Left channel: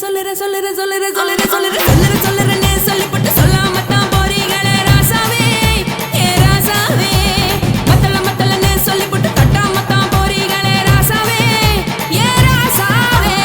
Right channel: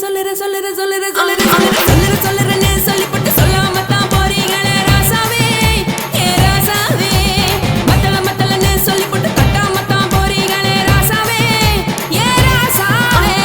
சொல்லுறேன்னு சொல்லிப்பட்டு சொல்லாம தான் போறீங்களே ராசாவே ஏ ராசாவே மத்தளன்னு சொல்லிப்பட்டு தட்டாம தான் போறீங்களே ராசாவே ஏ ராசாவே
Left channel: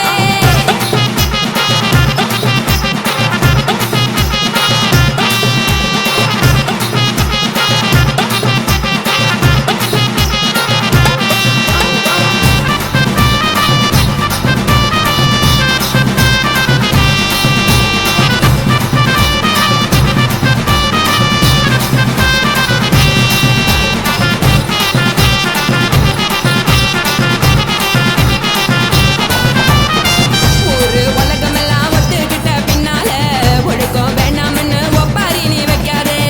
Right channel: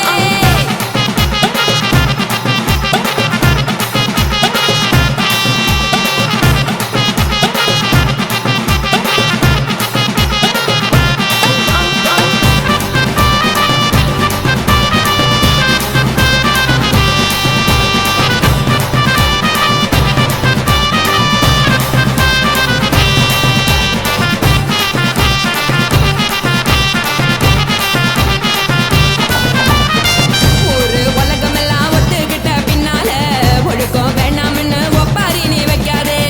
வேணாம்னு ஒப்பாரி நீ வைக்காதே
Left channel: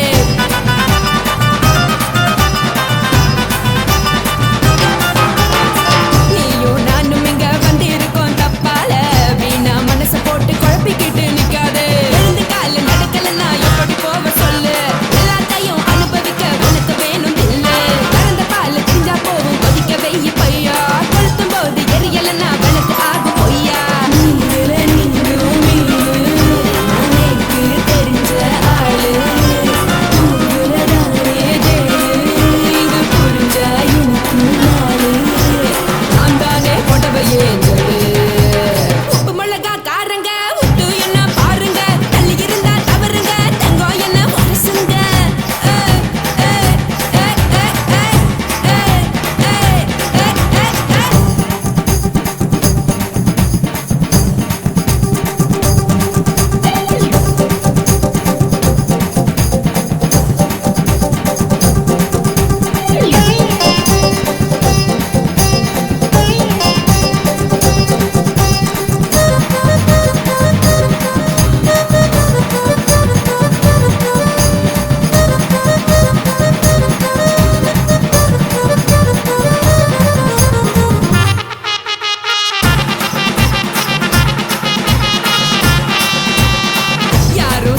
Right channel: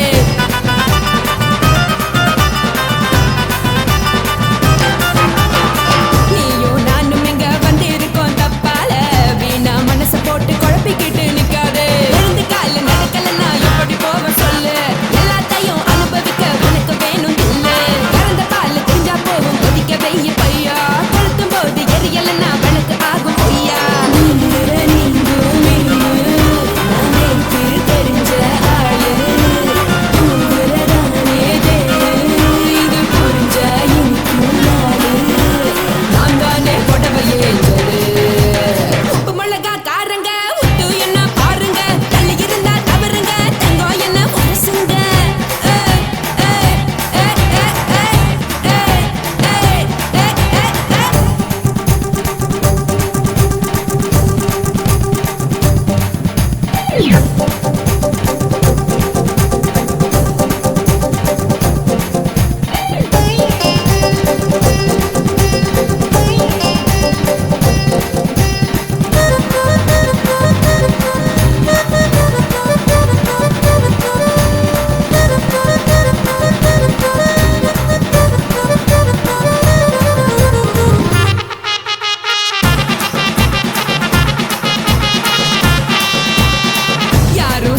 நீயும் நானும் இங்க வந்து இருக்கோம் தப்பால வீணா மனச போட்டு குழப்பிக்கிட்டு நிக்காதே எழுந்து கால நடக்கலன்னா எப்படி போவ சொல்லு எல்லாத்தையும் அனுபவிக்க உனக்கு வேணும் இல்ல கறந்த பால் தெரிஞ்சா போகும் கொதிக்க வெய்ய பையா கொளுத்தும் போது எரியலன்னா வனக்கு ஆகும் பொய்யா உப்பு மிளகா காரங்க உத்து என்ன பாருங்க தள்ளி இருந்தா தவறுங்க தங்கம் என்ன உரசுங்க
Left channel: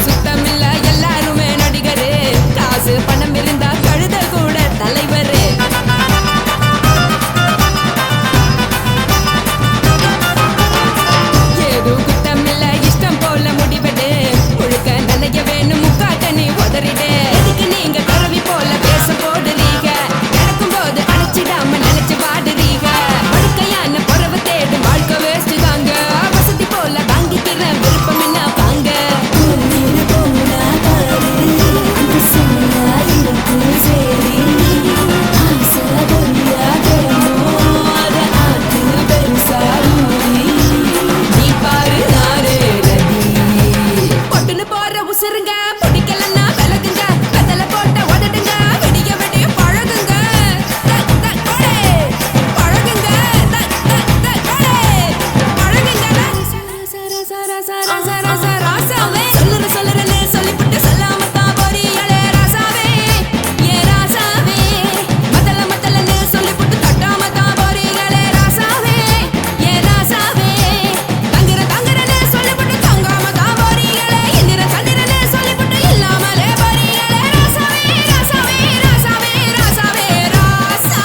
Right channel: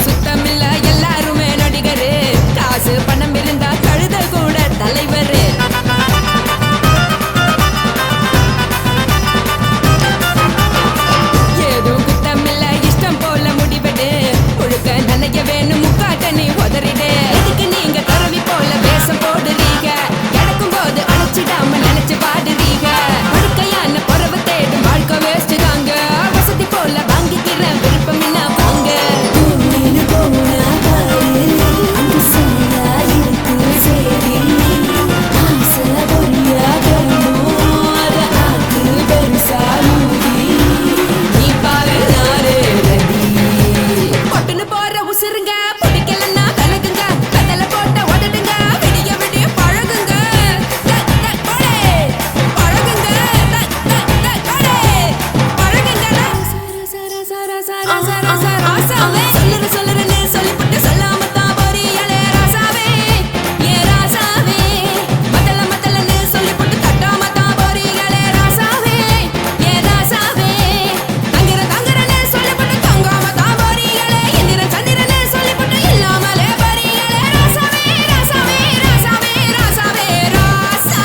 சுத்தமில்ல எல்லாருமே நடிகரு காசு பணம் இருந்தா கழுத கூட தலைவரு ஏதும் குத்தமில்ல இஷ்டம் போல முடிவெடு முழுக்க நனைய வேணும் முக்காட்ட நீ உதறிடு எதுக்கு நீங்க கருவி போல பேச போடுறீங்க கிடக்கும் போது அணைச்சிடாம நினைச்சு வாடுறீங்க படுக்கையான பொறவை தேடும் வாழ்க்கை வேஸ்ட் தாங்க வசதி போல வாங்கிக்கிற விருப்பம் என்ன வாங்க போற உசுருங்க பிடிக்கலன்னா விலகுங்க வெத்தல போட்ட உதடுங்க விடிய விடிய பழகுங்க பழகுங்க ராசாவே சொல்லுறேன்னு சொல்லிப்பட்டு சொல்லாம தான் போறீங்களே ராசாவே ஏ ராசாவே மத்தளன்னு சொல்லிப்பட்டு தட்டாம தான் போறீங்களே ராசாவே ஏ ராசாவே தங்குறேன்னு சொல்லிப்பட்டு தங்காம தான் போறீங்களே சந்திரனே சொல்லிப்பட்டு இல்லாமலே போறீங்களே ராசாவே ராசாவே ராசாவே ராசாவே ராசா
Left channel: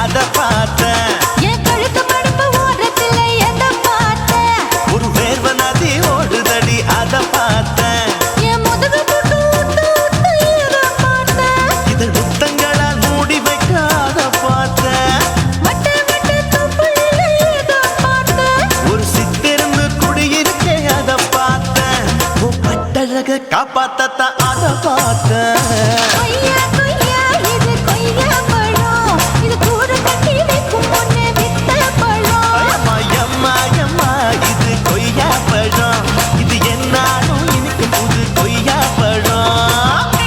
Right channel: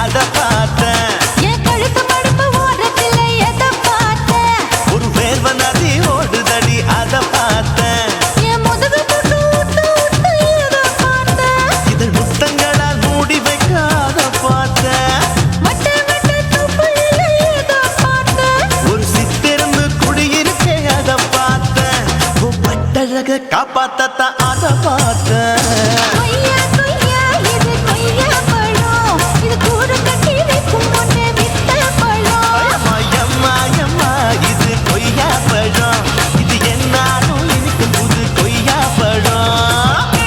அத பார்த்தேன் என் கழுத்து மடுப்பு ஓரத்துல எத பார்த்தேன் ஒரு வேர்வ நதி ஓடுதடி அத பார்த்தேன் என் முதுகு புட்டு ஊத்து ஊத்து எத பார்த்தேன் இதழ் முத்தங்களால் மூடி வைக்க அத பார்த்தேன் வட்ட வட்ட தொப்புளில எத பார்த்தேன் ஒரு சித்திருந்து குடியிருக்கே அத பார்த்தேன் உன் பட்டழக காப்பாத்தத்தான் அத பார்த்தேன் கொய்யா கொய்யா இது கொய்யா பழம் இது கூட கட்டி வைக்கும் முன்னே வித்த பழம் அம்மா இது கொய்யா பழம் இது என்னாலும் இனிக்கும் புது கொய்யா பழம்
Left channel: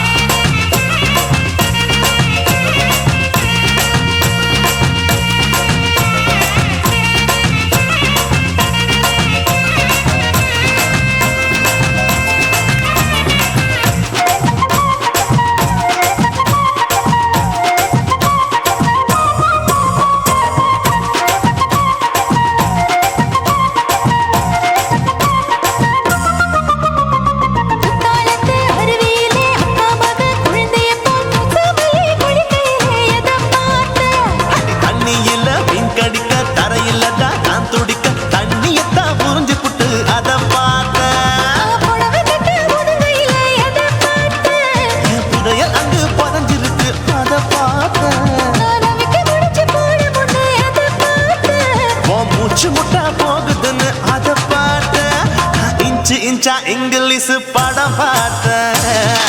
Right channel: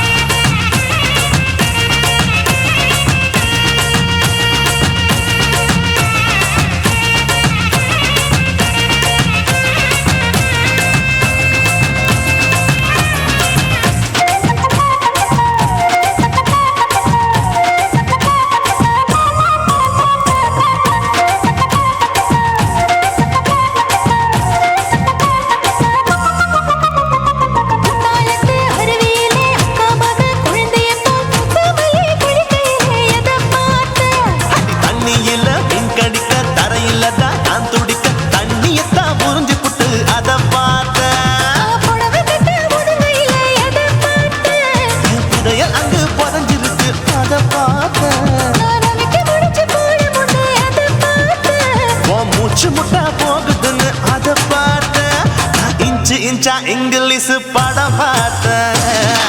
அத பார்த்தேன். நான் அவிக்க முடிச்சு போட முன்னே அதை பார்த்தேன். உன் மூச்சு முட்டா போகுதுன்னு அத பார்த்தேன். நான் இன்ச்சு இன்ச்சா இங்கிலீஷ் படம் பார்த்தேன்.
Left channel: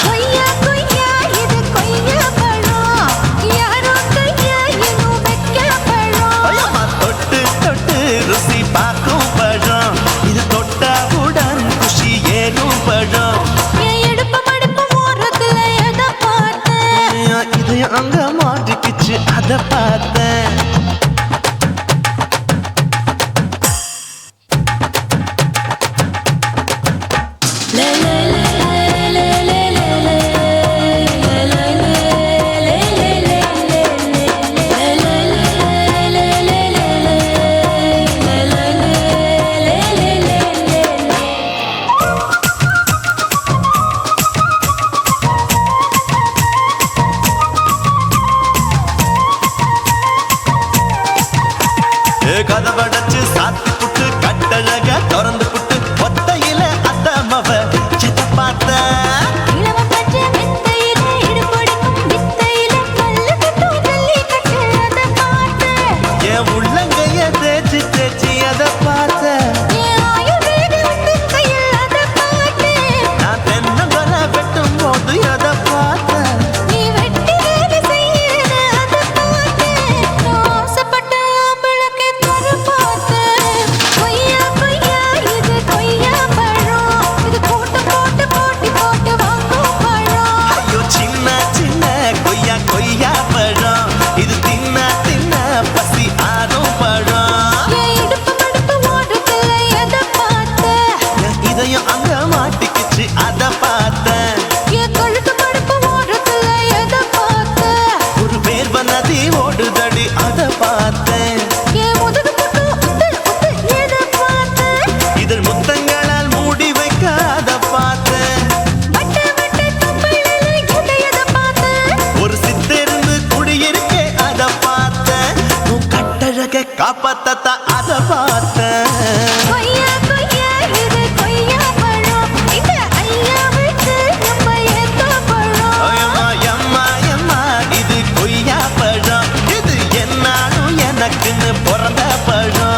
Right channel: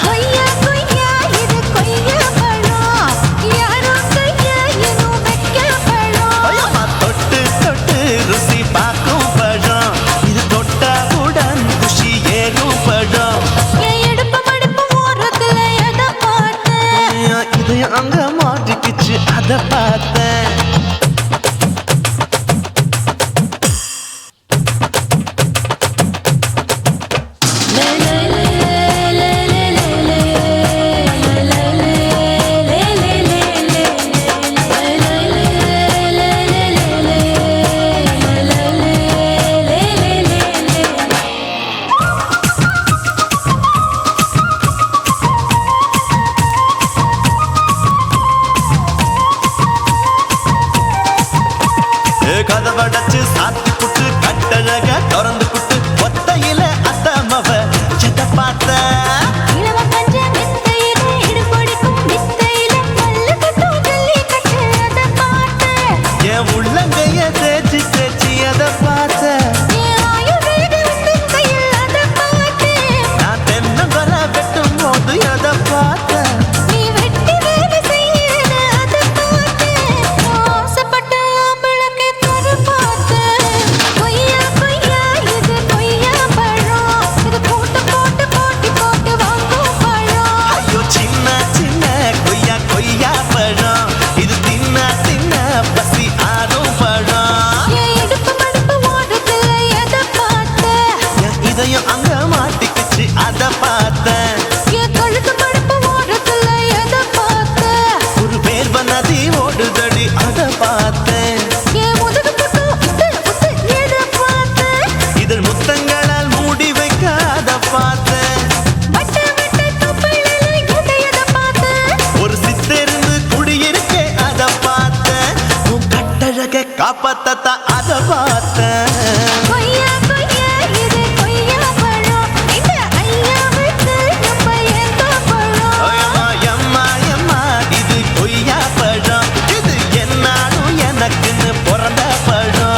கொய்யா கொய்யா இது கொய்யா பழம், யாரோ கையா இன்னும் வைக்க பழம். ஐயம்மா, தொட்டு தொட்டு ருசி பார்க்கும் பழம். இது தொட்டாவுடன் குஷி ஏறும் பழம். என் இடுப்பு மடுப்பு ஓரத்துல எதை பார்த்தேன். என் இதயம் அங்க மாட்டிக்கிச்சு அத பார்த்தேன். கதவடைச்சு சாத்தி புட்டு கட்டழக திறந்து புட்டு ஒத்தையில அத்தமவ செத்த பார்த்த. இளவ பஞ்ச மெத்தையில இடுப்பொடிக்கும் வித்தையில மல்லு கட்டும் ஜல்லி கட்டு அதை பார்த்தேன். என் உள்ளங்கைய தேய்ச்சி தேய்ச்சி அத பார்த்த. என் ஆயுர்வேத உந்தன் கையில் அதை பார்த்தேன். நான் தென்னங்கொலை வெட்டும் போது அத பார்த்த. நீ வெட்டி வேலை செய்யற அதை பார்த்தேன். நான் ஆசைப்பட்ட ஆம்பளுக்கு தர பார்த்தேன். கொய்யா கொய்யா இது கொய்யா பழம், இது போட்டு போட்டு போட்டி போட்டு வாங்கும் பழம். ஐயோ சின்ன சின்ன கொய்யா கொய்யா பழம். இது தின்ன தின்ன பசி ஆறும் பழம். என் இடுப்பு மடுப்பு ஓரத்துல எதை பார்த்தேன். என் இதயம் அங்க மாட்டிக்கிச்சு அத பார்த்தேன். என் கழுத்து மடுப்பு ஓரத்துல எதை பார்த்தேன். ஒரு வேர்வ நதி ஓடுதடி அத பார்த்தேன். என் முதுகு பக்கம் உத்து உத்து எதை பார்த்தேன். இதழ் முத்தங்களால் மூடி வைக்க அத பார்த்தேன். வட்ட வட்ட தொப்பையில எதை பார்த்தேன். ஒரு சித்தெருந்து குடியிருக்கே அத பார்த்தேன். உன் கட்டழக காப்பாத்தத்த அத பார்த்தேன். கொய்யா கொய்யா இது கொய்யா பழம், இந்த ஐயாவுக்கு நம்ம ஏத்த பழம். ஐயம்மா, எம்மா, எம்மா, இது கொய்யா பழம். இது என்னாலும் எனக்குன்னு பிறந்த பழம்.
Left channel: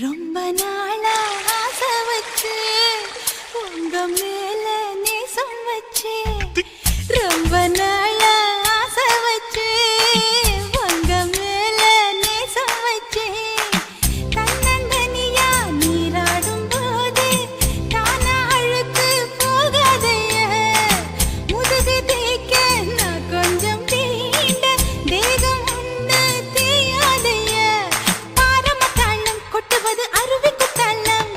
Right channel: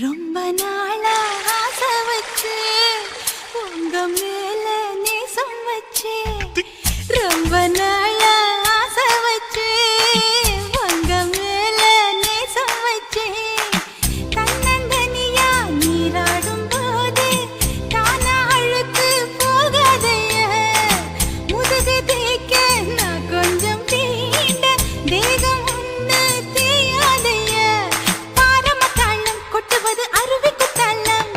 ரொம்ப நாளா ஆசை வச்சு உங்க மேல நேசம் வச்சு. ரொம்ப நாளா ஆசை வச்சு உங்க மேல நேசம் வச்சு. தன்னந்தனியா நீராடும் போது தானா அழுக்கு போகாதைய. முதுகு தேய்க்க நான் கொஞ்சம் தீண்ட தேகம் ஒண்ணு தேயாதைய. பாரமத்தாளம் கொட்டுவது அருவி குத்தாளம்,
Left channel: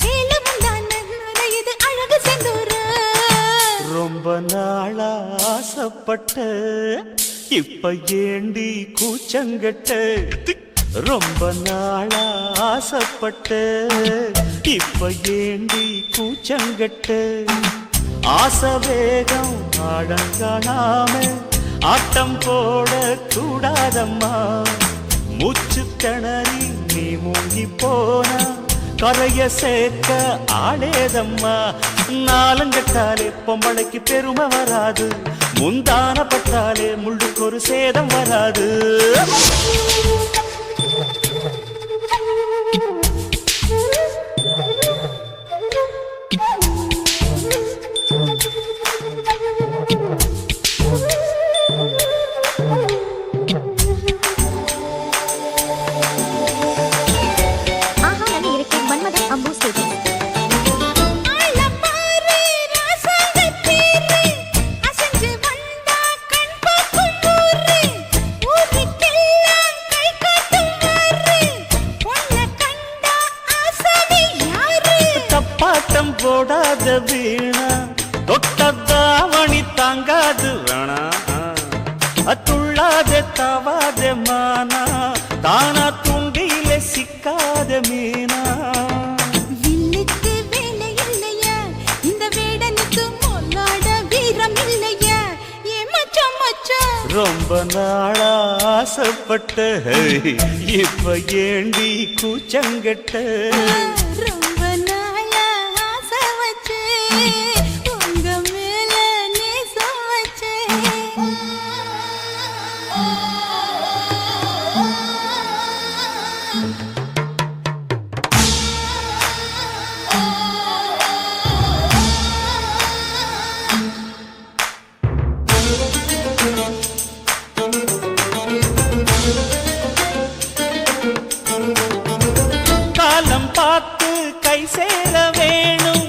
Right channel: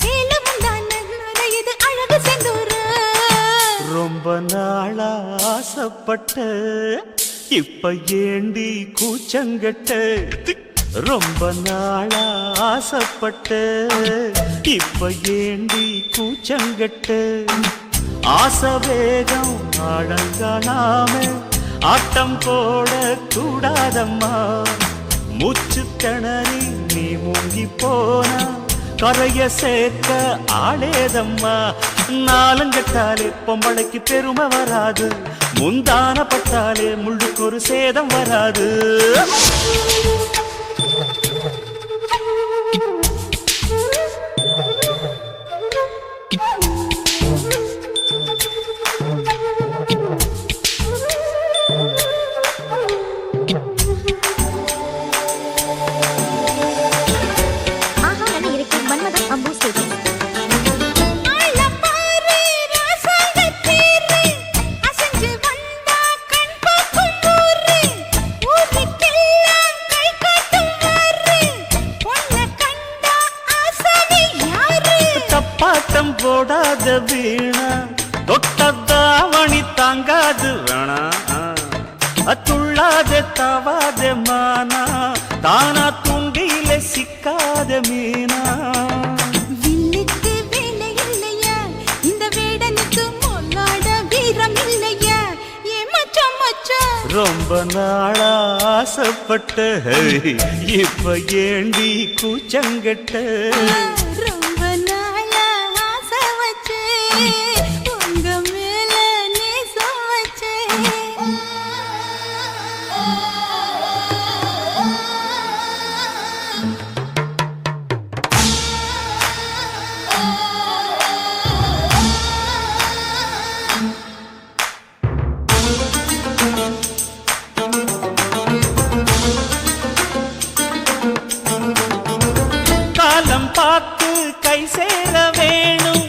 சேலமும் தானே நுரையுது அழகு செந்தூரு. ரொம்ப நாளா ஆசைப்பட்ட இப்ப ஏண்டி கூச்சங்கட்ட. ரொம்ப நாளா ஆசைப்பட்ட இப்ப ஏண்டி கூச்சங்கட்ட. ஆசை வேகம் அடங்கானாம ஆட்டம் போட கூடாதம்மா. மூச்சு திணறி நீ மூங்கி போனா கரைய சேர்க்க ஆளேதம்மா. நாலங்கட்டாலே பொம்பளைக்கு பெருமை வராது, முந்தான பட்டாலே முள்ளுக்கு ஒரு சேதம் வராது. கை போடாத வீணா தொட்டதாவணி தாங்காது வேணா துள்ளாத தவாத மானா தானா துண்டியில சிக்காத மீனா வில்லுக்கு வேலை இல்லையா இந்த வேடனுக்கு மொல்லாட வீரம் இல்லையா ஏ மச்சான் மச்சான் ரொம்ப நாளா ஆசைப்பட்ட இப்ப ஏண்டி கூச்சங்கட்ட ரொம்ப நாளா ஆசை வச்சேன் உங்க மேல நேசம் வச்சேன் காலம் பார்த்து கை சேர வேணும்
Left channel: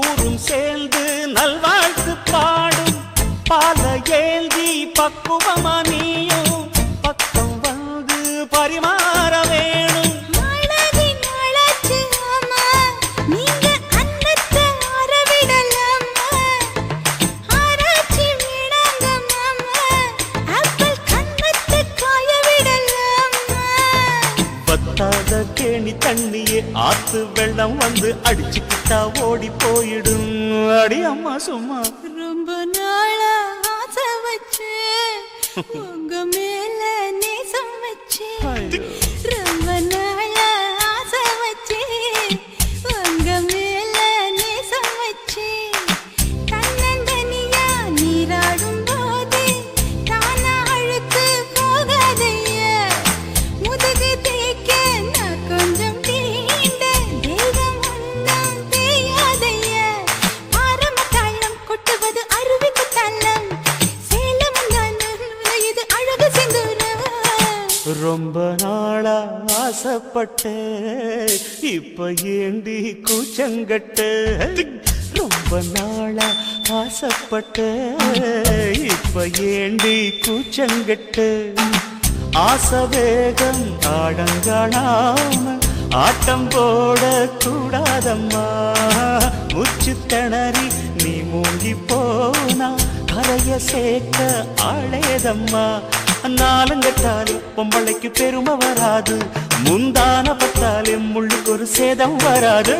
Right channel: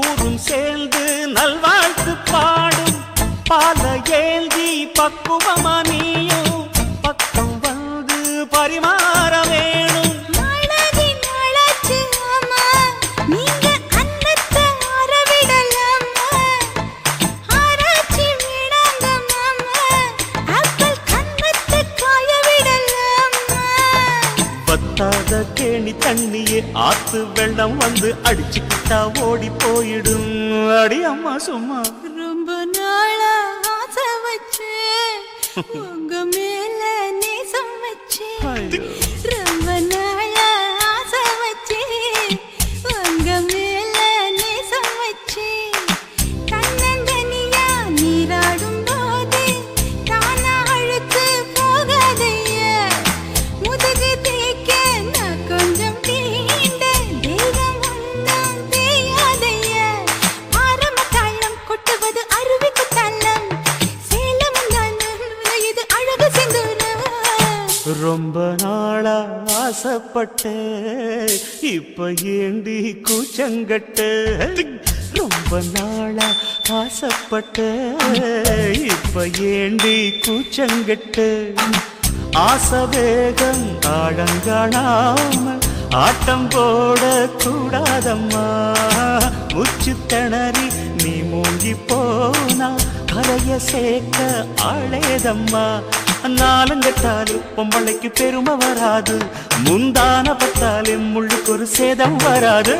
ஊரும் சேர்ந்து நல்வாழ்த்து பாடும் பால ஏந்தி பக்குவமா நீயும் பக்கம் வந்து பரிமாற வேணும் நாளாகி நாளாச்சு ஆமா நீங்க அன்னத்தை ஆரவிடலாமா ஆராய்ச்சி விடாங்க மாமா ஆப்பிள் கன்னத்தை காய விடலாமா வத்தாத கேணி தண்ணியே ஆத்து வெள்ளம் வந்து அடிச்சுக்கிட்டா ஓடி போயிடும் அடி அம்மா சும்மா ரொம்ப நாளா ஆசை வச்சேன் உங்க மேல நேசம் வச்சேன் ரொம்ப நாளா ஆசை வச்சேன் உங்க மேல நேசம் வச்சேன் தன்னந்தனியா நீராடும் போது தானா அழுக்கு போகாதையா முதுகு தேய்க்க நான் கொஞ்சம் தீண்ட தெய்வம் ஒன்றும் தேயாதையா ஆரம்ப தாளம் கொட்டுவது அருவிக்கு தள்ளம் சேலம் இது அழகு செந்தூரம் ரொம்ப நாளா ஆசைப்பட்ட இப்ப ஏண்டி கூச்சங்கட்ட ரொம்ப நாளா ஆசைப்பட்ட இப்ப ஏண்டி கூச்சங்கட்ட ஆசை வேகம் ஆடங்காணாம ஆட்டம் போட கூடாதம்மா முச்சு திணறி நீ மூங்கி போனா கரைய சேர்க்க ஆளேதம்மா நாலுங்கட்டாலே பொம்பளைக்கு பெருமை வராது முந்தான பட்டாலே முள்ளுக்கு ஒரு சேதம் வராது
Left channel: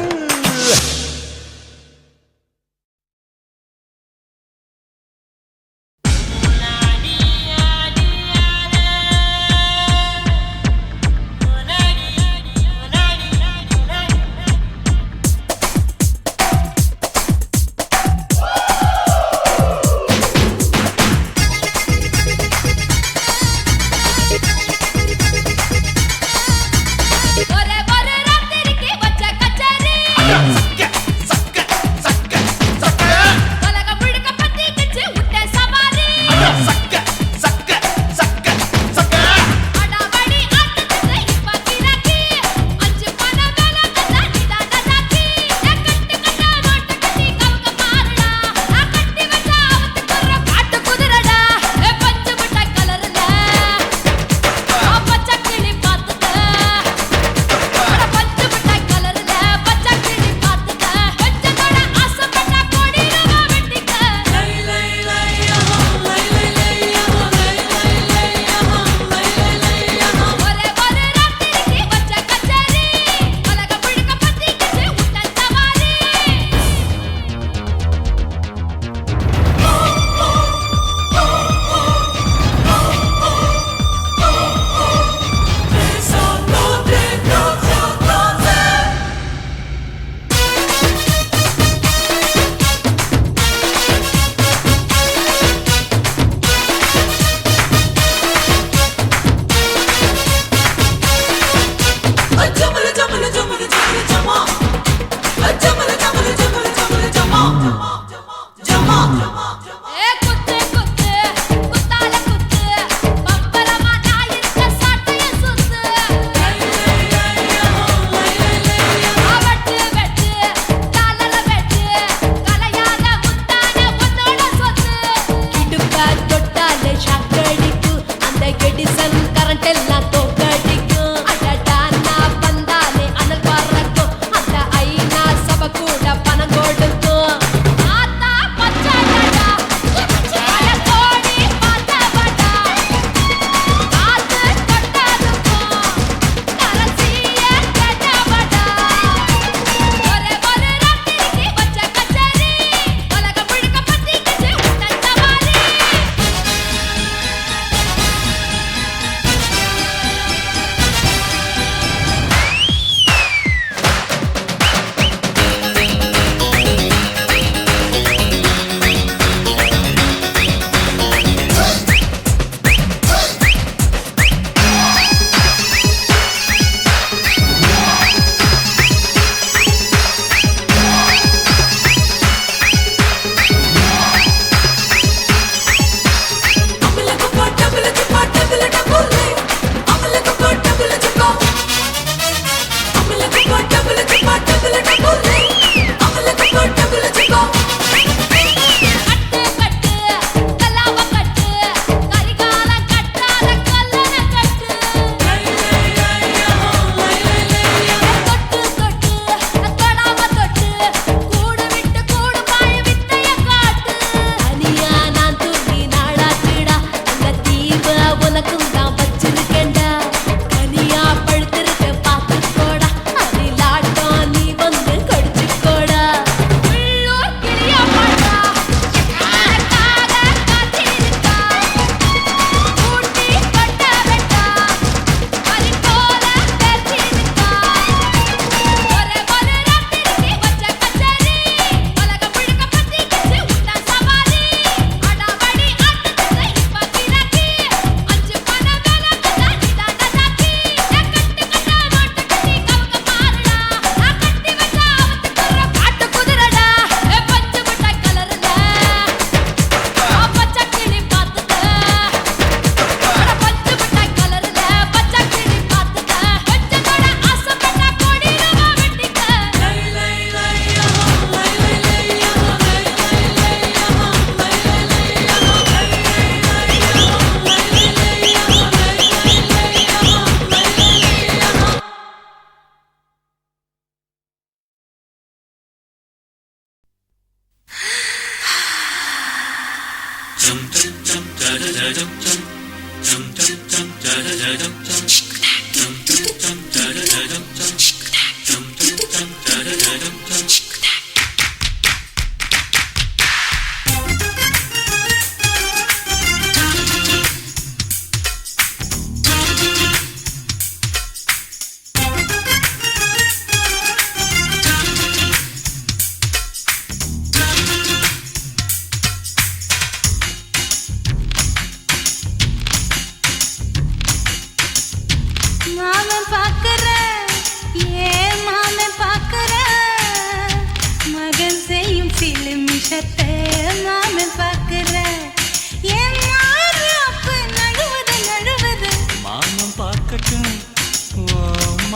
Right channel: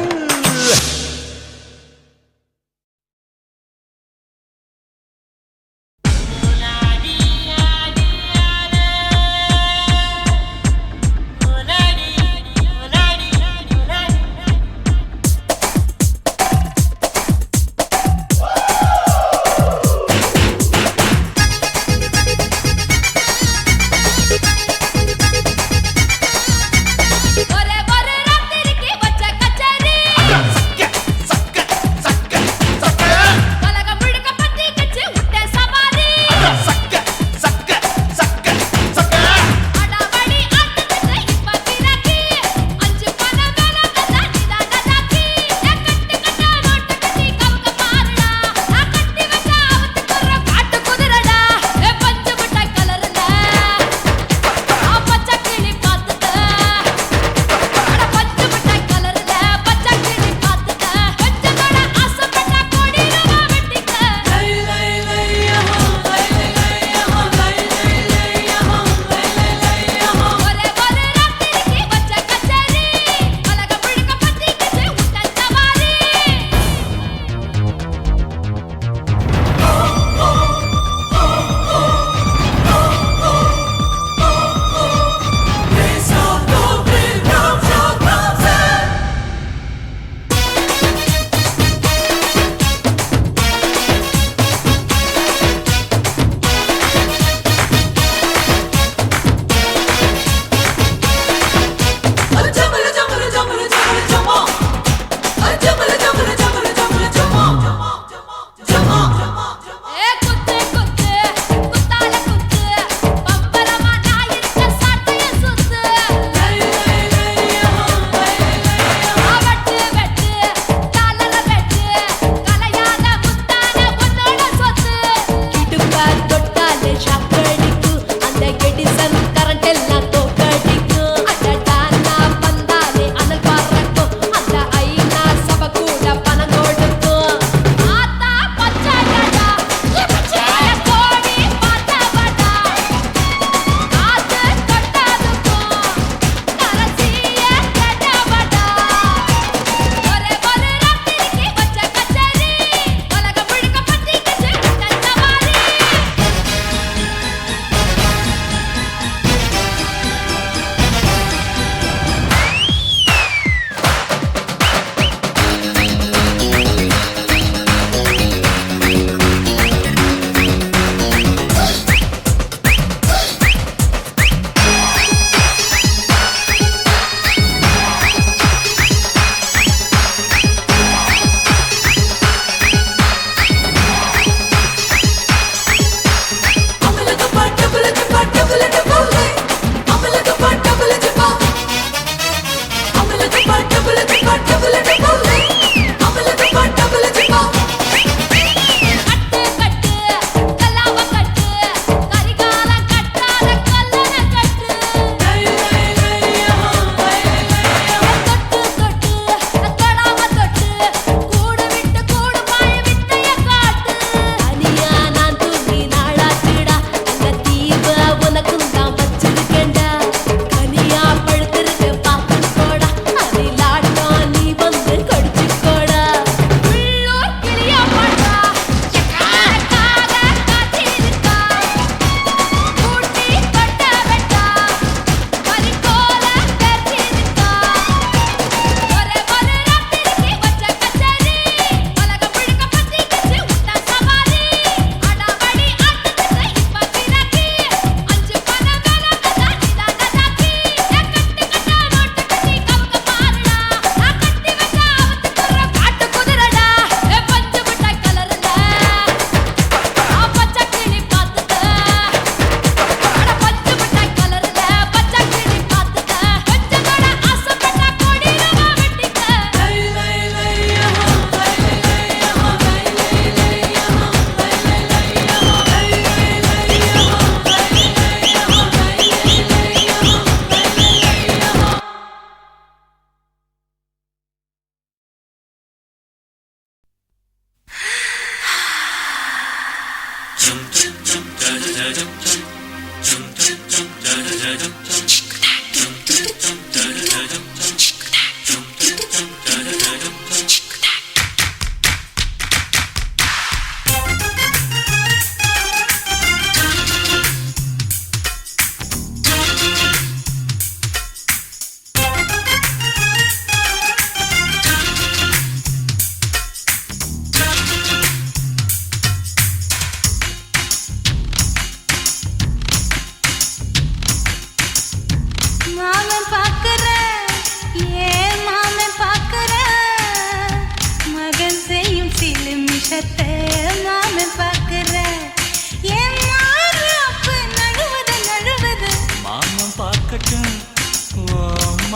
ஒரு ராத்திரிக்கு வச்ச கச்சேரி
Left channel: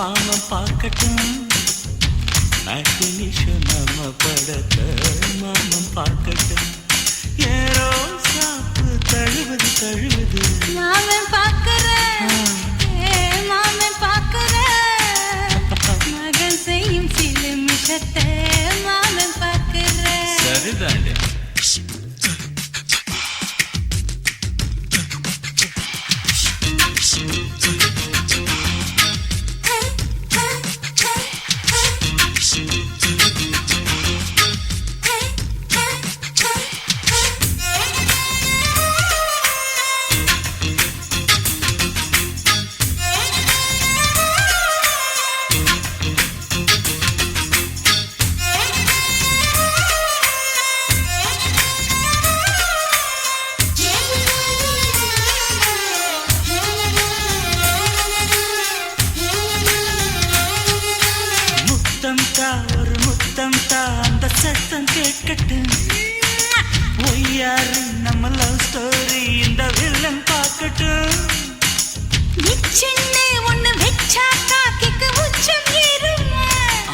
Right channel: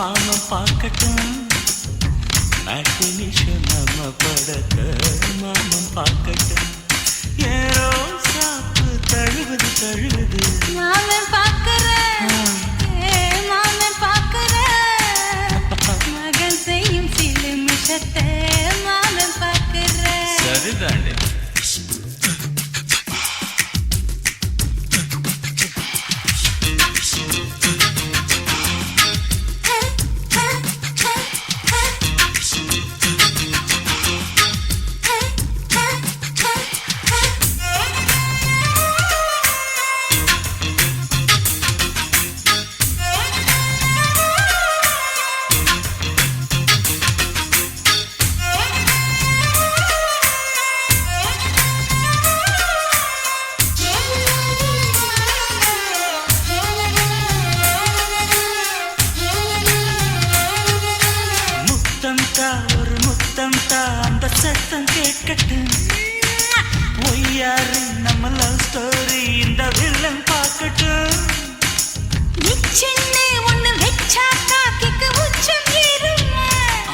மாமன் பார்க்கட்டும் மேட்டினிஷன் நம்ம படத்த மாமன் பார்க்கட்டும் ஏரோ சாப்பு தழுவுது தழுவுது மாமன் பார்க்கிறேன் மாமன் பார்க்கிறேன் மகன் செய்யும் சில மிஷத்தை மாமன் பார்க்கிறேன் சரிதாண்டி ஒரு முத்தம் தா அந்த சத்தம் கேட்கட்டும் ஒய்யாரி நம்ம லவ் ஸ்டோரி இந்த வில்லன் பார்க்கட்டும் சின்ன ஒண்ணு வெச்சா காக்கிக்கு உச்சம் ஏறுமா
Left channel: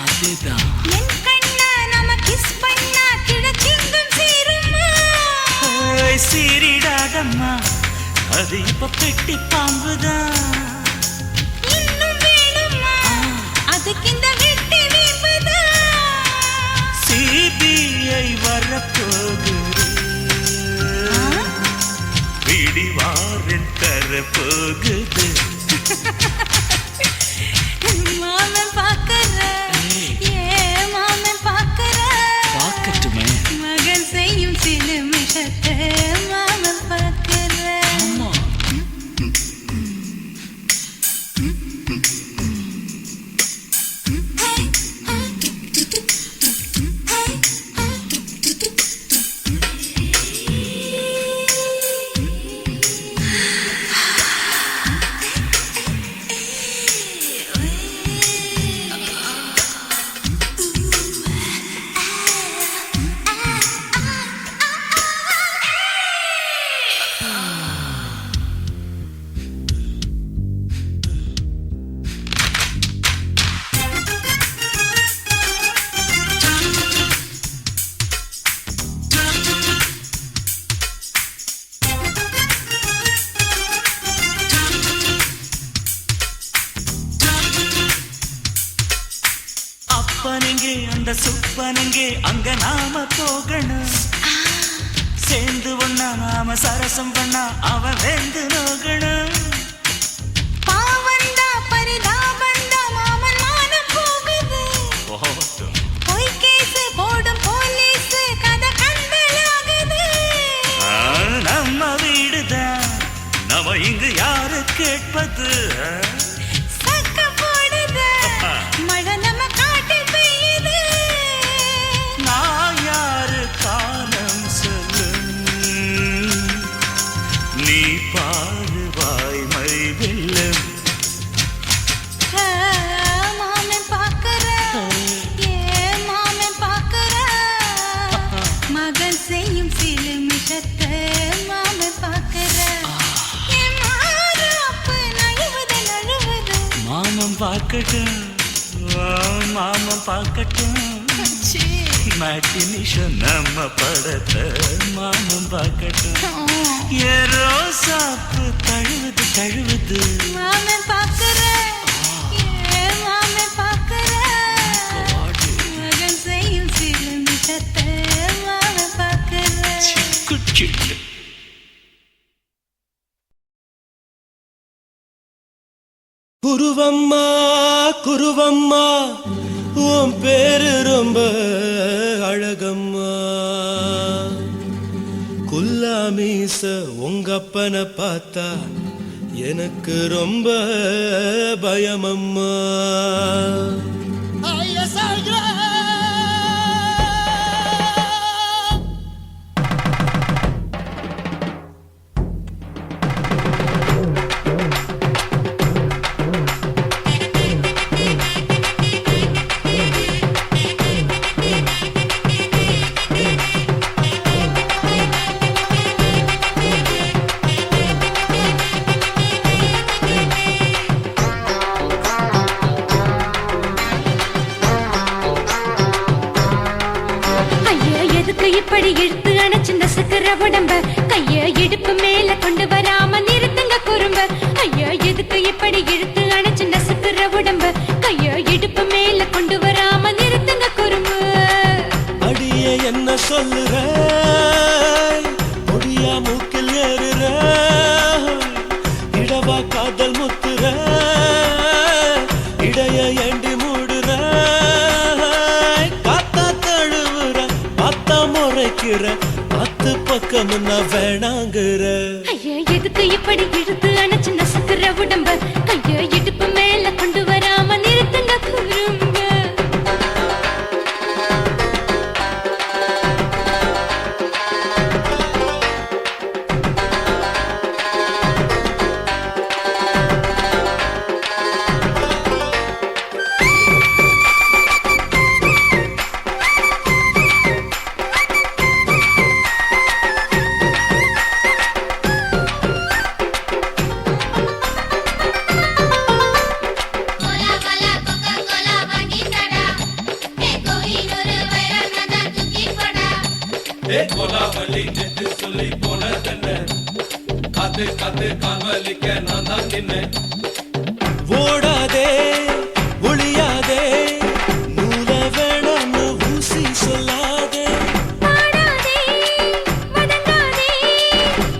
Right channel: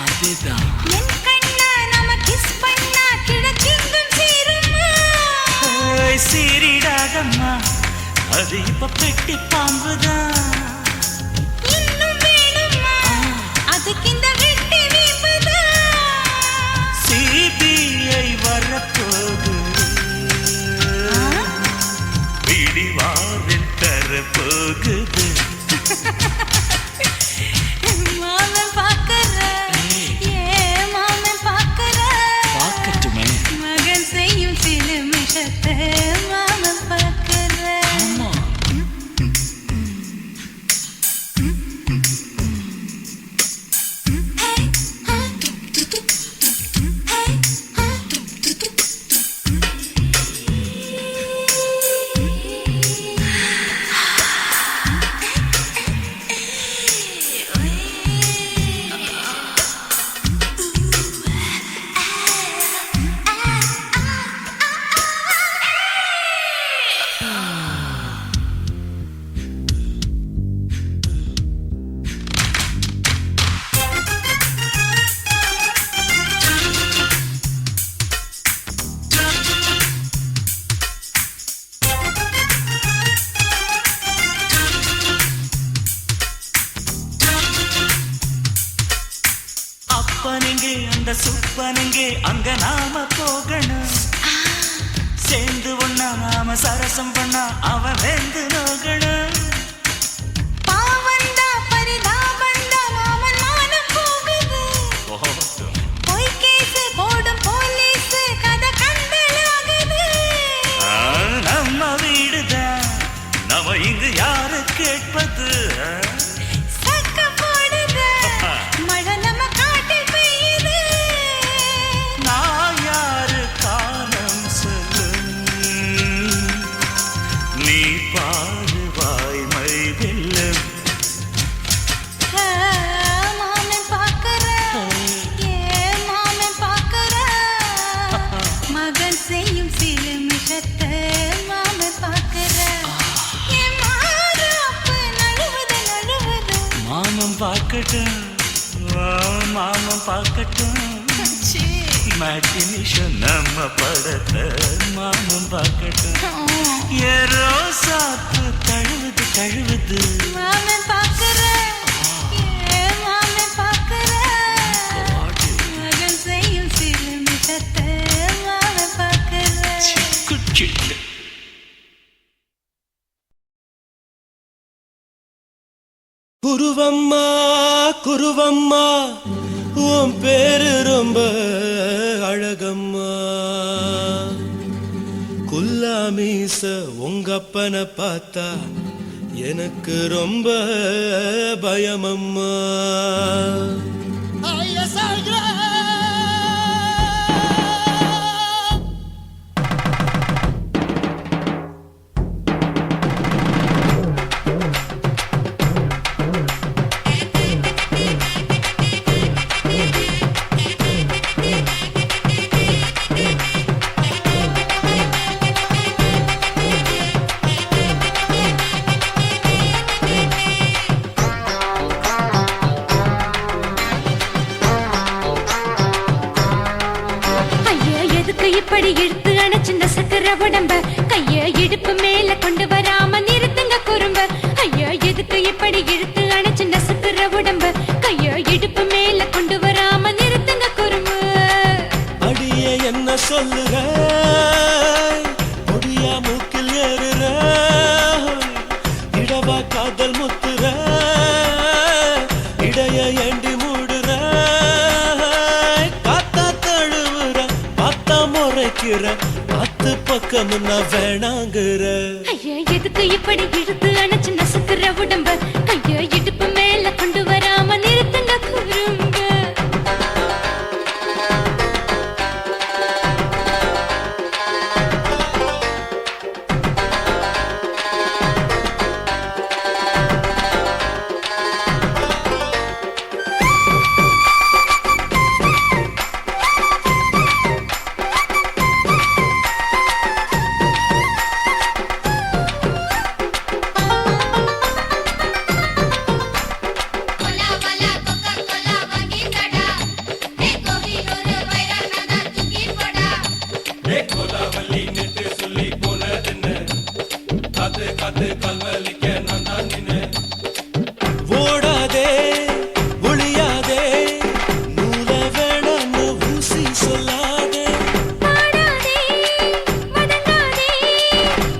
அதுதான் என் கண்ணா நாம கிஸ் பண்ணா கிழச்சிங்கும் சேருமா சீரிடாதம்மா அது இப்ப பெட்டி பாம்புதான் இன்னும் வேணுமா அதுக்கு இந்த வெட்டி வீம்புதான் சிபிஐ வரப்போகுது பிடிவாரில் தரப்போகுது மாமன் பார்க்கற மாமன் பார்க்கற பார்க்கட்டுமே மகன் செய்யும் சில மிஷத்தை மாமன் பார்க்கற அப்பனெங்கே அந்த சுப்பனெங்கே அங்க நாம போகணும் சேர்ந்து ஒண்ணா நாம சரசம் பண்ணா அவன் வெந்து நோகணும் பாவந்தா பரிதாபந்தா மாமன் மானம் போகுது பொய் கேஸ் போடும் போலீஸ் கதை கண்டலாகுது நம்ம வீடுதான் நம்ம இங்கு யாரு கேட்பது சக்க போடுது மழை நம்ம காட்டில் பெய்யுது நான் யாரு காலம் சொல்லும் நீ பாரு வாய்மை வெல்லும் மாமன் பார்க்கற மாமன் பார்க்கற மகன் செய்யும் சில மிஷத்தை மாமன் பார்க்கற மாமன் பார்க்கட்டும் மாமன் பார்க்கட்டும் மேட்டினிஷன் நம்ம படத்தை மாமன் பார்க்கட்டும் ஏரோ சாப்பு தழுவுது தழுவுது மாமன் பார்க்கற மாமன் பார்க்கற மகன் செய்யும் சில மிஷத்தை மாமன் பார்க்கற சிக்கு குருவம்மா குருவம்மா உன் பேரு ரொம்ப அழகம்மா குல்லாமீச உங்க அப்பனை பார்த்தா எனக்கு ரொம்ப பயமம்மா இப்படி இழுத்து அணைச்சு நசுக்கிற உடம்ப கைய இடுப்பு மேல கொண்டு வராம நிறுத்துங்க குறும்ப ஐயா எதுக்கு இப்படி இழுத்து அணைச்சு நசுக்கிற உடம்ப கைய இடுப்பு மேல கொண்டு வராம நிறுத்துங்க குறும்பு அடியே என்ன சொல்லுற முடியா மூக்கில் ஏறுற இடவா காதல் முத்துற இடைய ஏண்டி மூடுற காத்தா தழுவுற பார்த்தா முறைக்கிற பத்து பக்கம் நான் வேணாங்குற ஐயா எதுக்கு இப்படி இழுத்து அணைச்சு நசுக்கிற உடம்ப கைய இடுப்பு மேல கொண்டு வராம நிறுத்துங்க குறும்ப ஓடாதே ஒளியாதே நூல வேணான்னு ஊசி சொல்லாதே பாடாதே வதங்காதே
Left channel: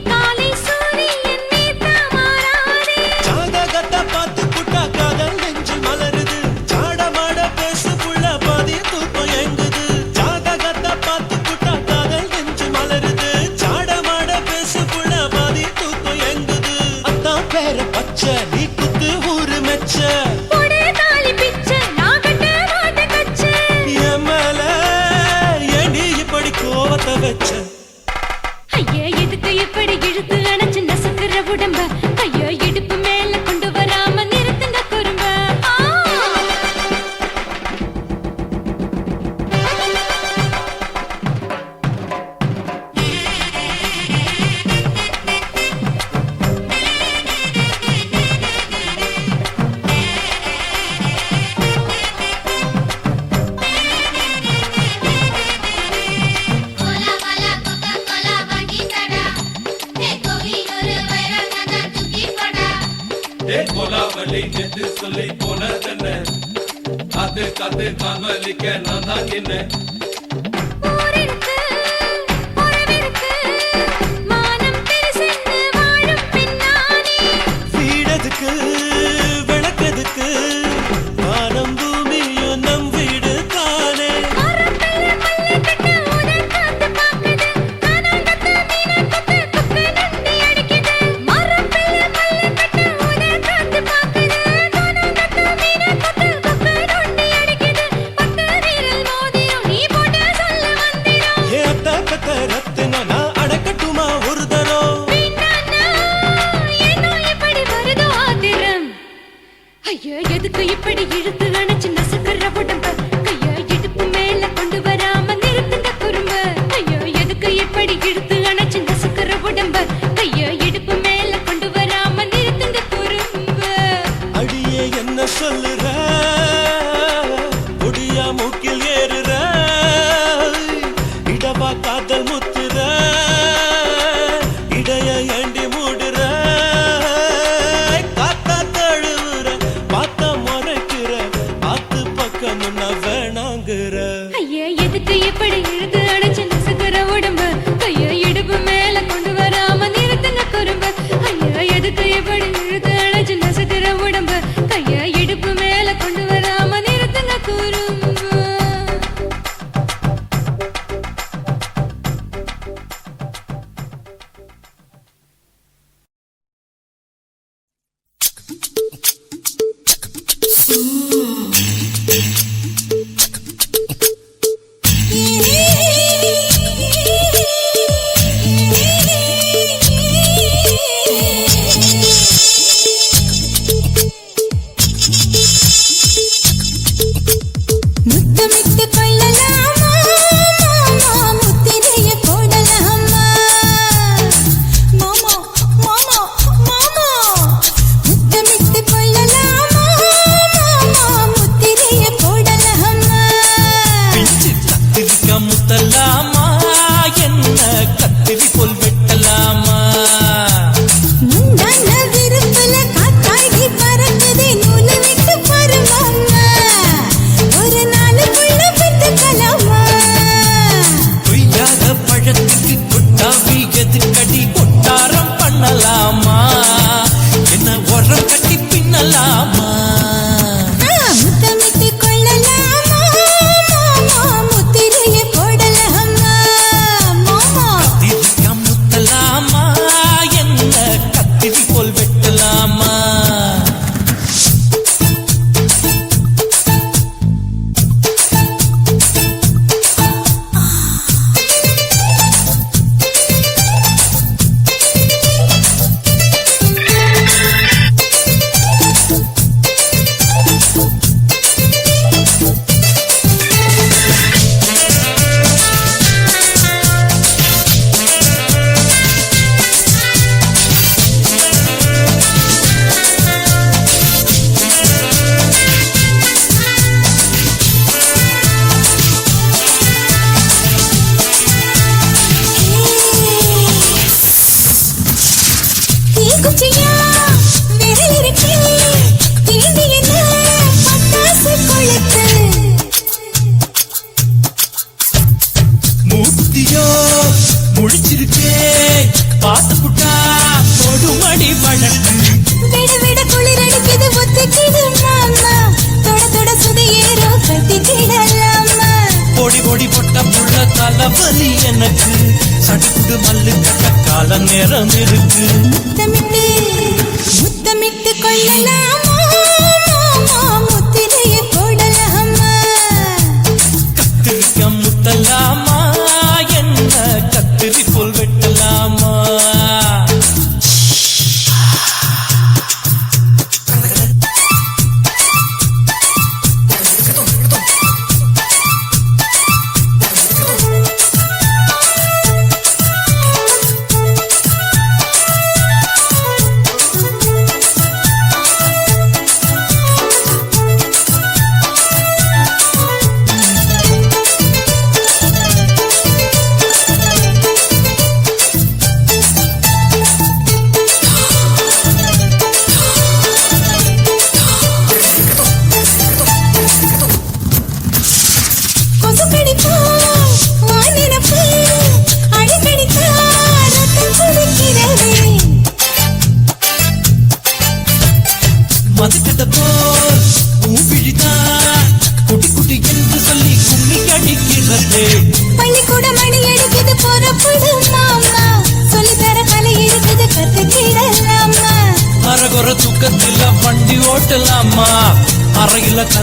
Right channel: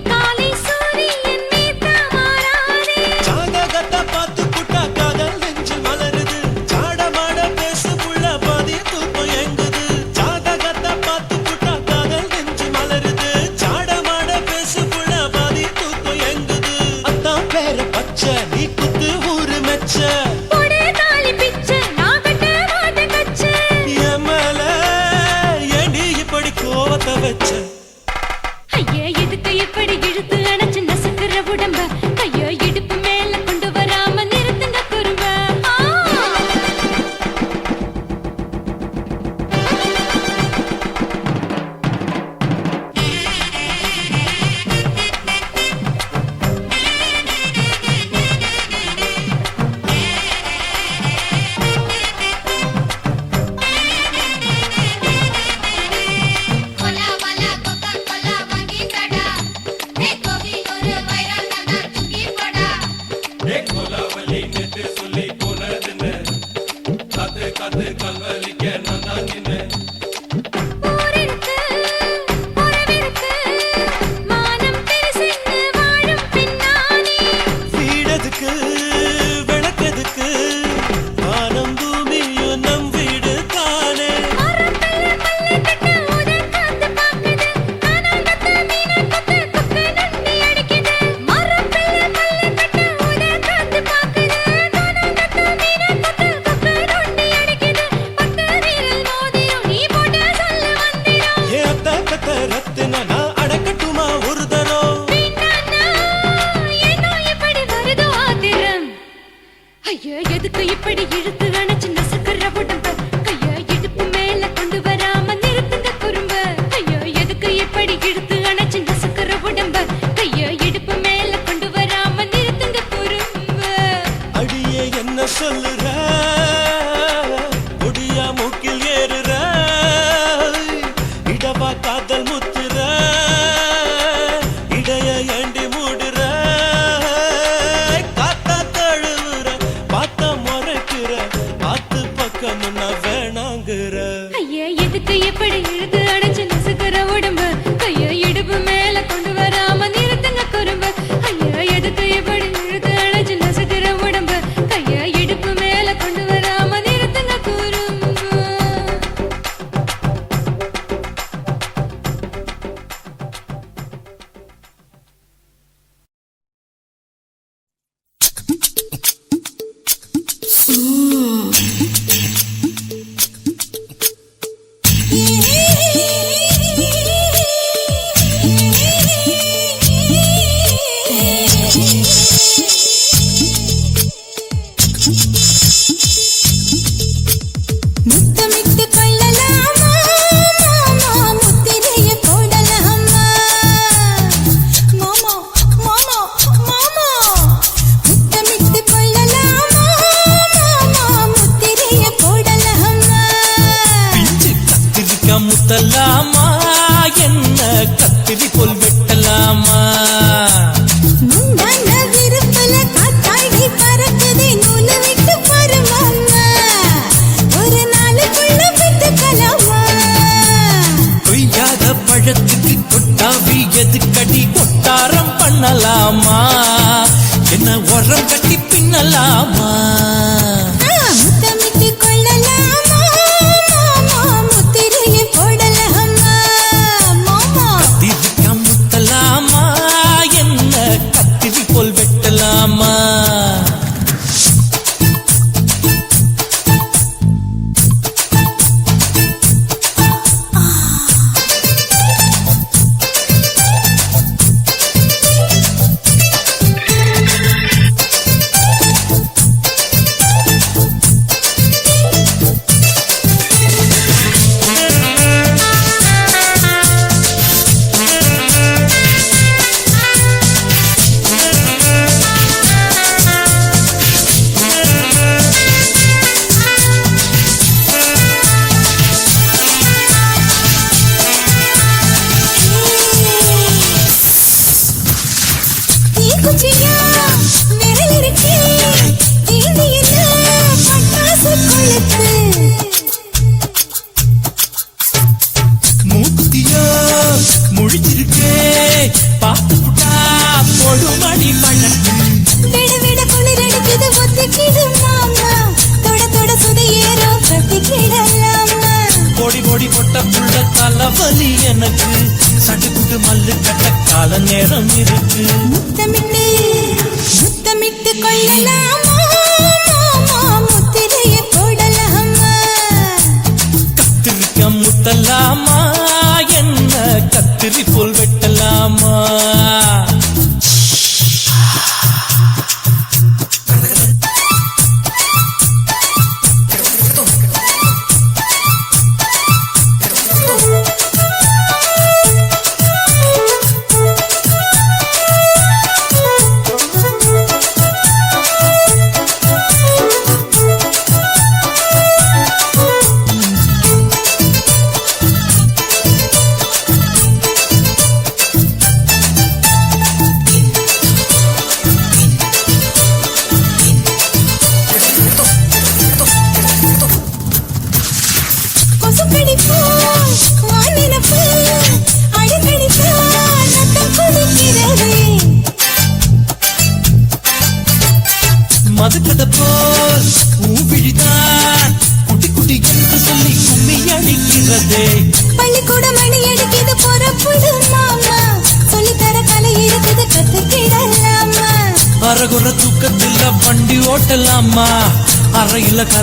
காலை சூரியன் மீது மாறாதே ஜாதகத்தை பார்த்து புட்டா காதல் நெஞ்சு மலருது சாடமாட பேசு புள்ள பாதி தூக்கம் எங்குது ஜாதகத்தை பார்த்து புட்டா காதல் நெஞ்சு மலருது சாடமாட பேசு புள்ள பாதி தூக்கம் எங்குது அத்தான் பேர பச்சை நீ குத்து ஊரு மெச்ச போடே தாலி பிச்சை நான் கட்ட மாட்ட கச்சை என் மேல ஏண்டி இப்படி கோவத்தை வச்ச ஐயா எதுக்கு இப்படி இழுத்து அணைச்சு நசுக்கிற உடம்ப கைய இடுப்பு மேல கொண்டு வராம நிறுத்துங்க குறும்ப ஊரிருக்கு உறவிருக்கு மானம் பெருசென்னு வாழும் பின்னானே வீடதுக்கு விளக்கதுக்கு வானம் பூமியும் நம் வீடு தானே மரத்துல மல்லி கட்ட உதன் காத்து பாக்குது கானாங்கத்து மீனாங்கத்து குக்கு நண்டி அடிக்குது மரத்துல மல்லி கட்ட உதன் காத்து பாக்குது கானாங்கத்து மீனாங்கத்து குக்கு நண்டி அடிக்குது பத்து வீரல் மோதிரம் நீ போட்ட சொல்ல வந்திடும் ஏ அத்த கத்த ரத்தின நான் அடக்கட்டுமா ஒரு தரம் வீணானா ஏனோ இப்படி வருதோ ஆத்திரம் ஐயா எதுக்கு இப்படி இழுத்து அணைச்சு நசுக்கிற உடம்ப கைய இடுப்பு மேல கொண்டு வராம நிறுத்துங்க குறும்ப ஐயா எதுக்கு இப்படி இழுத்து அணைச்சு நசுக்கிற உடம்ப கைய இடுப்பு மேல கொண்டு வராம நிறுத்துங்க குறும்ப அடியே என்ன சொல்லுற முடியா மூக்கில் ஏறுற இடவா காதல் முத்துற இடைய ஏண்டி மூடுற காத்தா தழுவுற பார்த்த முறைக்கிற பார்த்து பக்கம் நான் வேணாங்குற ஐயா எதுக்கு இப்படி இழுத்து அணைச்சு நசுக்கிற உடம்ப கைய இடுப்பு மேல கொண்டு வராம நிறுத்துங்க குறும்ப ஐயா எதுக்கு இப்படி இழுத்து அணைச்சு நசுக்கிற உடம்ப கைய இடுப்பு மேல கொண்டு வராம நிறுத்துங்க குறும்ப முத்தமிட்டு கொள்ளலாமா மாமா முத்திரைய போடலாமா மாமா மாமா மாமா முத்தமிட்டு கொள்ளலாமா மாமா முத்திரைய போடலாமா பிஞ்சு கத்திரிக்கா முத்தலாமா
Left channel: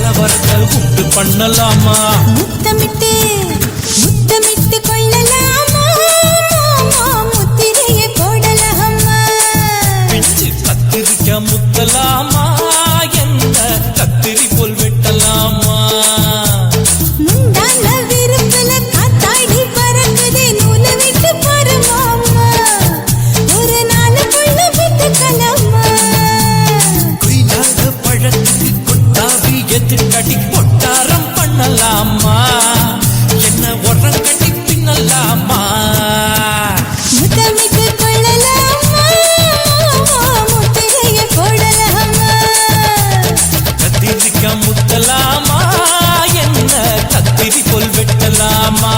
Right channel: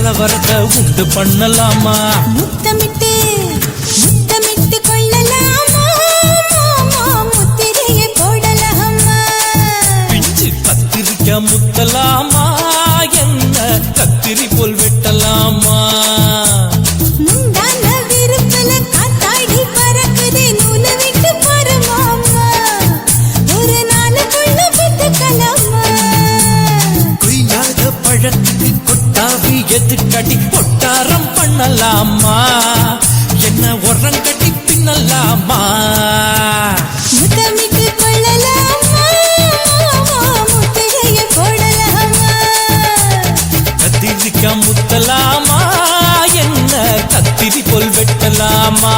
கலவரத்தை உண்டு பண்ணலாமா முத்தமிட்டு முத்தமிட்டு கொள்ளலாமா மாமா முத்திரையை போடலாமா பிஞ்சு கத்திரிக்க முத்தலாமா என்ன கத்திரி போல் வெட்டலாமா முந்தான விருப்பல காத்தாடி பறக்குதே நூல விட்டு பாரு மாமா ஒரு நாள் புள்ள வித்துக்கலாமா கொய்யாத பழத்துக்கு கொட்டாவி எதுக்கடி ஒட்டாரம் பண்ணலாமா என்ன உரங்கட்டி பின்னலாமா முத்தமிட்டு கொள்ளலாமா மாமா முத்திரையை போடலாமா கத்திரிக்க முத்தலாமா என்ன கத்திரி போல் வெட்டலாமா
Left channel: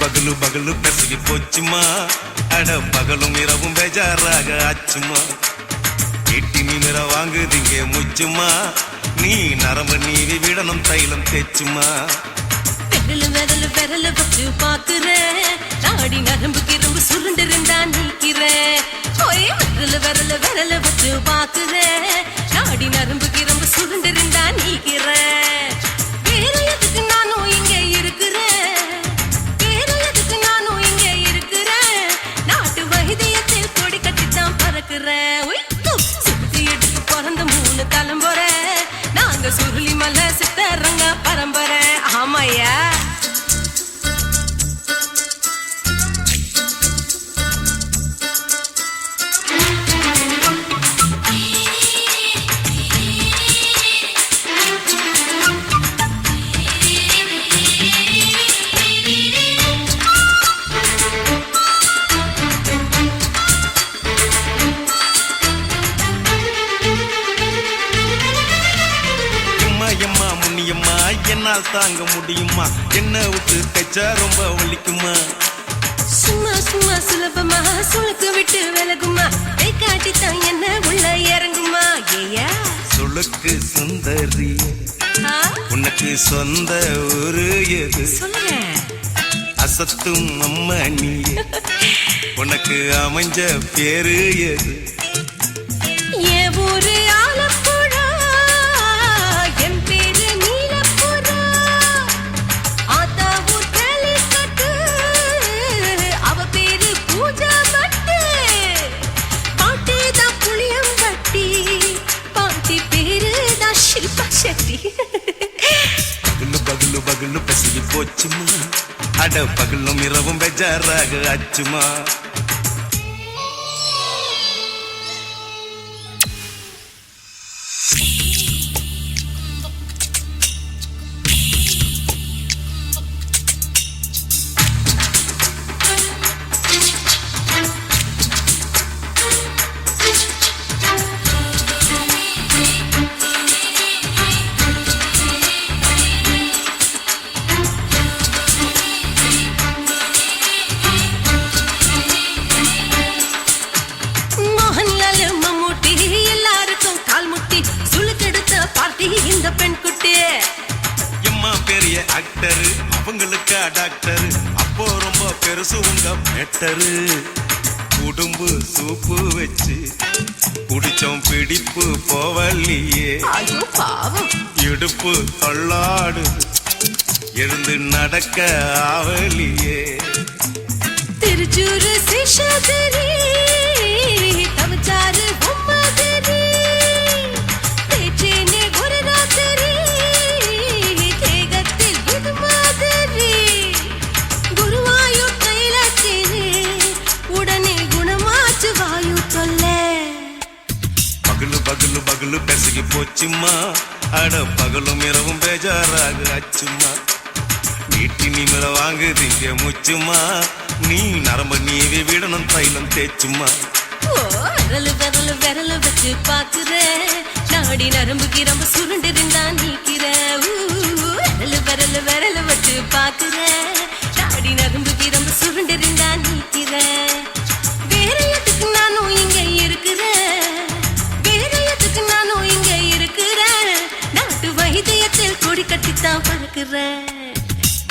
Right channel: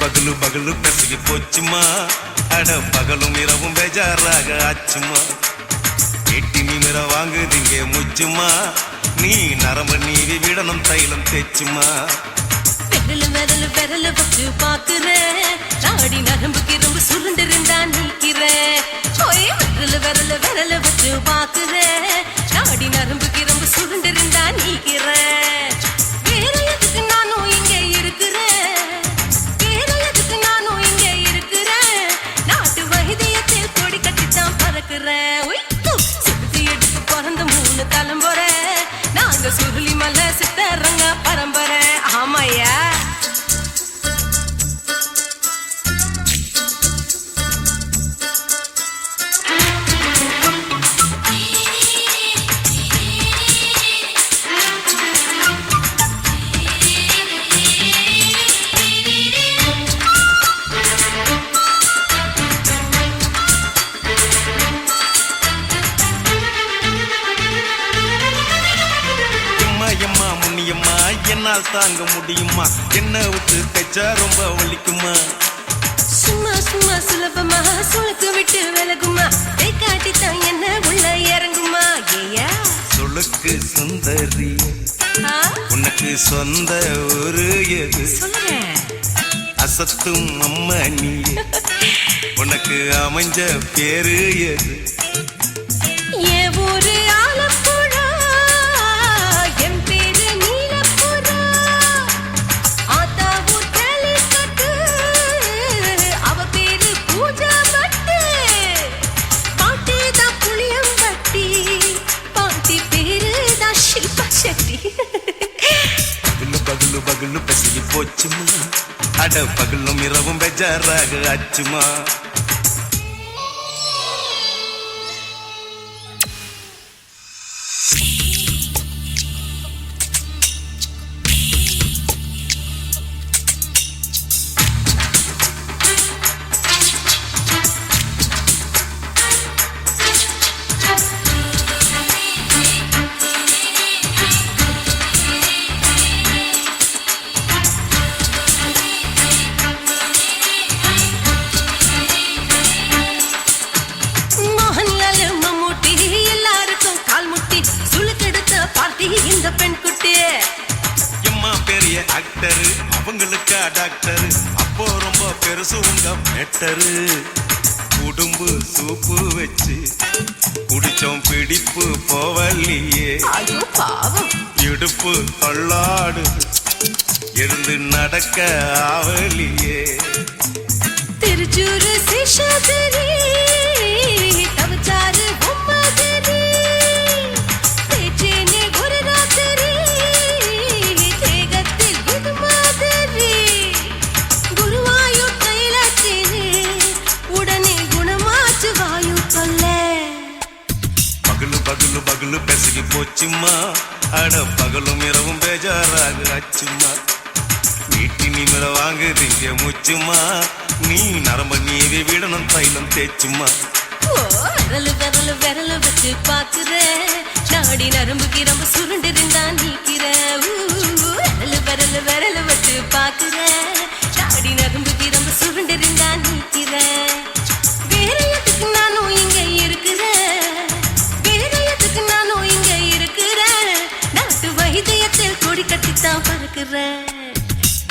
பகலு பகலு பெசகி போச்சுமா அட பகலும் இரவும் பேஜாராக ஆச்சுமா எட்டி நிமிர வாங்குதிங்க முச்சுமா நீ நரம்பு நீவி விடணும் தைலம் தேச்சுமா விரல் விரல் வச்சு பாக்குறேன் நாடி நரம்பு கிரம்பு சுருண்டு இருந்தா நீக்கிறேன் விரல் வச்சு பாக்குறேன் நாடி நரம்பு கிரம்பு சுருண்டு இருந்தா நீக்கிறேன் வேற எதுக்கு நானும் இங்க இருக்கிறேன் வேற எதுக்கு நானும் இங்க இருக்கிறேன் நாட்டு வைத்தியத்தில் கொடி கட்டித்தான் பறக்கிறேன் சுத்தி எடுத்து பிறந்த 3 தலைமுறை நாங்க சுருளி மலை சித்தரங்க பரம்பரை ஆமாய்யா எம்மா முன்னியம்மா என்னால் தாங்க முடியுமா என்ன விட்டு தைச்சா ரொம்ப வலிக்குமா சும்மா சும்மா சுலபமா சுளுக்கு விட்டு விலகுமா கை காட்டித்தான் என்ன உள்ள இறங்குமா ஏயா சுளுக்கு சுந்தரி உனக்கு சொந்த ஊரு எது சொல்றேன் அசத்தும் அம்மா நீ உனக்கு அமைஞ்ச பேரு எது என் ஊரு ஆலப்புழா என் பேரு நீலப்புறா ஆத்தா ஊர் கேலிக்கட்டு அவ பேரு பூஜா பட்டு பாட்டி தான் புளியம்பட்டி பாட்டி பேரு தான் ஷில்பா செட்டி பகலு பகலு பகலு பசிக்கு போச்சுமா அட பகலும் இரவும் பெஜாராக ஆச்சுமா இந்த பெண் குட்டி எம்மா பெரிய ஆக்டர் அவங்களுக்கு டாக்டர் அப்போ ரொம்ப பெருசு உங்க மேட்டரு உடும்பு சூப்பு வச்சு குடிச்சோம் பிடிப்பு போவல்லையே ஐயோ பாவம் இடுப்பு தள்ளாடு எழுந்து நடக்க ஆவலியே திருச்சூர் சேஷாதிரி தவச்சாரு பொம்மதிரி தேச்சேனே ஒரு ராத்திரி தேகத்தில் இது மாதிரி குருவாயூர் தைலத்திலே உடனே குணமாச்சு வாயு தொல்லை பகலு பகலு பகலு பெசகி போச்சுமா அட பகலும் இரவும் பேஜாராக அச்சுமா வீட்டி நிமிர வாங்குதீங்க முச்சுமா நீ நரம்ப நீவி விடணும் தைலம் தேச்சுமா விரலு விரலு விரலு வச்சு பாக்குறேன் நாடி நரம்பு கிரம்பு சுருண்டு இருந்தா நீக்கிறேன் விரலு விரலு விரலு வச்சு பாக்குறேன் நாடி நரம்பு கிரம்பு சுருண்டு இருந்தா நீக்கிறேன் வேற எதுக்கு நானும் இங்க இருக்கிறேன் வேற எதுக்கு நானும் இங்க இருக்கிறேன் நாட்டு வைத்தியத்தில் கொடி கட்டித்தான் பறக்கிறேன்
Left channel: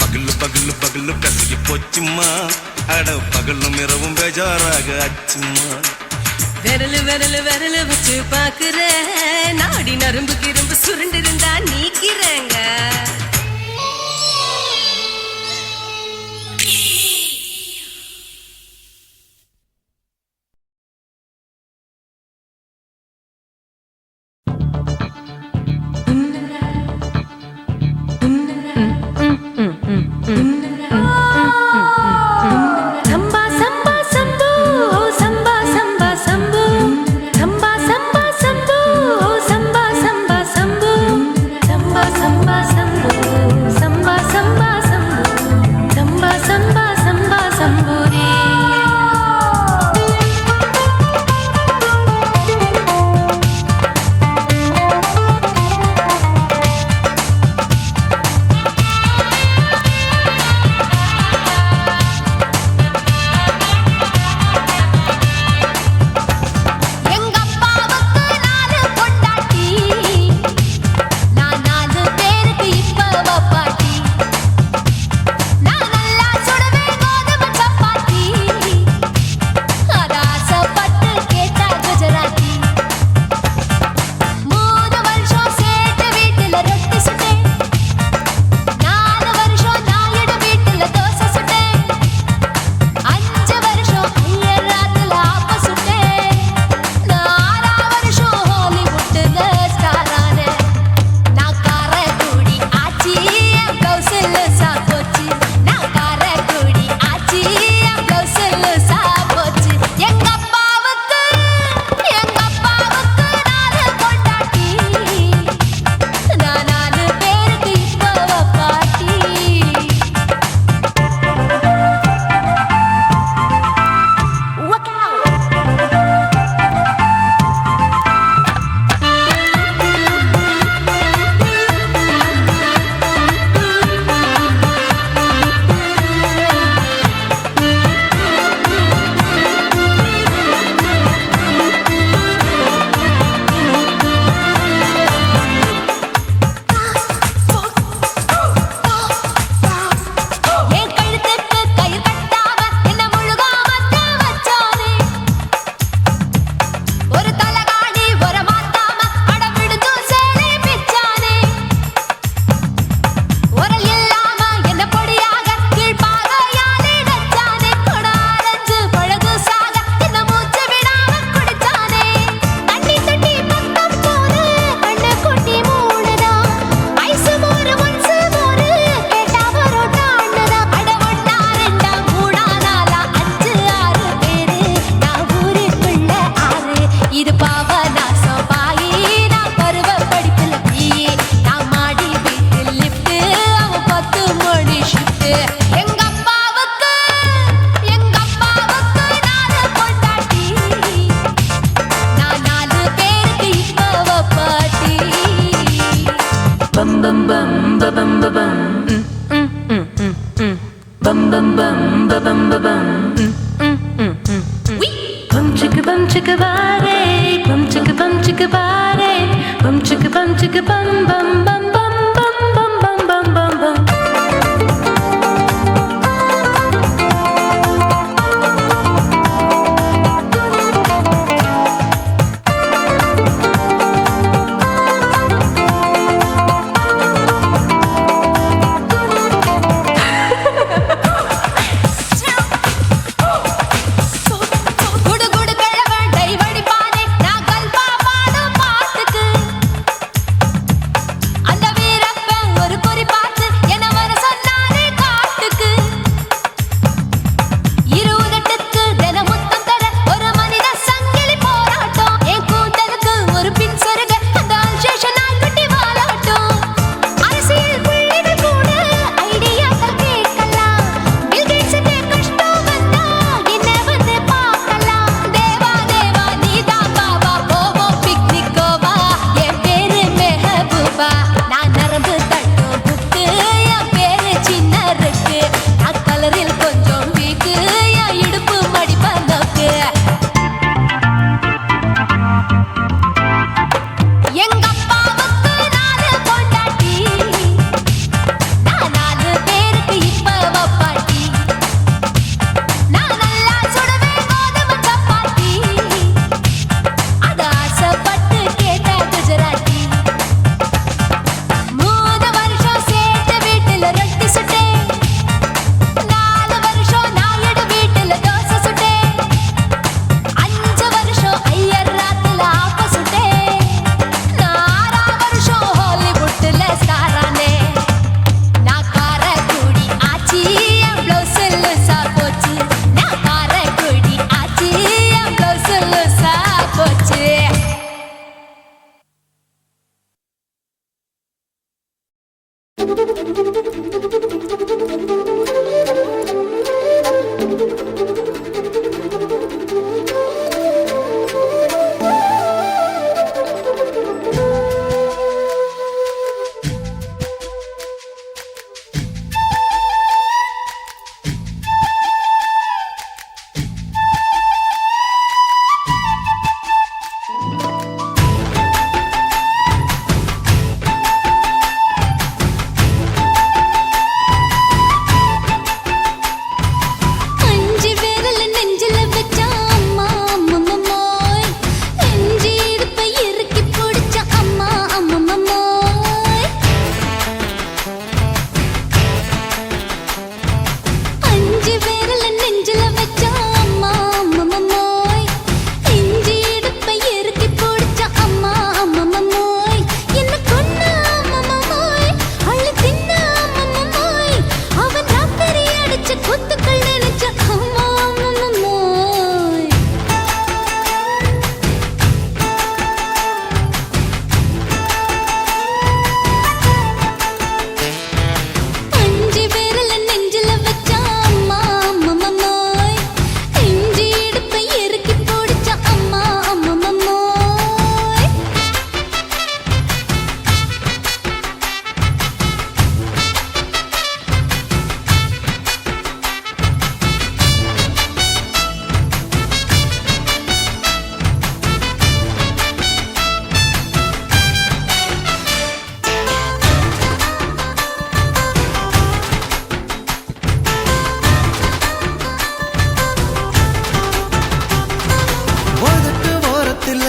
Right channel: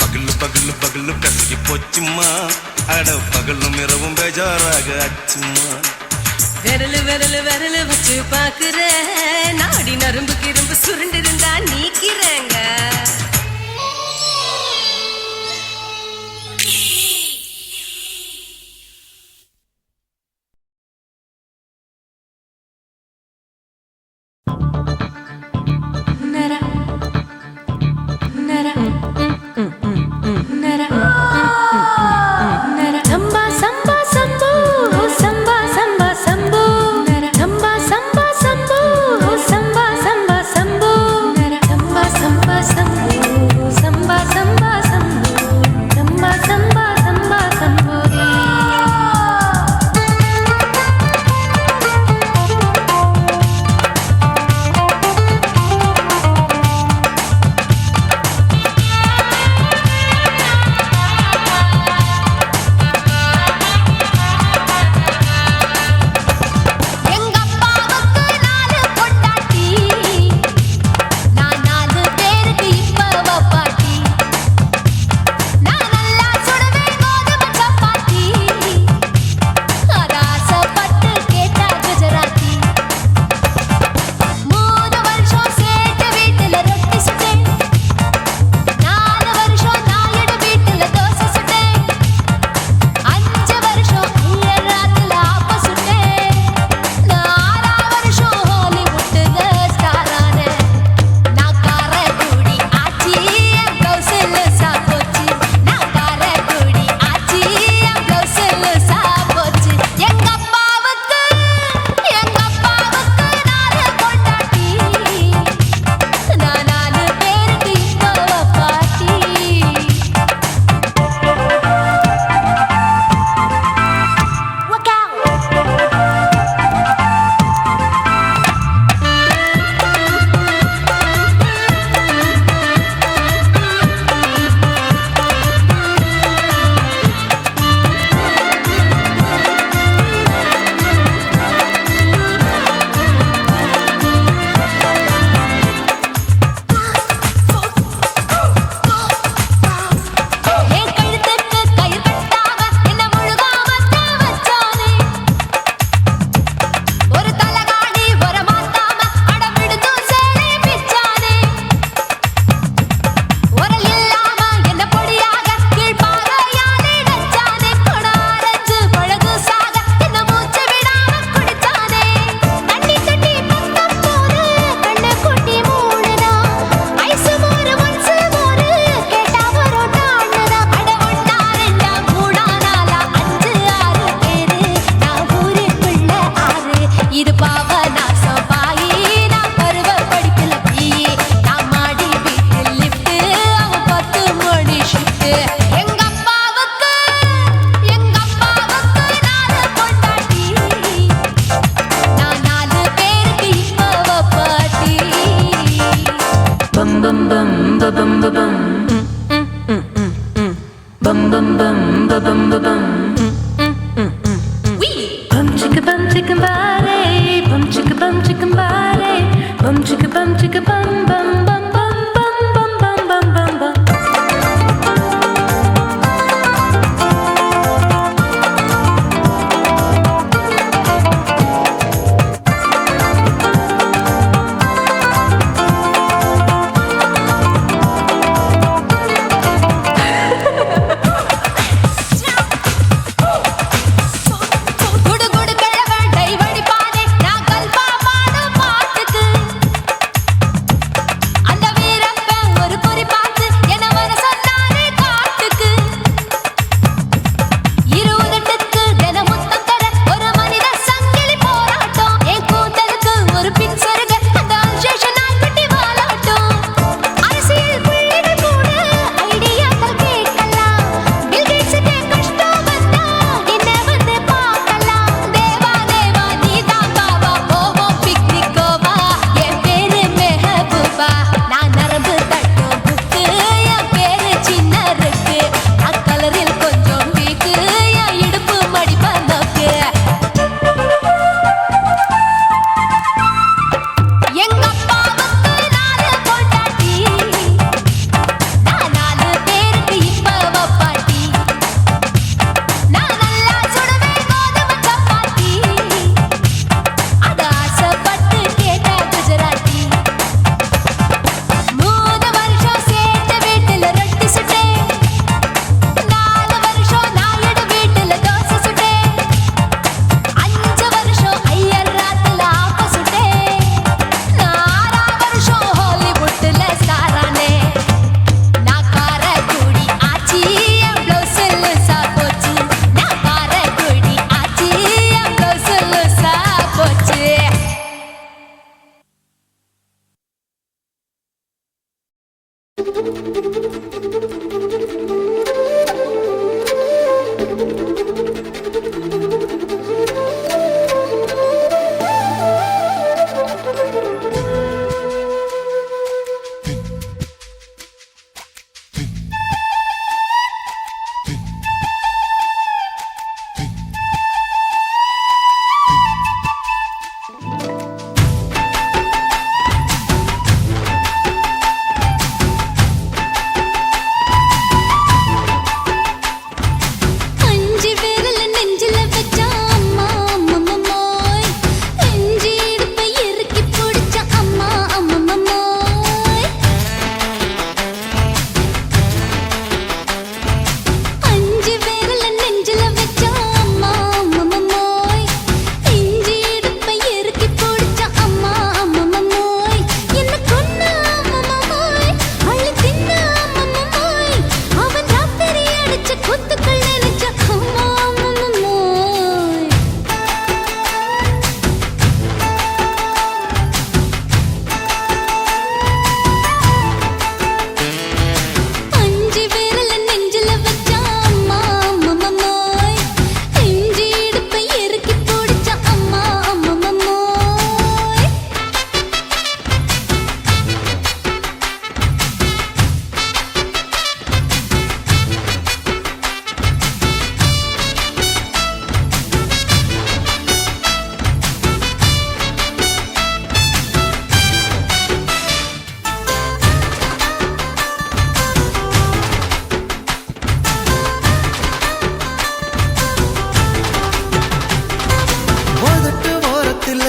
பகலு பகலு பகலு கசகி போச்சுமா அட பகலும் இரவும் பேஜாராக அச்சுமா விரலு விரலு விரலு வச்சு பாக்குறேன் நாடி நரம்பு கிரம்பு சுருண்டு இருந்தா நீக்கிறேங்க அஞ்சு விரல நெஞ்சில வச்சா அம்மா அம்மம்மோய் நெஞ்சு இடுப்பை இறுக்கி பிடிச்ச அம்மா அம்மம்மோய் அஞ்சு விரல நெஞ்சில வச்சா அம்மா அம்மம்மோய் நெஞ்சு இடுப்பை இறுக்கி பிடிச்ச அம்மா அம்மம்மோய் என்ன கொன்ன அம்மம்மோய் அள்ளி தின்ன அம்மம்மோய் அவன் ராத்திரி அடிச்ச குத்துக்கள் நினைச்ச அம்மா அம்மம்மோய் அஞ்சு விரல நெஞ்சில வச்சா அம்மா அம்மம்மோய் நெஞ்சு இடுப்பை இறுக்கி பிடிச்ச அம்மா அம்மம்மோய் உதட்டு ஓரத்துல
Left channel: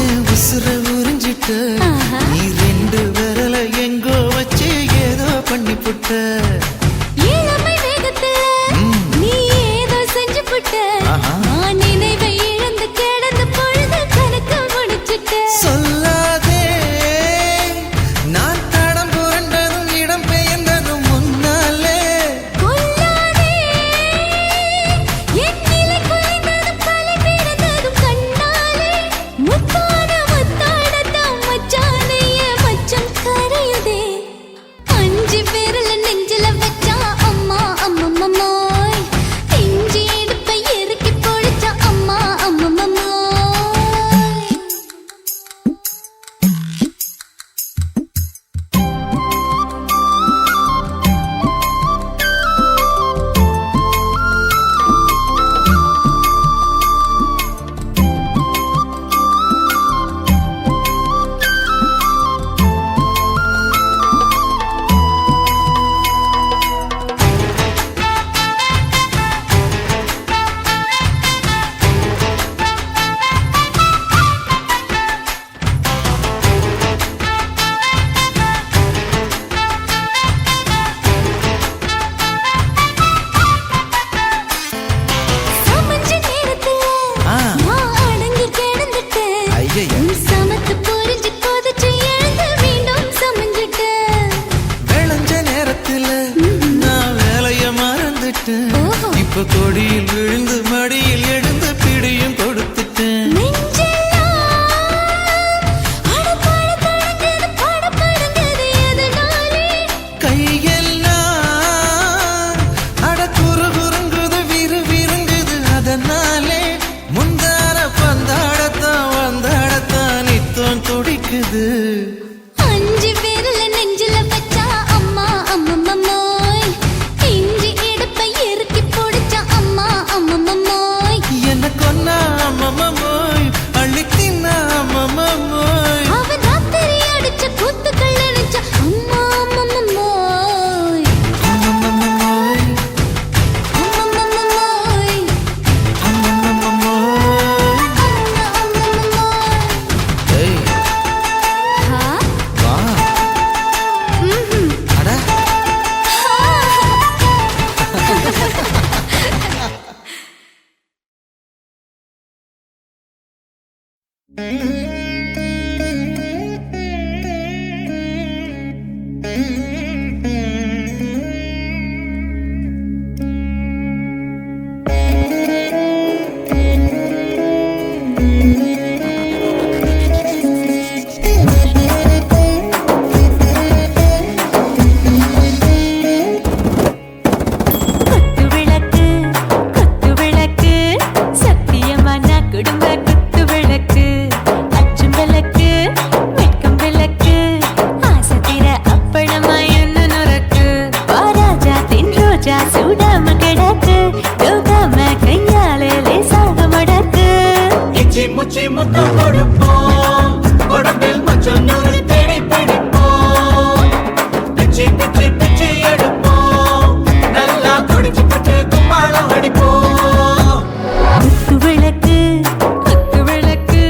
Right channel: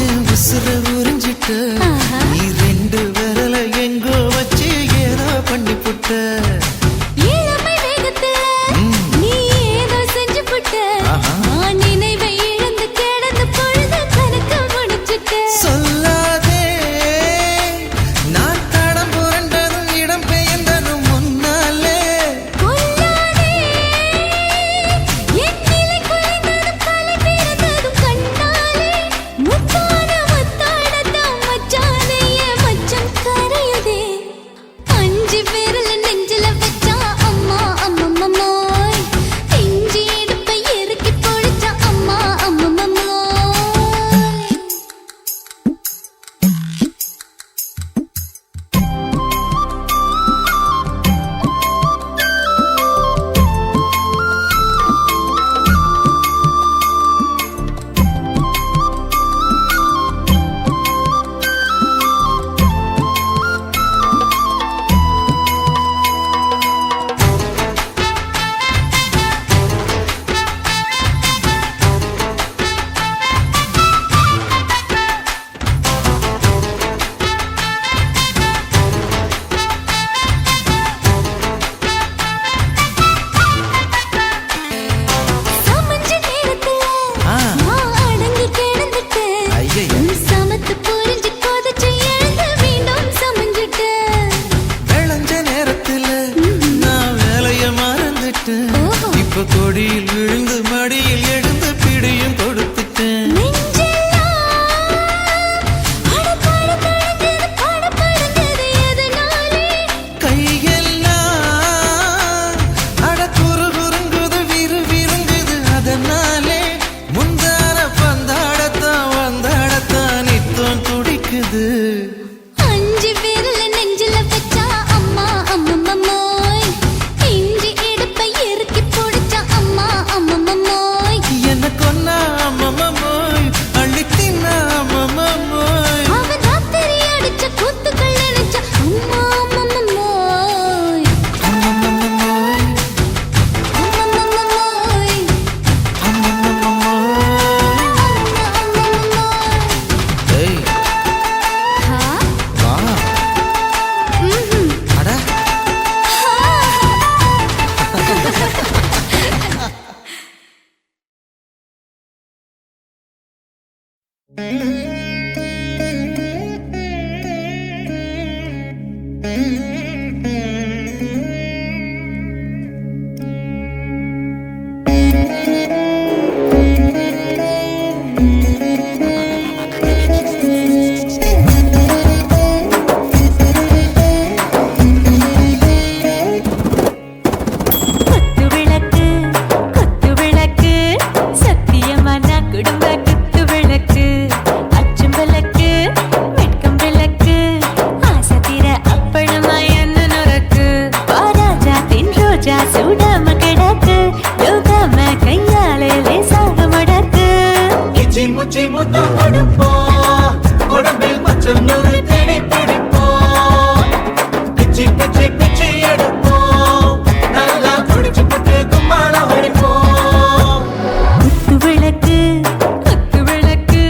என் உசுர உறிஞ்சிட்ட ஆஹா. நீ ரெண்டு விரல எங்கோ வச்சு ஏதோ பண்ணி புட்ட இளமை வேகத்துல நீ ஏதோ செஞ்சு புட்ட ஆஹா. நான் நினைவை இழந்து கிடந்த பொழுது கணக்கு முடிச்சிட்ட சொல்லாதே நான் தடம் புரண்டதும் இடம் பெயர்ந்ததும் முன்னாலே கொல்லாதே என் நிலை குறைந்ததும் தலை பிறந்ததும் கண்ணாலே முத்தான முத்தாடத்தான் மச்சானைய மச்சம் கரையுதே அஞ்சு விரல நெஞ்சில வச்சா அம்மா அம்மம்மோய் நெஞ்சு இடுப்பை இறுக்கி பிடிச்ச அம்மா அம்மம்மோய் சமஞ்ச நேரத்துல ஆ. நான் அடங்கி கிடந்துட்டேன் ஐயைய. உன் சமத்து புரிஞ்சு கொதிச்சு எழுந்து மீண்டும் சமஞ்சிட்டேன் விளைஞ்ச நேரத்துல நான் வேலைய மறந்துட்டேன் ஓஹோ. இப்ப கொடியில் விழுந்து மடியில் எழுந்து பிடியும் கொடுத்துட்டேன் நெஞ்செல்லாம் அடப்பாட தடஞ்சது படபடங்குது எதனாலே கையெல்லாம் அட குறுகுறுங்குது விறுவிறுங்குது அதனாலே முந்தான பந்தாடத்தான் வந்தாடத்தான் நித்தம் துடிக்குது அஞ்சு விரல நெஞ்சில வச்சா அம்மா அம்மம்மோய் நெஞ்சு இடுப்பை இறுக்கி பிடிச்ச அம்மா அம்மம்மோய் என்ன கொன்னா அம்மம்மோய் அள்ளி தின்னா அம்மம்மோய் அவன் ராத்திரி அடிச்ச குத்துக்கள் நினைச்ச அம்மா அம்மம்மோய் அம்மம்மோய் அம்மம்மோய் அம்மம்மோய் அம்மம்மோய் ஏய் ஹா வா ம்ஹும் அட ஹா முச்சி முத்தம் கொடுப்போம் உடம்பில் மச்சம் நூறு தேடி பிடிப்போம் பிச்சி பிச்சி பிச்சி எடுப்போம் நல்லா குடிச்சு பட்டு கும்மாளம் அடிப்போம் குத்து விளக்கு குத்து விளக்கு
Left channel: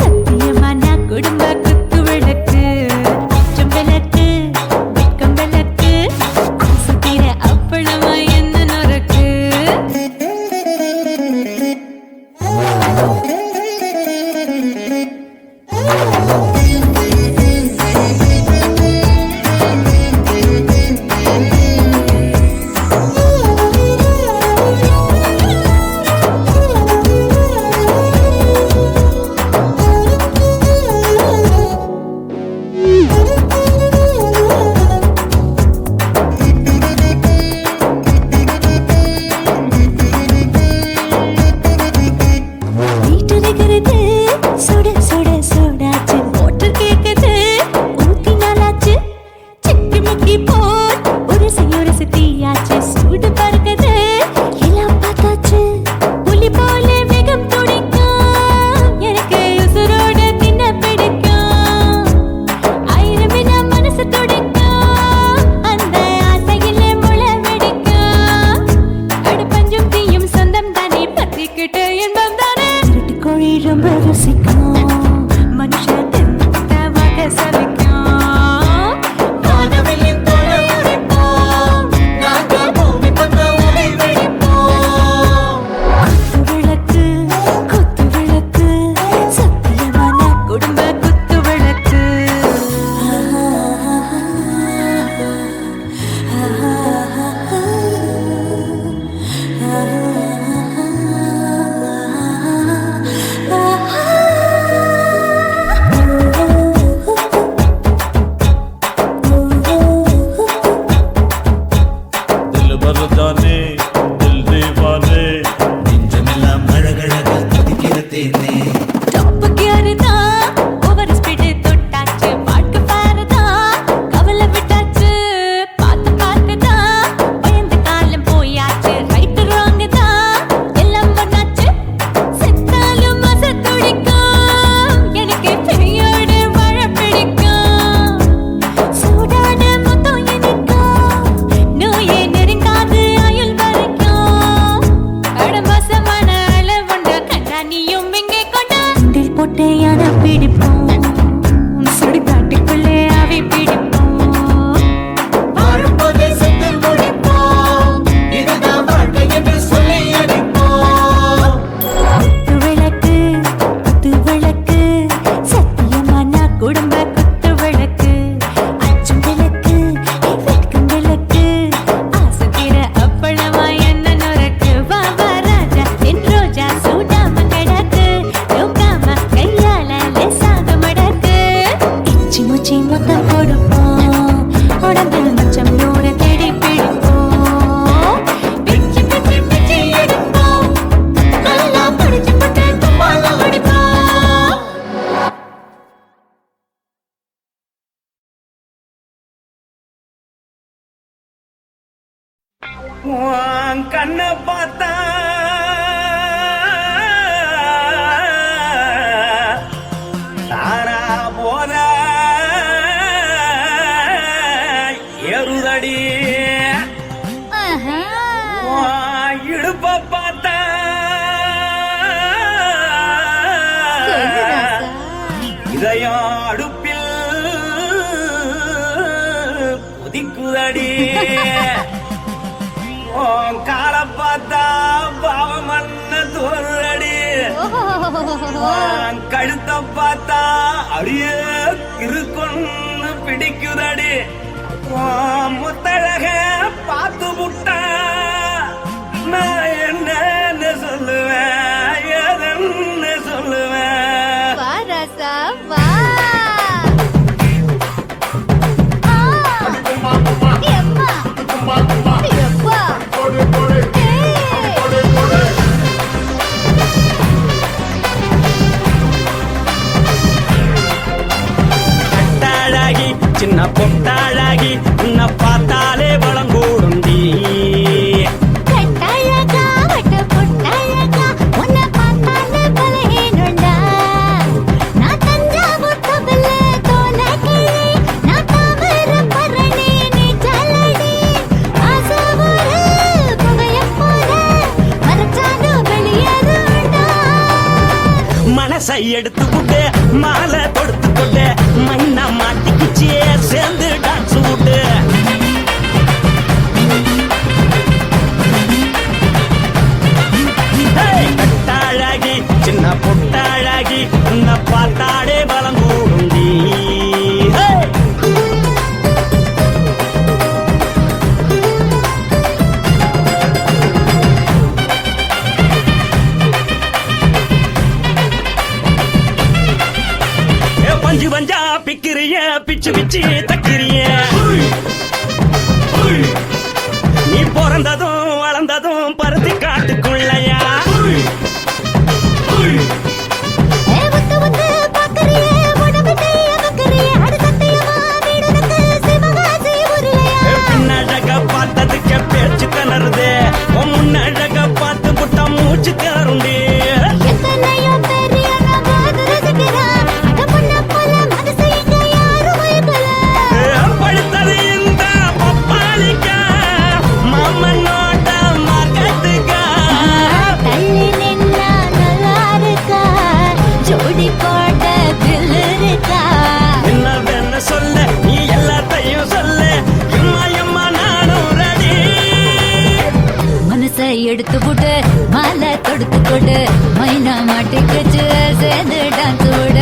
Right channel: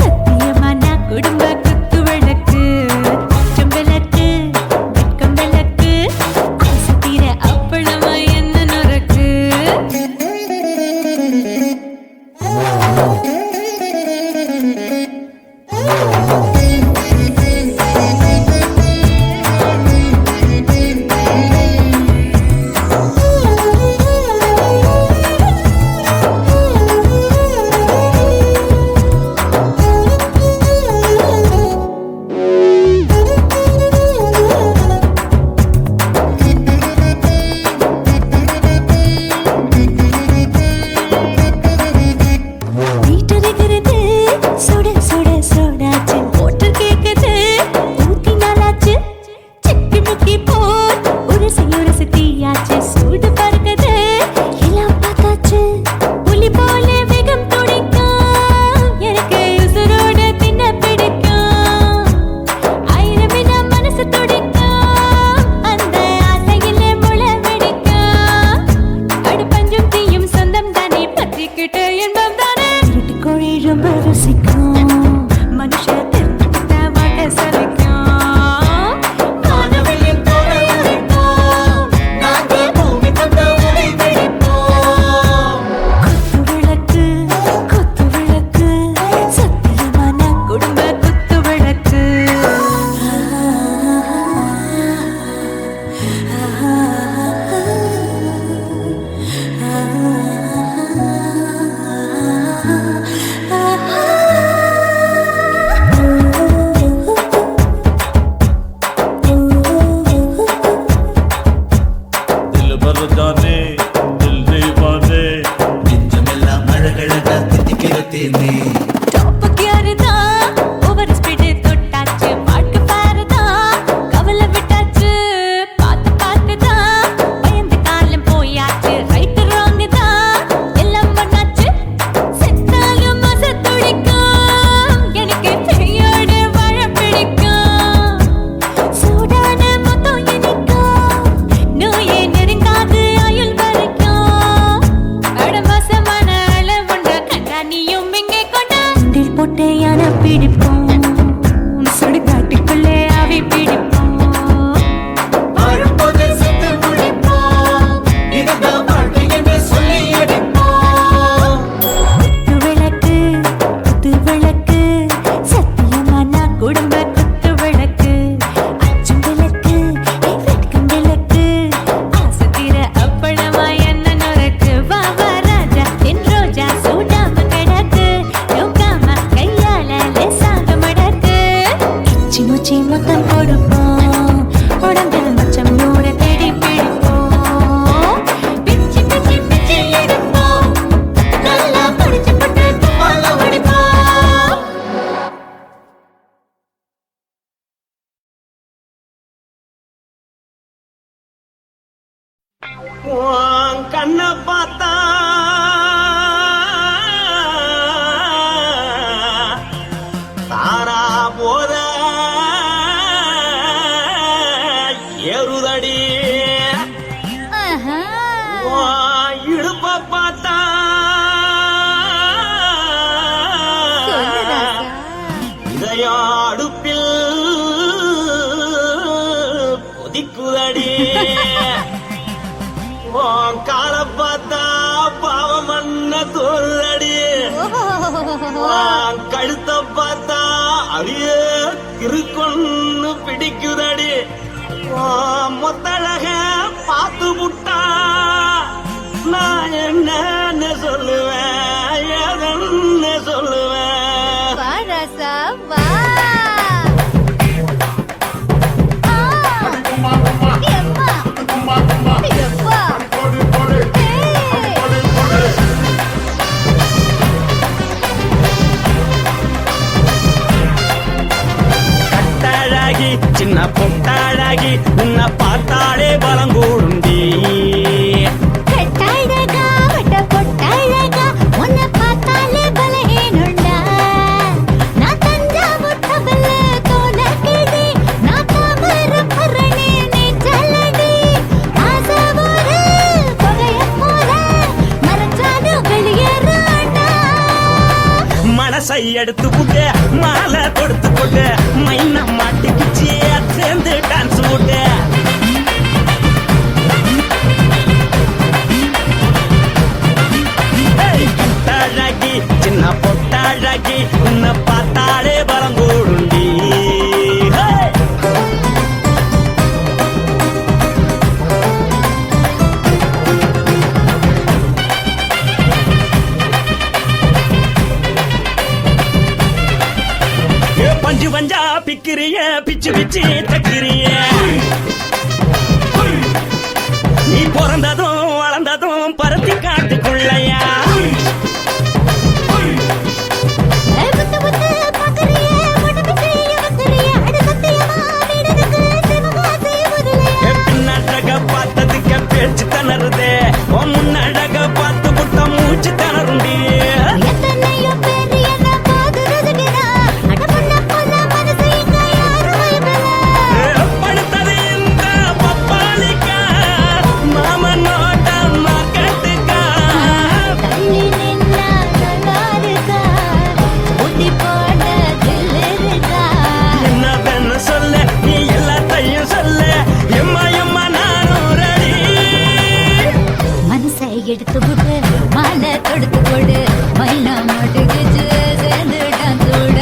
சத்தியமான குடும்ப குத்து விளக்கு அச்சம் விளக்கு வெட்கம் விளக்கு ஆசை தீர அப்பளமா என்ன நொறுக்கு வீட்டருகிறது சுட சுட சோடாச்சு மோட்டர் கேக்குது ஊத்தி நாளாச்சு சிக்கி முக்கி போர் உரசி தீயாச்சு சூடு பறக்குது எல்லாம் பார்த்தாச்சு புலி போல வேகம் துடிக்கும் எனக்கு உசுரோட தின்ன பிடிக்கும் ஆயிரம் வினா மனசு துடிக்கும் அந்த ஆசையில முளை வெடிக்கும் அடுப்பஞ்சும் தீயும் சொந்தம் தானே பத்திக்கிட்டு இன்பம் தானே இருட்டு கோழி ரொம்ப ருசிக்கும் மனுஷ தெரிஞ்சுக்கிட்ட வாக்க சலிக்கும் வானவெளியின் தலை உடைப்போம் நாங்கள் பூமி தந்த உடை வெடிப்போம் குத்து விளக்கு சத்தியமான குடும்ப குத்து விளக்கு दिल भर जाने दिल दीवाने டாப் கியர் தான் ஓவர் ஸ்பீடு தொட்டாச்சு பாட்டு பாரு தான் கவலை விட்டாச்சு பார்த்து தான் பயந்து காலம் போயாச்சு ரைட் ராங் தான் எல்லாம் பண்ணாச்சு செத்தாலும் மச துடிக்கும் எனக்கு பெயோடு வாழ பிடிக்கும் சூடான மொத்தம் இனிக்கும் நோயே நெருங்காது ஆயுள் வரைக்கும் அடமோசமான அளவுண்ட கண்டா நீயும் இங்கே கொண்டா உண்டில் போட்டு யானை பிடிப்போம் சுடுகாட்டுக்குள்ளே அவை பிடிப்போம் வரும்போது செத்து முடிப்போம் இதுதான் வாழ்க்கை என்று சொல்லி அடிப்போம் குத்து விளக்கு சத்தியமான குடும்ப குத்து விளக்கு அச்சும் விளக்கு வெட்கம் விளக்கு ஆசை தீர அப்பளமா என்ன நொறுக்கு வா வா ராஜா என் ரோஜா சூடாம கிடக்கு நோக்காம கையால லேசாக மடக்கு இச்சி முச்சி மொத்தம் கொடுப்போம் உடம்பில் மச்சம் நூறு தேடி பிடிப்போம் பிச்சி பிச்சி பிச்சி எடுப்போம் நல்லா படிச்சு போட்டு கும்மாளம் அடிப்போம் உன் கண்ணை பார்த்தா தாரா போல எருதடி உன் இடுப்பை பார்த்தா இதயம் அடுப்பில் உதிக்குதடி உன் காலை பார்த்தா பாவம் மண்ண தோல்றடி உன் கழுத்தை பார்த்தா அழிய இருக்குன்னு பிடிக்குதடி உன் முத்தழக பார்த்து விட்டா நான் என்னன்னு சொல்லுவேன் எதன்னு சொல்லுவேன் வா ராசா வா எம்மா எப்பா கட்டழகி சின்ன பொட்டழகி உன்னை பார்த்தாலே பலம் கூடுண்டி கட்டழகா வட்ட பொட்டழகா உன்னை பார்த்தாலே பலகீனடா பிச்சு பிச்சு தக்கிறிய நீ பிறந்ததும் வளர்ந்ததும் பருத்தி காட்டுக்குள்ளையா பின்னழக பார்த்ததுக்கு பேச்சு திணறுது முன்னழக பார்த்து புட்டம் மூச்சு திணறுண்டி படுத்தது இந்த பப்பாளிக்கா மாமன் நோட்ட மகட்டுக்கா என்ன வேணும் சொல்ல நீ எல்லாத்தையும் சொல்ல எம்மா எம்மா நானும் ரெடி மனசை எடுத்து விடு மாலை தொடுத்து கொடு மைனா மாட்டுக்கு சேர்ந்துட்டான் கூட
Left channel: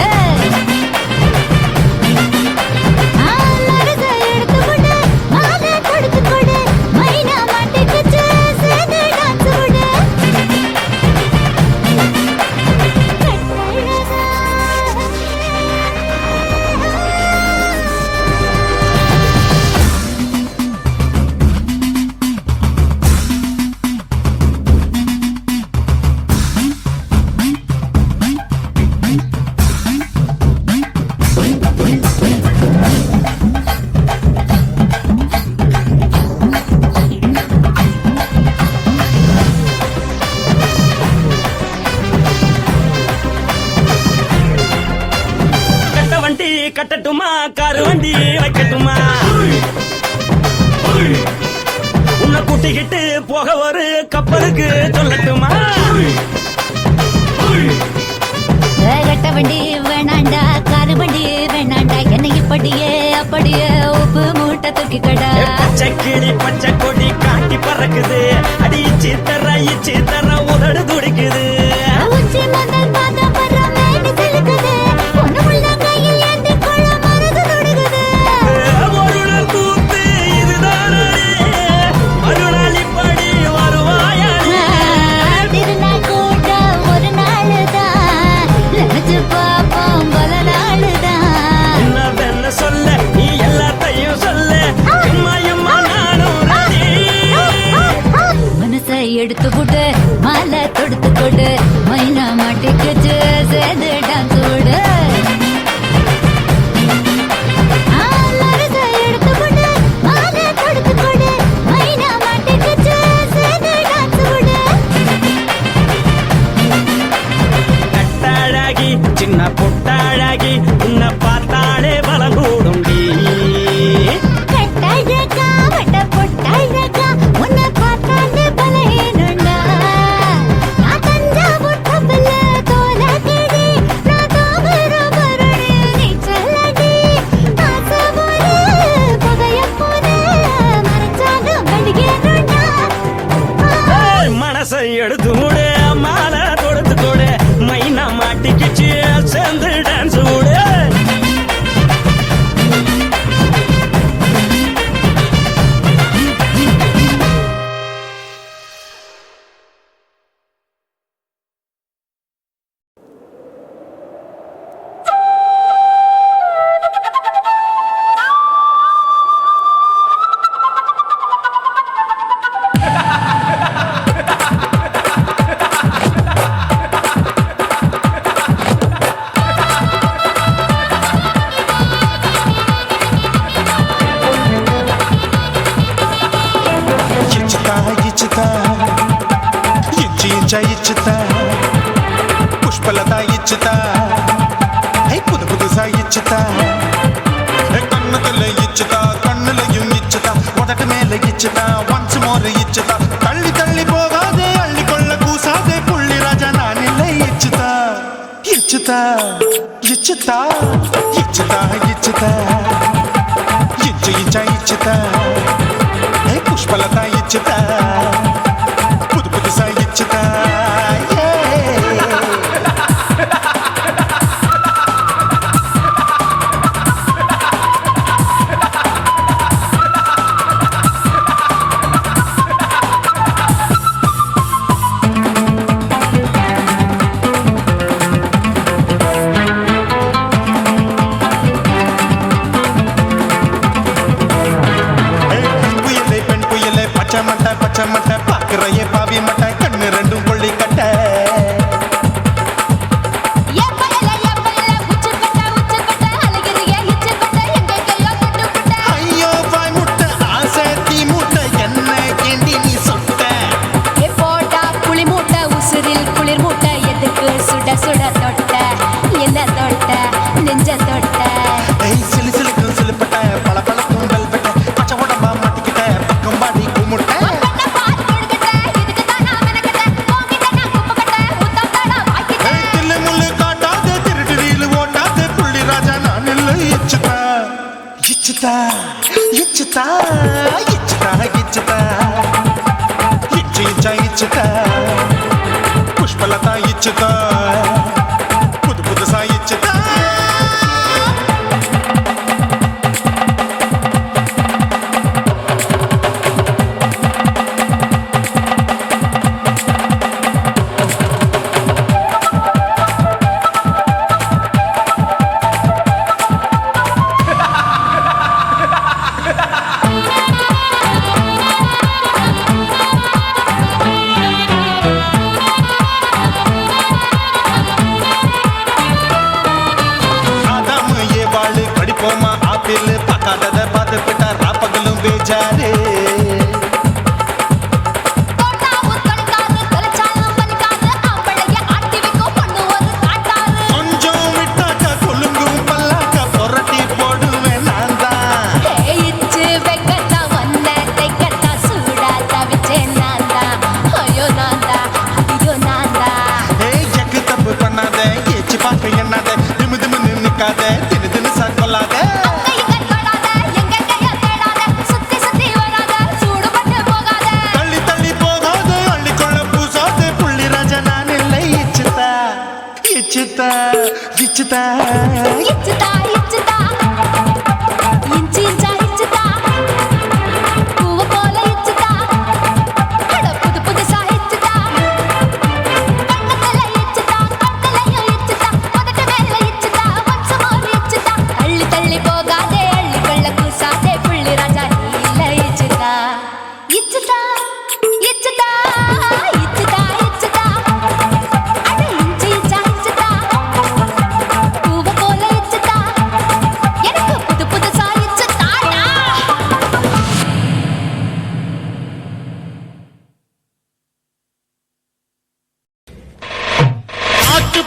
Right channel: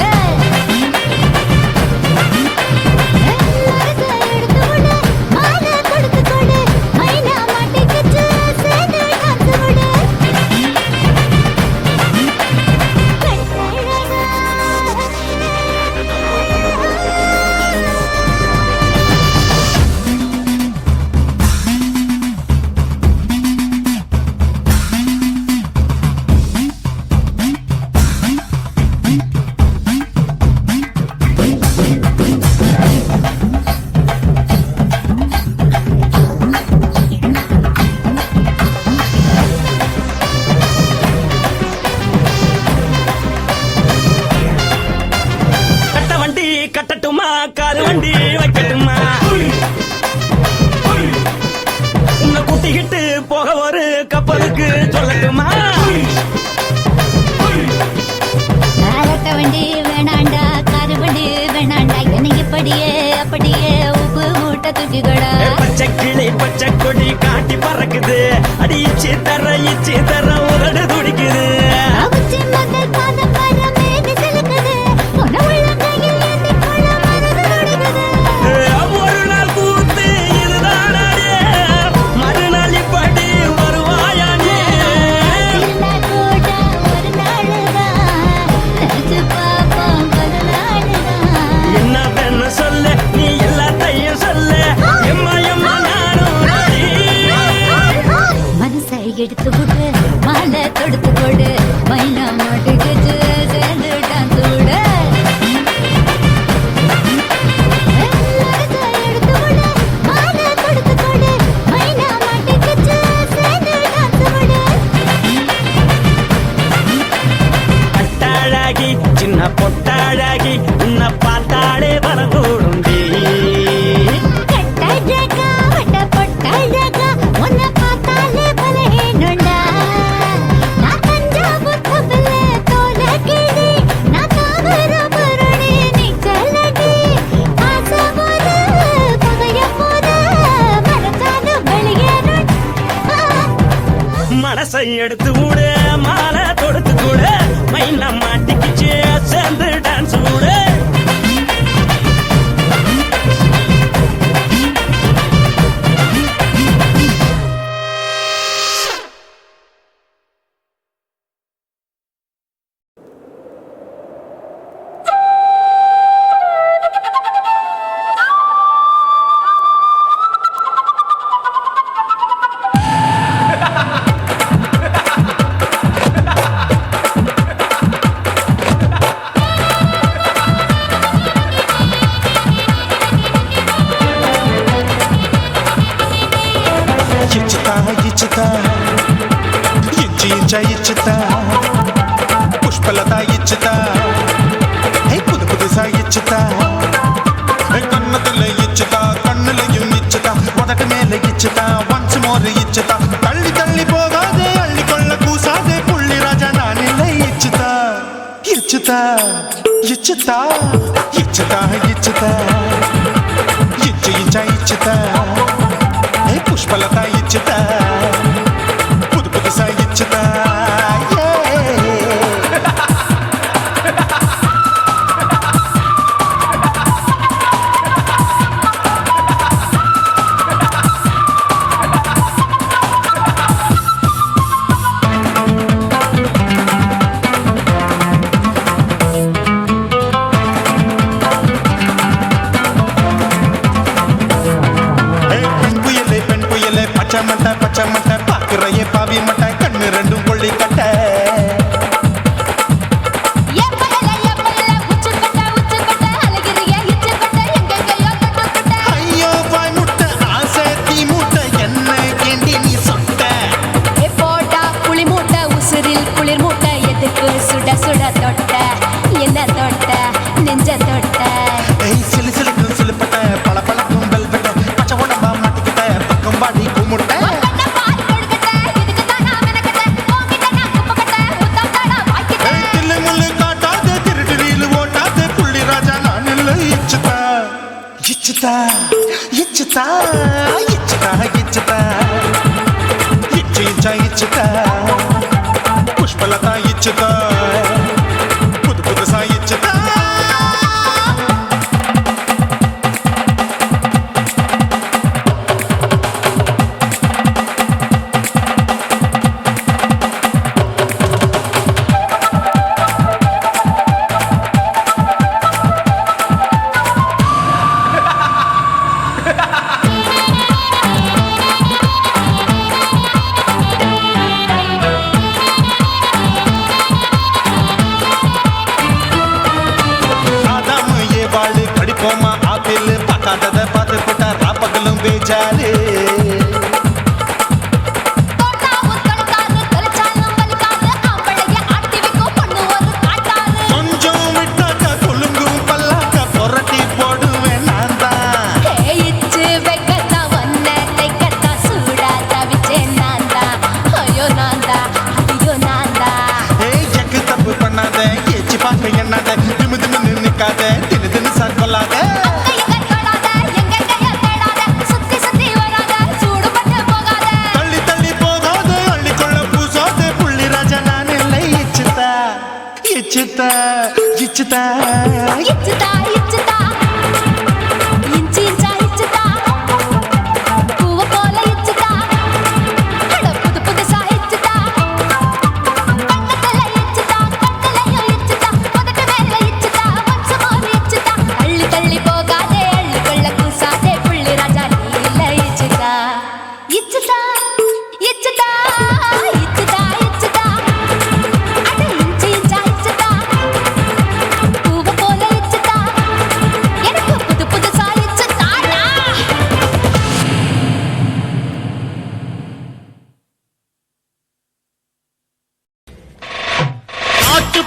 கட்ட வண்டி கட்டட்டுமா காரு வண்டி வைக்கட்டுமா உன்னை கூட்டிக்கிட்டு போக ஒரு கப்பலுக்கு சொல்லட்டுமா கட்டவண்டி வேணாண்டா காதுபடி வேணாண்டா என்னைக்கு படியே அப்படியே உப்பு மூட்டை தூக்கிக்கடா பச்சை கிளி பச்சை கொடி காட்டி பறக்குது அடிச்சு தர உதடு துடிக்குது ஒரு பூத்து இதுதானே மறுநாளி படி வருவாயானே என்ன வேணு சொல்ல நீ எல்லாத்தையும் சொல்ல எம்மா எம்மா நானும் ready. மனசை எடுத்து விடு மாலை தொடுத்து கொடு மைனா மாட்டுக்கு சேர்ந்துட்டான் கூட கட்டாழகி சின்ன பொட்டாழகி உன்னை பார்த்தாலே பலகூடுண்டி மனசை எடுத்து விடு மாலை கொடுத்து கொடு மைனா மாட்டிக்கிச்சு சேர்ந்து டான்ஸ் விடு ఇచ్చుతా ఇచ్చుతా ఇచ్చి ఇంచ ఇచ్చుతా పుష్పలత ఇచ్చుతా హే புது புதுசா இச்சுதா கண்ணத்துல இச்சுதா கண்ணுலையும் இச்சுதா உதட்டு மேல இச்சுதா ஒன்ஸ் மோர் இச்சுதா தள்ளி தள்ளி போகாதே அள்ளி கொள்ள கூசாதே புள்ளி ராஜா நான் இல்லை இச்சுதா இச்சுதா இச்சுதா இச்சுதா இச்சுதா இச்சு இச்சா இச்சுதா హే పుష్పలత ఇచ్చుతా పుదు పుదుసా ఇచ్చుతా பச்சை மட்டை பாக்குறையே பாவி மட்டை கண்ணு ரெண்டும் கொள்ளி கட்ட ஐயோ வாய் முட்டை ஆசை தீ மூட்டை என்ன கேண்டி நீ சொட்ட புளி மூட்டை உசுரில் குளிர் மூட்டை எதுக்கு சுட சுட தொட்ட என்ன தொட்ட நெஞ்ச தொட்ட ஏய் சிலு சிலுக்கும் சிலுப்பட்ட பல பழக்கும் வெல்வெட்ட பச்சை உடம்பா மாட்டிக்கிட்ட பக்கம் பாடி குமுட்ட தில்லு முள்ளு காட்டாத திருட்டு ரீலு ஓட்டாத புள்ளி ராஜா நான் இல்லை இச்சுதா இச்சுதா இச்சுதா இச்சுதா இச்சுதா இச்சு இச்சா இச்சுதா புஷ்பலதா இச்சுதா புது புதுசா இச்சுதா வாழு கடிப்போமா ஆப்பிள் பார்க்காதத பார்த்து விட்டா ராப்பகலும் பேஜாரு கொஞ்சம் விட்டாக்க கொலுங்கும் பல்லாக்க புரட்டி போடுவேன் நான் தான் எக்கு தப்பு பண்ணாத ஏச்சி பார்க்க எண்ணாத திமு திமுன்னு நிக்காத தினு தினு சாக்கொள்ளாத தள்ளி தள்ளி போகாத அள்ளிக்கொள்ள பூசாத புள்ளி ராஜா நான் இல்லை இச்சுதா இச்சுதா இச்சுதா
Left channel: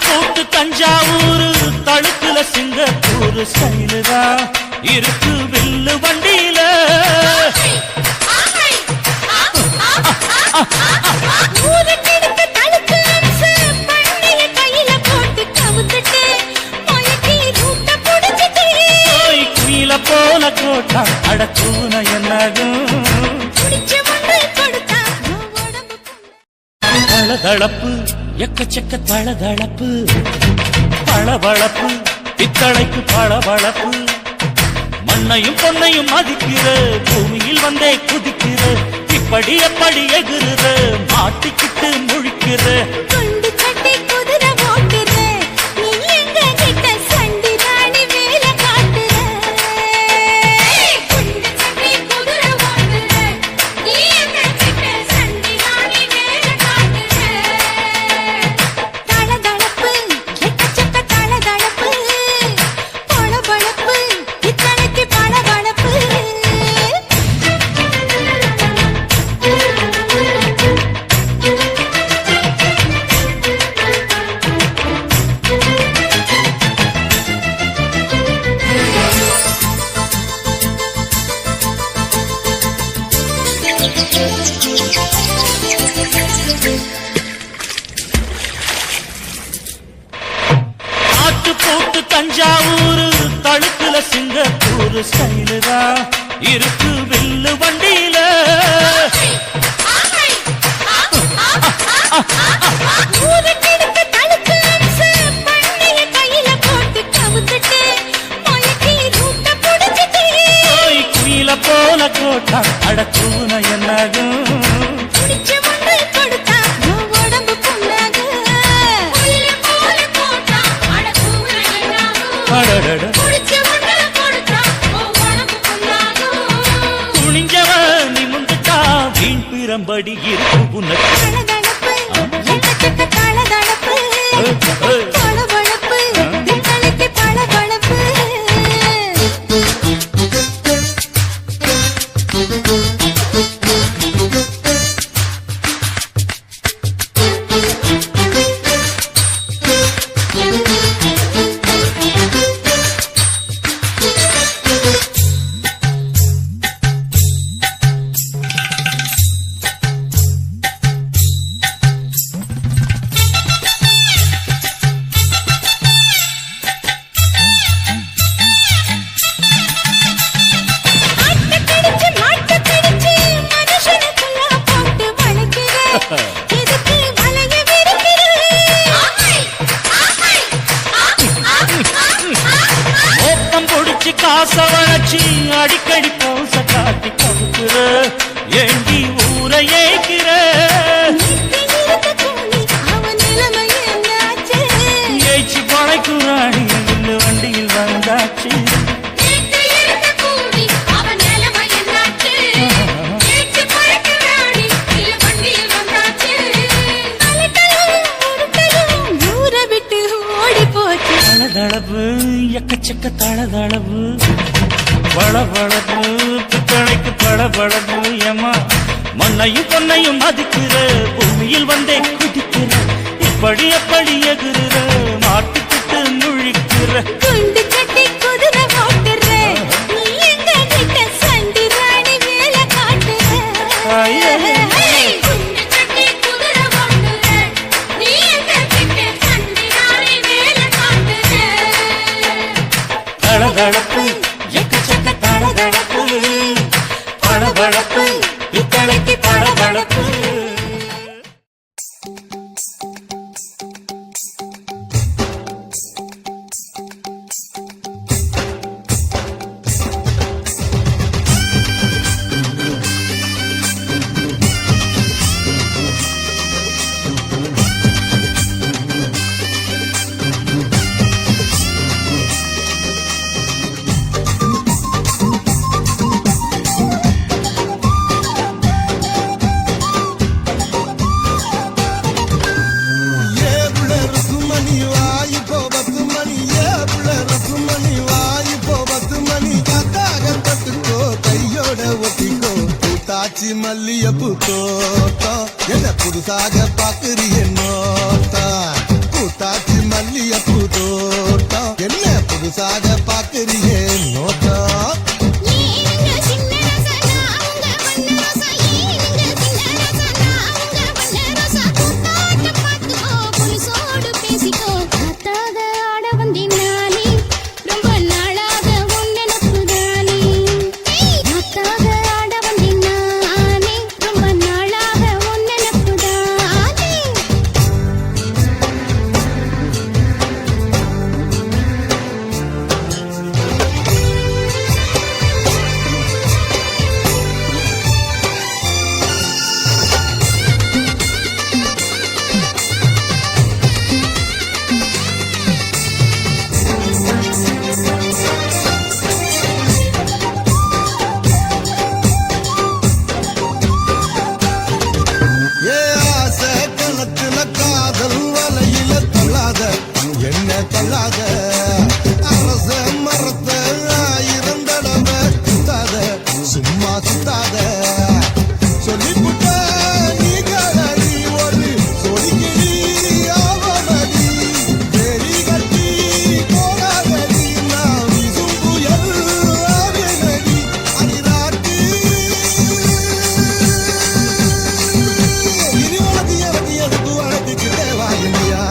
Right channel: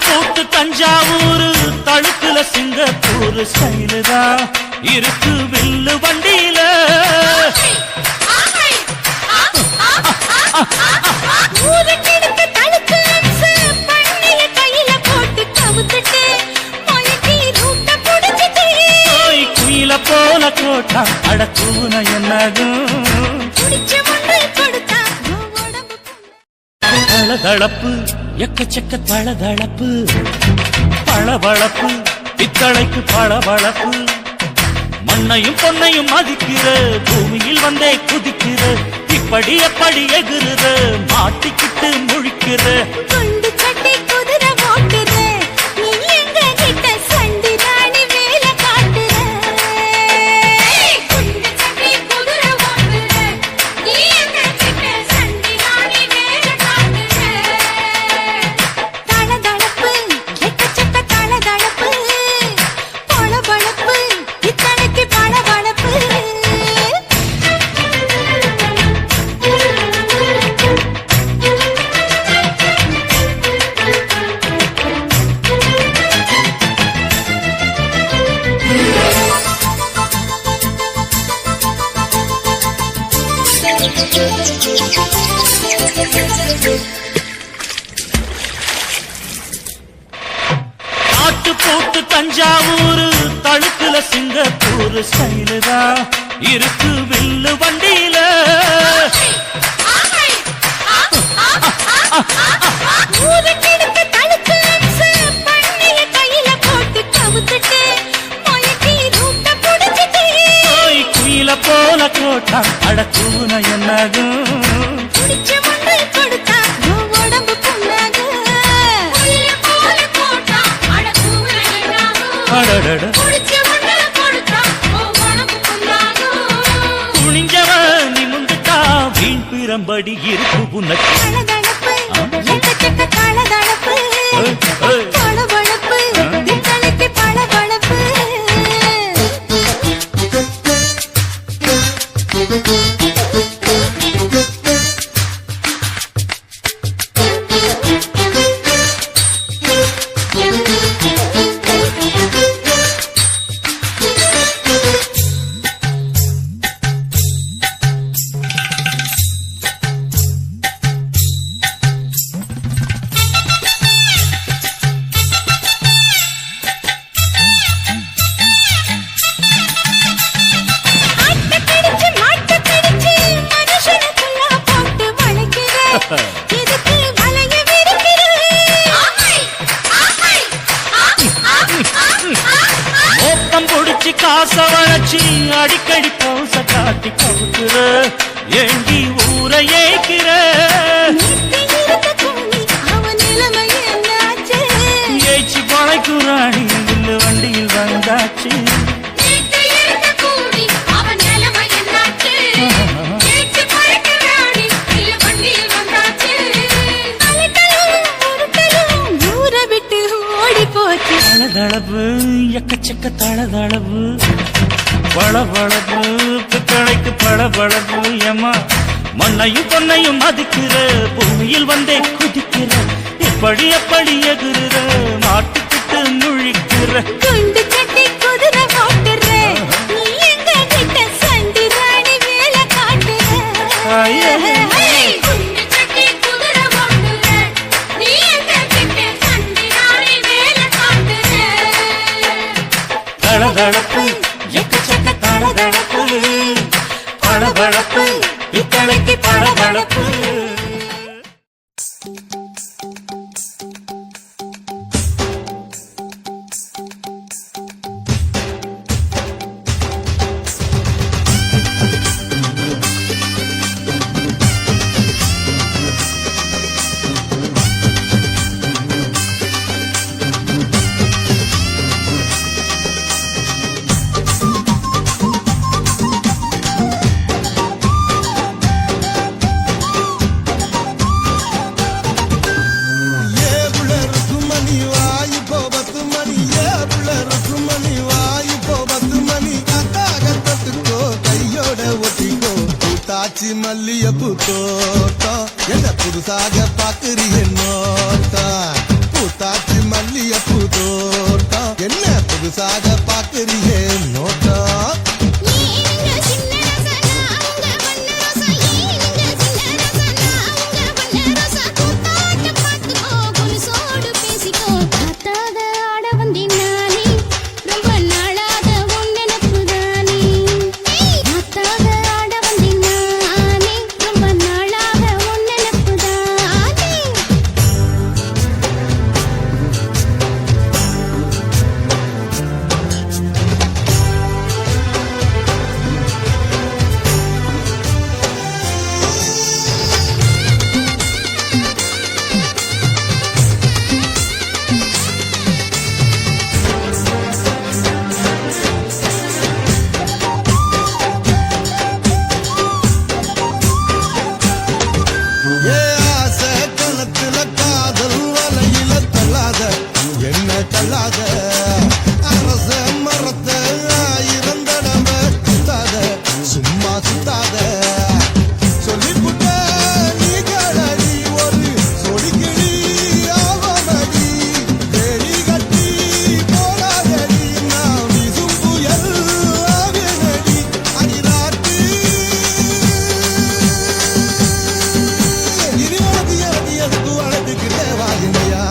போட்டு தஞ்சாவூர் தழுக்குல சிங்கப்பூர் ஸ்டைலுதா இருக்கு வில்லு வண்டியில குயில போல கோட்டா அடக்கூன என்னகும் தளதளப்பு எக்கச்சக்க தளதளப்பு பளபளப்பு பித்தளைக்கு பளபளப்பு மண்ணையும் பொன்னையும் மதிக்கிற பூமியில் வந்தே குதிக்கிற இப்படி எப்படி எகுற மாட்டிக்கிட்டு முழிக்கிற குண்டு சட்டி குதிரை ஓட்டுற நீ எங்க கிட்ட சண்டி ராணி வேலை காட்டுற குண்டு சட்டி குதிரை ஓட்டுற நீ எங்க கிட்ட சண்டி ராணி வேலை காட்டுற தளதளப்பு எக்கச்சக்க தளதளப்பு பளபளப்பு இத்தனைக்கு பளபளப்பு ஆட்டு போட்டு தஞ்சாவூர் தழுக்குல சிங்கப்பூர் ஸ்டைலுதா இருக்கு வில்லு வண்டியில குயில போல கோட்டா அடக்கூன என்னகும் குனிஞ்சவன் நிமிந்துட்டா வீண் ஆயிரம் படி இருக்கு உனக்கு. தளதளப்பு எக்கச்சக்க தளதளப்பு பளபளப்பு பித்தளைக்கு பளபளப்பு மோப்பம் பிடிச்சி காச வளர்ச்சி அடிக்கடி பவுச காட்டி கவுக்குற ஏண்டி ஊரை ஏய்க்கிற ஏய்ச்சி பழைக்குறாடி இல்லு வண்டியில் வந்தாச்சு தளதளவு எக்கச்சக்க தளதளவு பளபளப்பு பித்தளைக்கு பளபளப்பு ஏமா மண்ணையும் பொன்னையும் மதிக்கிற பூமியில் வந்தே குதிக்கிற இப்படி எப்படி எகுற மாட்டுக்கிட்டு முழிக்கிற குண்டு கட்டி குதிரை ஓட்டுற நீ எங்க கிட்ட சண்டி ராணி வேலை காட்டுற குண்டு கட்டி குதிரை ஓட்டுற நீ எங்க கிட்ட சண்டி ராணி வேலை காட்டுற தளதளப்பு எக்கச்சக்க தளதளப்பு பளபளப்பு பித்தளைக்கு பளபளப்பு மல்லியப்பூ தோட்டம் என்ன புதுசாக பாக்குறிய நோட்டம் பூத்தாச்சி மல்லியப்பூ தோட்டம் என்ன புதுசாக பாக்குறிய நோட்டம் என்ன தள்ளாத அரச மரத்த இறந்தடவ சுத்தாத சும்மா சுத்தாத சொல்லிப்புட்ட நீ கடடி ஒரு சொடிக்கிளி ஆவமடி வெறி கட்டி போடாதடி நான் விசும் புயல் ஆவேனடி அடிராட்டி இனி உனக்கு எனக்கு எதுக்கு வளர்த்துக்கிட்டே வாங்கியா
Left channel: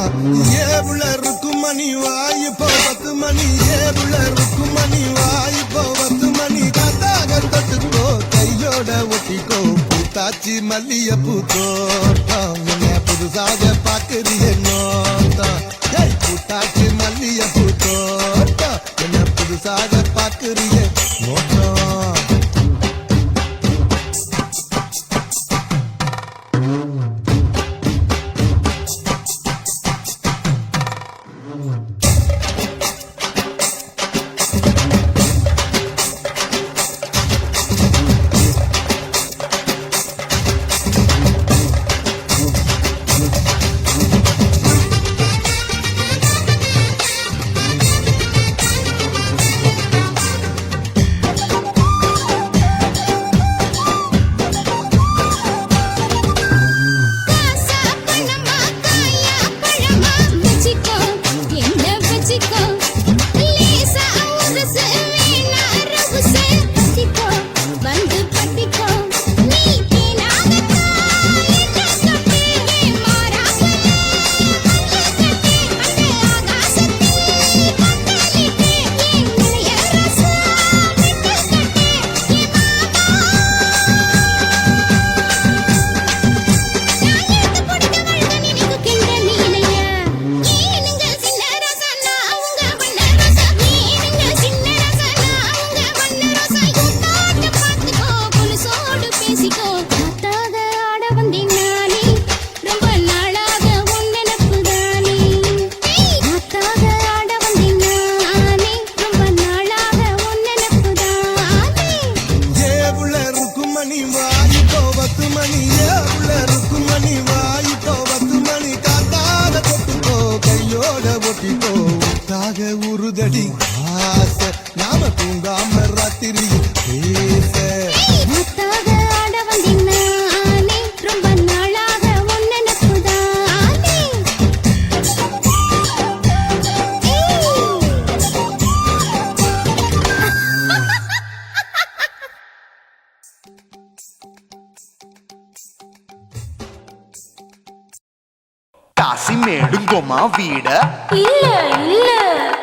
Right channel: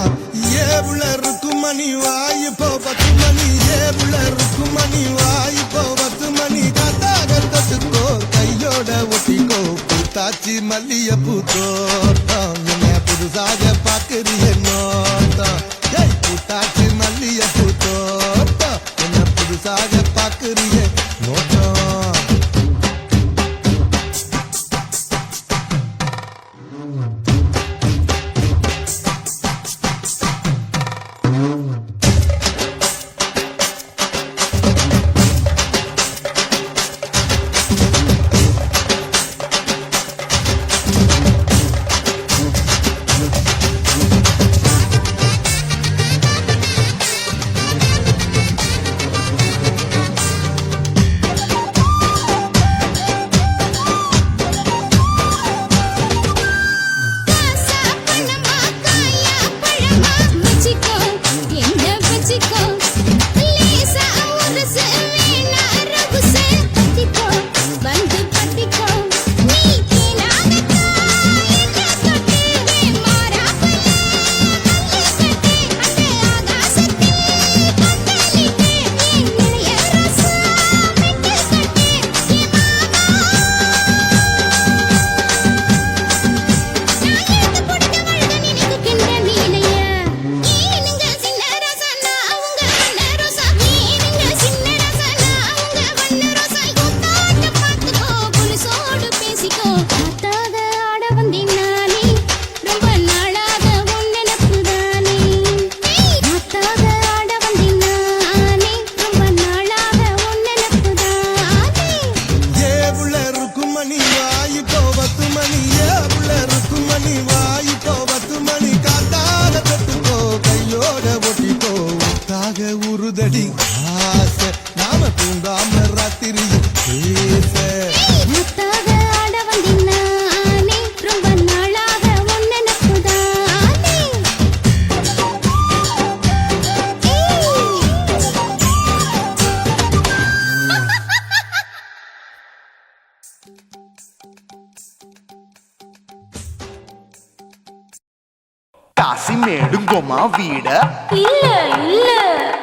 மணி வாயு போபத்து மணி ஏருள ருக்கு மணி வாயு போபத்து மணி கத்தாகத்துக்கோ கையோட ஒட்டிக்கோ பூத்தாச்சி மல்லியப்பூ தோட்டம் என்ன புதுசாக பாக்குறிய நோட்டம் பூத்தாச்சி மல்லியப்பூ தோட்டம் என்ன புதுசாக பாக்குறிய நோட்டம் மணி வா இப்போ 10 மணி காத்தாக தொட்டுக்கோ கையோட ஒட்டிக்கோ உத்தாக உருதடி ஆசை நாம தூங்காம ராத்திரியில் பேச முத்தாக ஆட வந்தினானே ரொம்ப நாளாக உன் நினைப்புதானே కాశీమేడుంగొమా వీడ இல்ல இல்ல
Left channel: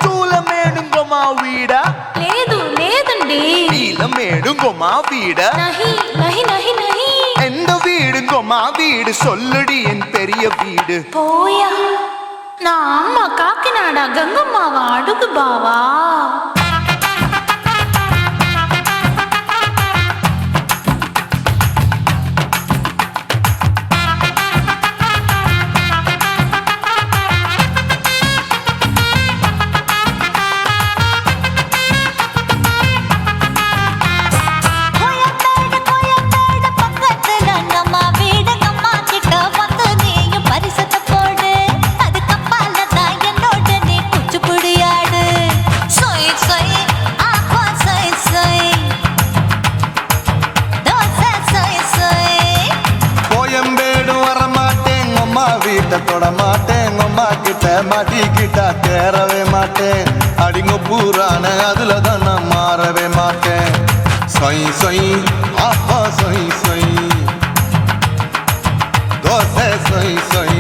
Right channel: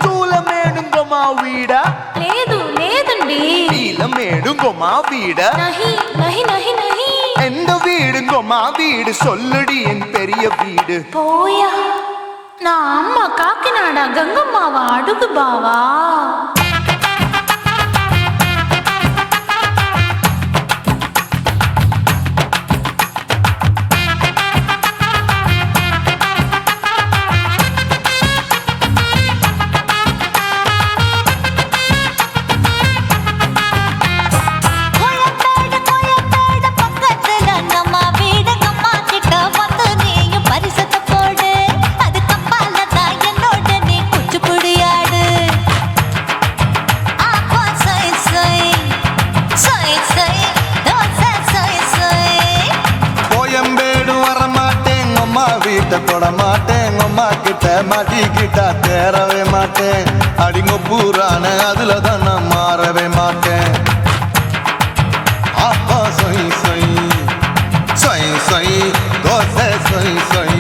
చూలమేడుంగొమా వీడ లేదు లేదండి వీలమేడుంగొమా వీడ நஹி நஹி நஹி நஹி எந்த வீடுங்கொமா வீடு சொல்லுடி என் பெரிய வீடு போயா நான் அம்மா காக்கிநாடா கங்கம்மாவா அடுகு பாவா கோயம்பேடு பக்கத்துல நம்ம வீடு அம்மா கிட்ட வந்து நீயும் பரிசத்தை போடு அது கப்பால தான் என்னோட நீ குச்சிப்புடியாடு சொய் சொய் ஆப்பா சொய் சொய் சொய் சொய் தோசை சொய் சொய் கோயம்பேடு வரமாட்டேன் அம்மா வீட்டை தொட மாட்டேன் அம்மா கிட்ட மாட்டிக்கிட்டா தேரவே மாட்டேன் அடிங்க பூரான அதுல தான் நான் மாறவே மாட்டேன் சொய் சொய் அப்பா சொய் சொய் சொய் சொய் தோசை சொய் சொய்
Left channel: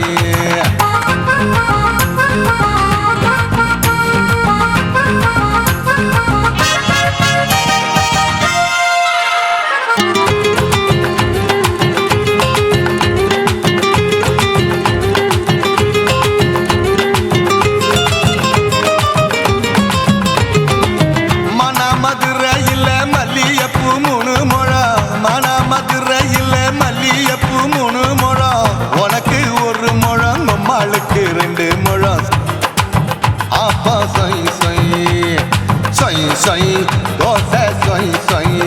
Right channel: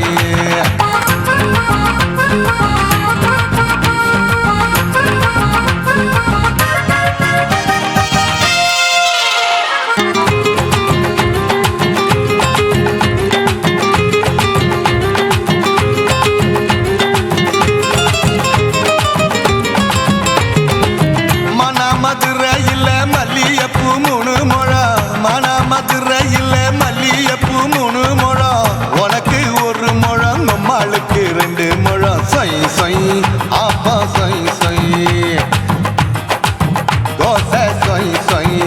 மதுரையில் மல்லியப்பூ 3 முழம் மதுரையில் மல்லியப்பூ 3 முழம் உனக்கு 1 முழம் அம்மாளுக்கு 2 முழம் சொய் சொய் ஆப்பா சொய் சொய் சொய் சொய் தோசை சொய் சொய்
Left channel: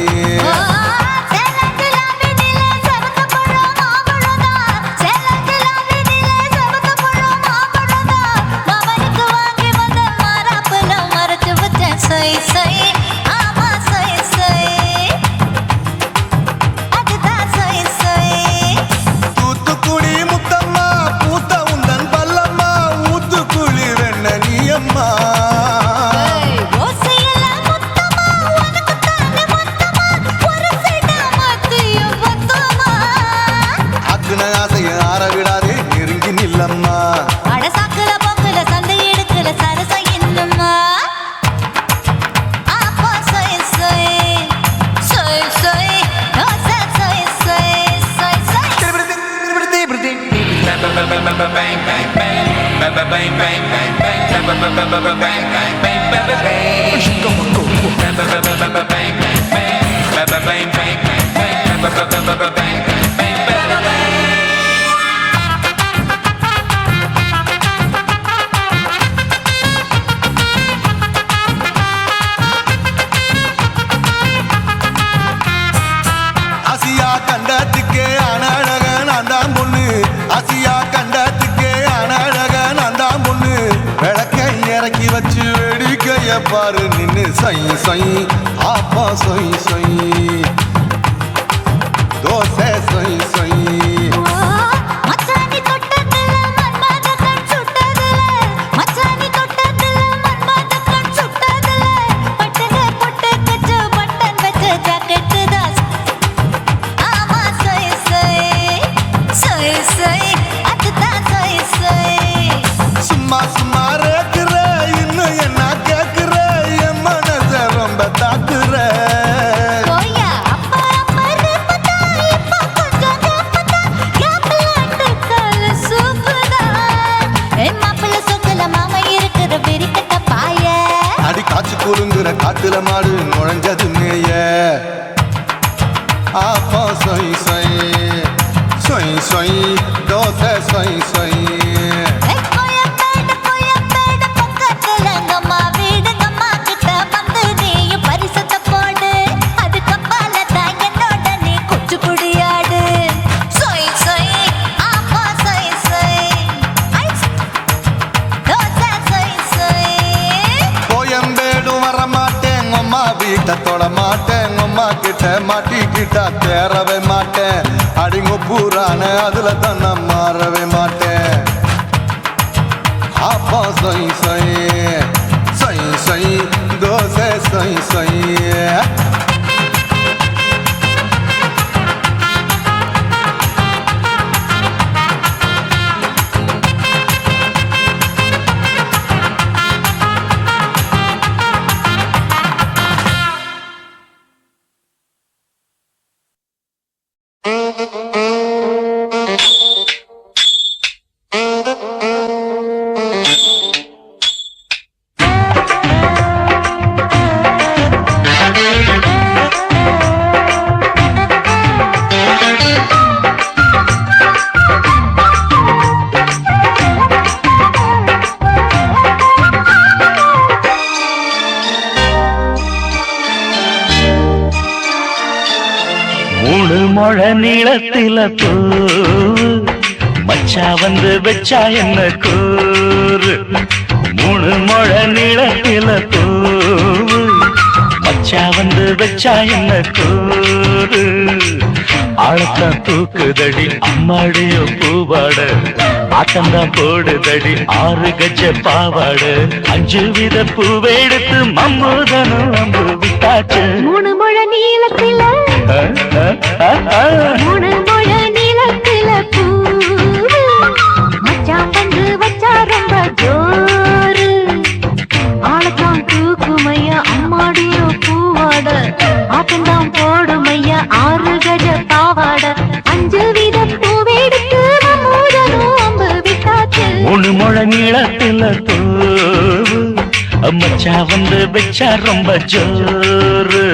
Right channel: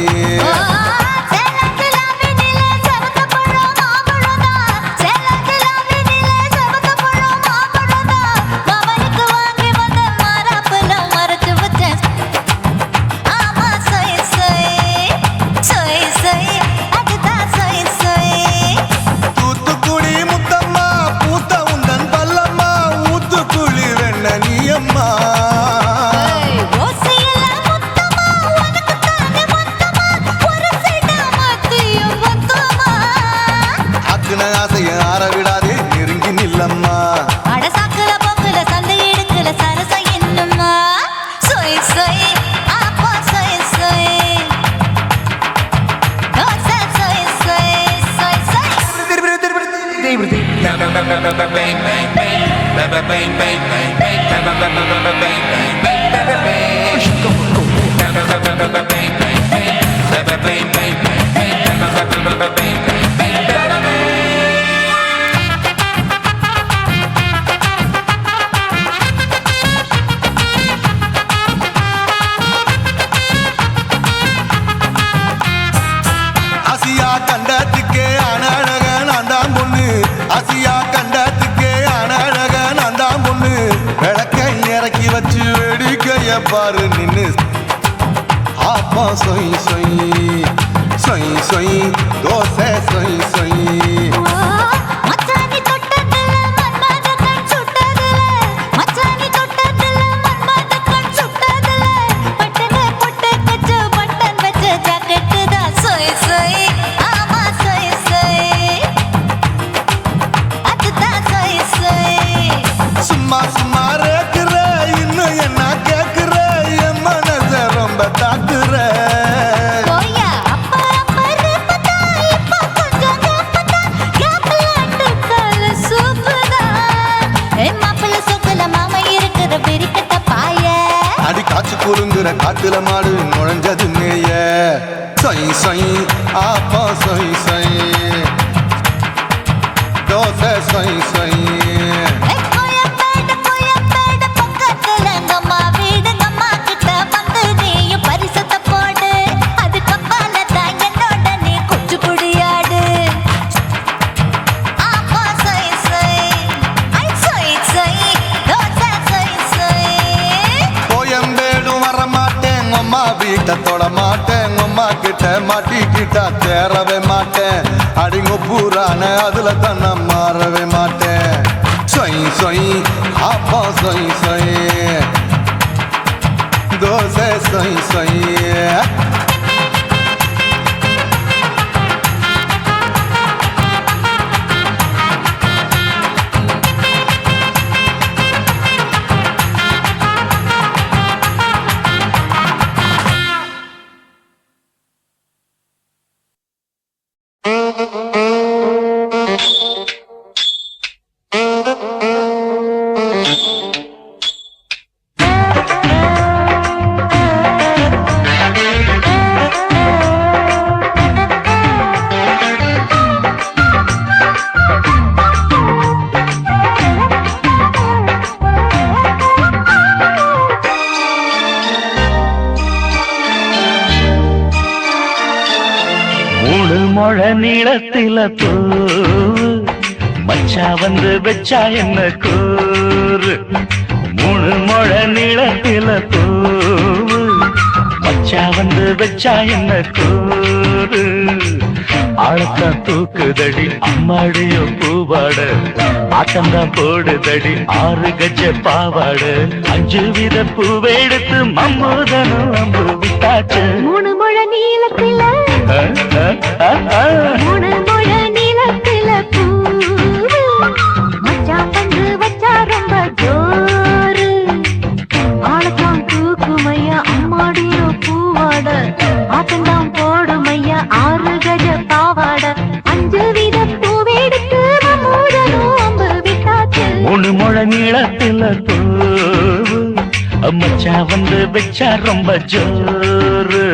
ஆசியா கண்டத்துக்கே அனழக நான் தான் பொண்ணு விளக்கை இறக்கி வச்சு வேடிக்கைய பாரு நின்னு சொய் சொய் ஆப்பா சொய் சொய் சொய் சொய் தோசை சொய் சொய் சும்மா சும்மா ரேக்குற இன்னும் என்ன கேக்குற என் மனச ரொம்ப தாக்குற அடி காய்ச்சி குறுங்குற காட்டுல மாடு நுழைஞ்சது மேய சொய் சொய் ஆப்பா சொய் சொய் சொய் சொய் தோசை சொய் சொய் பரிசத்தை போடு அது கப்பால தான் என்னோட நீ குச்சிப்புடியாடு சொய் சொய் ஆப்பா வீட்டை தொட மாட்டேன் அம்மா கிட்ட மாட்டிக்கிட்டா தேரவே மாட்டேன் அடிங்க பூரான அதுல தான் நான் மாறவே மாட்டேன் சொய் சொய் அப்பா சொய் சொய் சொய் சொய் தோசை சொய் சொய் மூணு முழ நீளத்தில பூ மச்சா வந்து வச்சா என்ன கூறு மூணு முழ நீளத்தில பூ மச்சா வந்து வச்சா என்ன கூறு ஆழத்தான் தூக்குதடி அம்மாடிய பூவாட ஆட்டம்தான் போடுதடி 6 கஜ பாவாட 5 வித பூவை எடுத்து மம்முதனும் அம்பு விட்டாச்சு மூணு முழ நீளத்தில மூணு முழ நீளத்தில பூ மச்சான் வந்து வச்சா ரொம்ப ஜோரு ஆளத்தான் தூக்குமையா அம்மாடியோ பூவாட ஆட்டம்தான் போடுமையா 6 கஜ பாவாட 5 வித பூவெடுத்து மம்முதனும் அம்பு விட்டாச்சு மூணு முழ நீளத்தில பூ மச்சா வந்து வச்சா ரொம்ப ஜோரு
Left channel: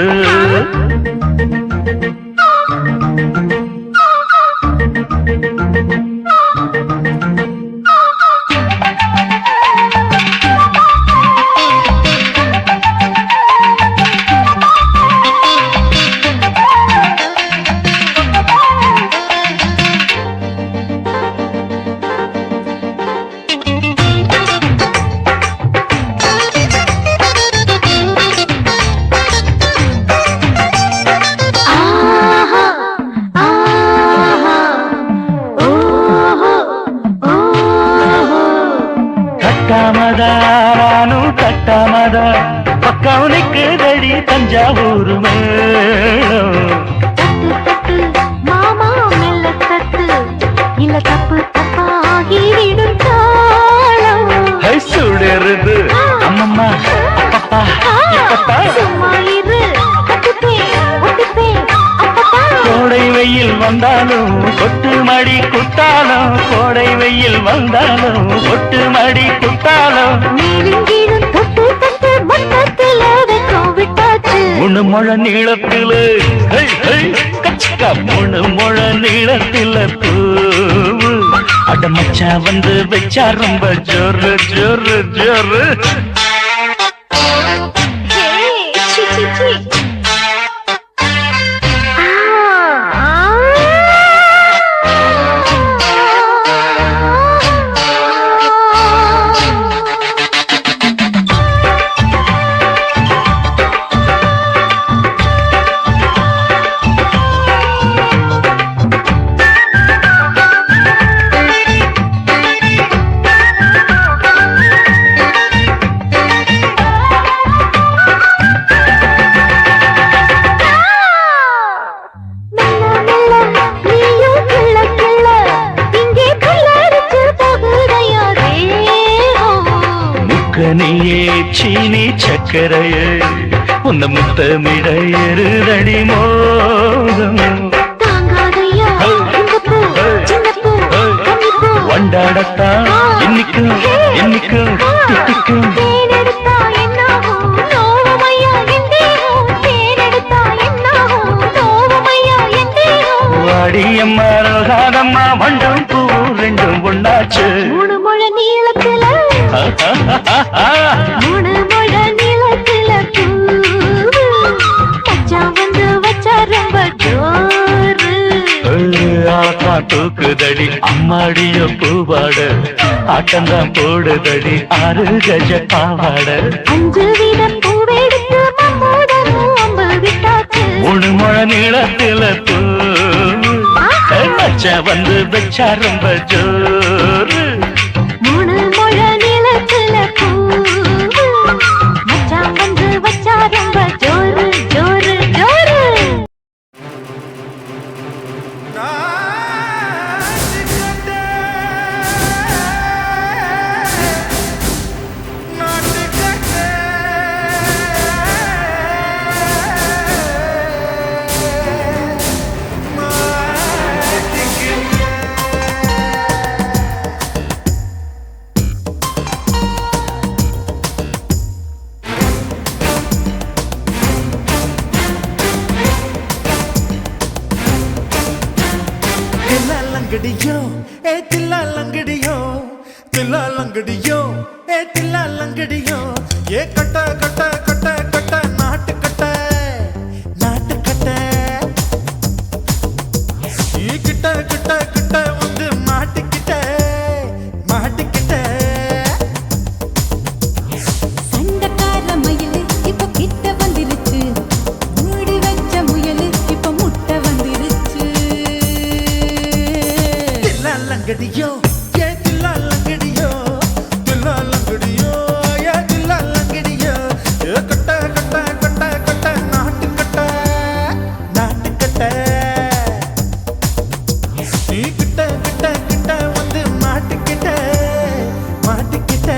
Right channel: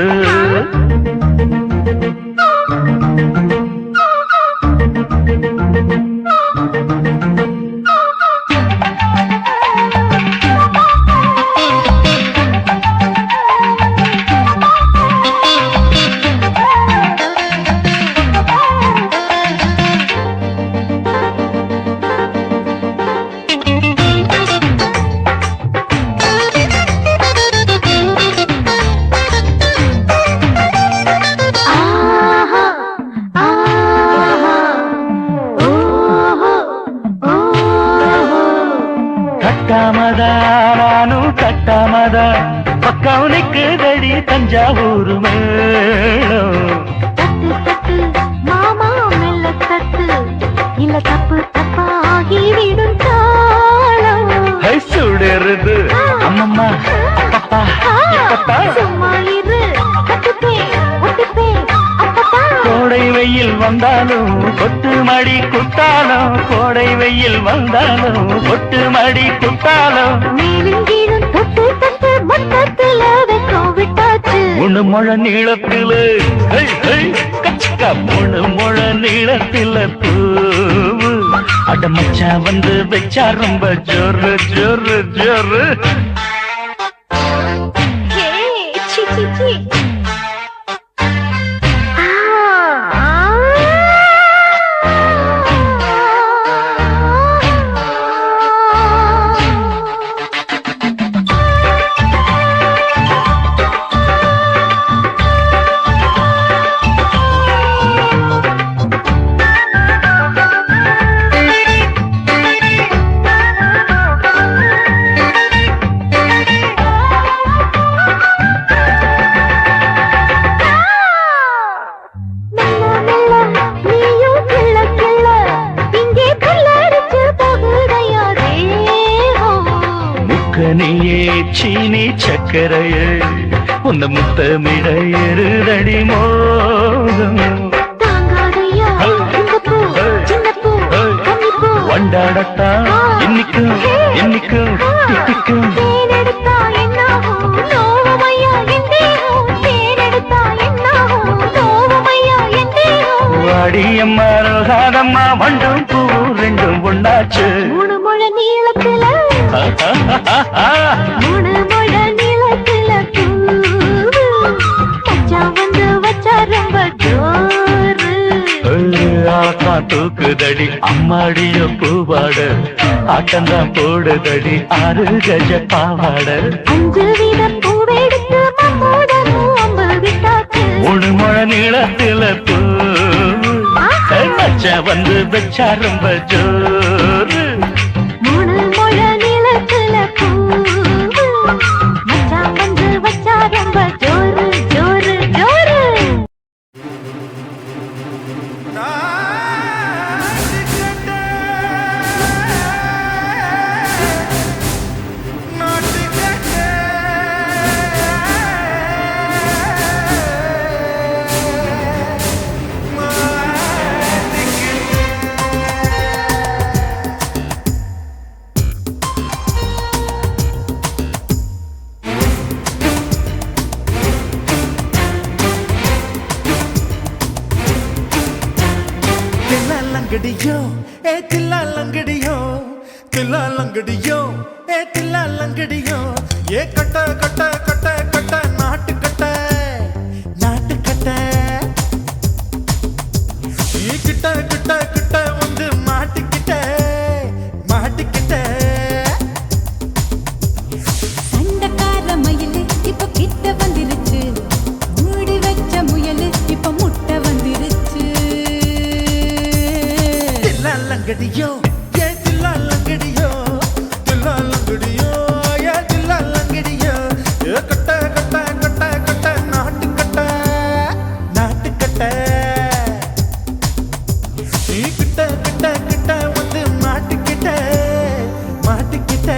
பக்கவுனுக்கு தடி தஞ்சாவூர் மேளம் தட்டு மாமா மெல்ல தட்டு இல்ல தப்பு தப்பாகி விடும் காலம் சுடுறது அம்மம்மா அப்பப்பா இப்பப்பா சும்மா இரு கட்டுப்பே ஒட்டுப்பே அப்பப்பா கோடை வெயில் வந்தாலும் கொட்டு மடி குத்தாலும் கோடை வெயில் வந்தாலும் கொட்டு மடி குத்தாலும் மேலும் கீழும் தொட்டு தொட்டு மொத்தத்தில வெக்கம் விட்டாச்சு மூணு முழ நீளத்தில கச்சக்கா மூணு முழ நீளத்தில பூவு அட மச்சா வந்து வச்சா ரொம்ப ஜோரு ஜோரு ஜோரு சி சி சி நீயே சீனி சக்கரையே உந்த முத்தமிட எருதடி மோகம் வண்டாடத்தான் என்னைக்கும் என்னைக்கும் திட்டிக்கும் வாடியம்மா ரோசாதம்மா வண்டும் பூ ரெண்டும் ஒண்ணாச்சு மூணு முழ நீளத்துல மூணு முழ நீளத்துல பச்சா வந்து வச்சா ரொம்ப ஜோரு தூக்குதடி அம்மாடிய பூவாட ஆட்டம்தான் போடுதடி 6 கஜ பாவாட 5 வீத பூவெடுத்து மம்முடனும் மூணு முழ நீளத்துல நச்சா வந்து வச்சா ரொம்ப ஜோரு. மூணு முழ நீளத்துல மச்சான் வந்து வச்சா ரொம்ப ஜோரு ஜோரு ஜோரு. தில்லாலங்கடியோ ஏ தில்லாலங்கடியோ தில்லாலங்கடியோ ஏ தில்லாலங்கடியோ ஏ கட்ட கட்ட கட்ட கட்ட நாட்டு கட்ட நாட்டு கட்ட நீ கிட்ட கிட்ட கிட்ட வந்து மாட்டிக்கிட்ட மாட்டிக்கிட்ட. சண்டக்கார மயிலு இப்ப கிட்ட வந்துருச்சு, மூடி வச்ச முயலு இப்ப முட்டை வந்துருச்சு. தில்லாலங்கடியோ ஏ தில்லாலங்கடியோ தில்லாலங்கடியோ ஏ தில்லாலங்கடியோ ஏ கட்ட கட்ட கட்ட கட்ட நாட்டு கட்ட நாட்டு கட்ட நீ கிட்ட கிட்ட கிட்ட வந்து மாட்டிக்கிட்ட மாட்டிக்கிட்ட.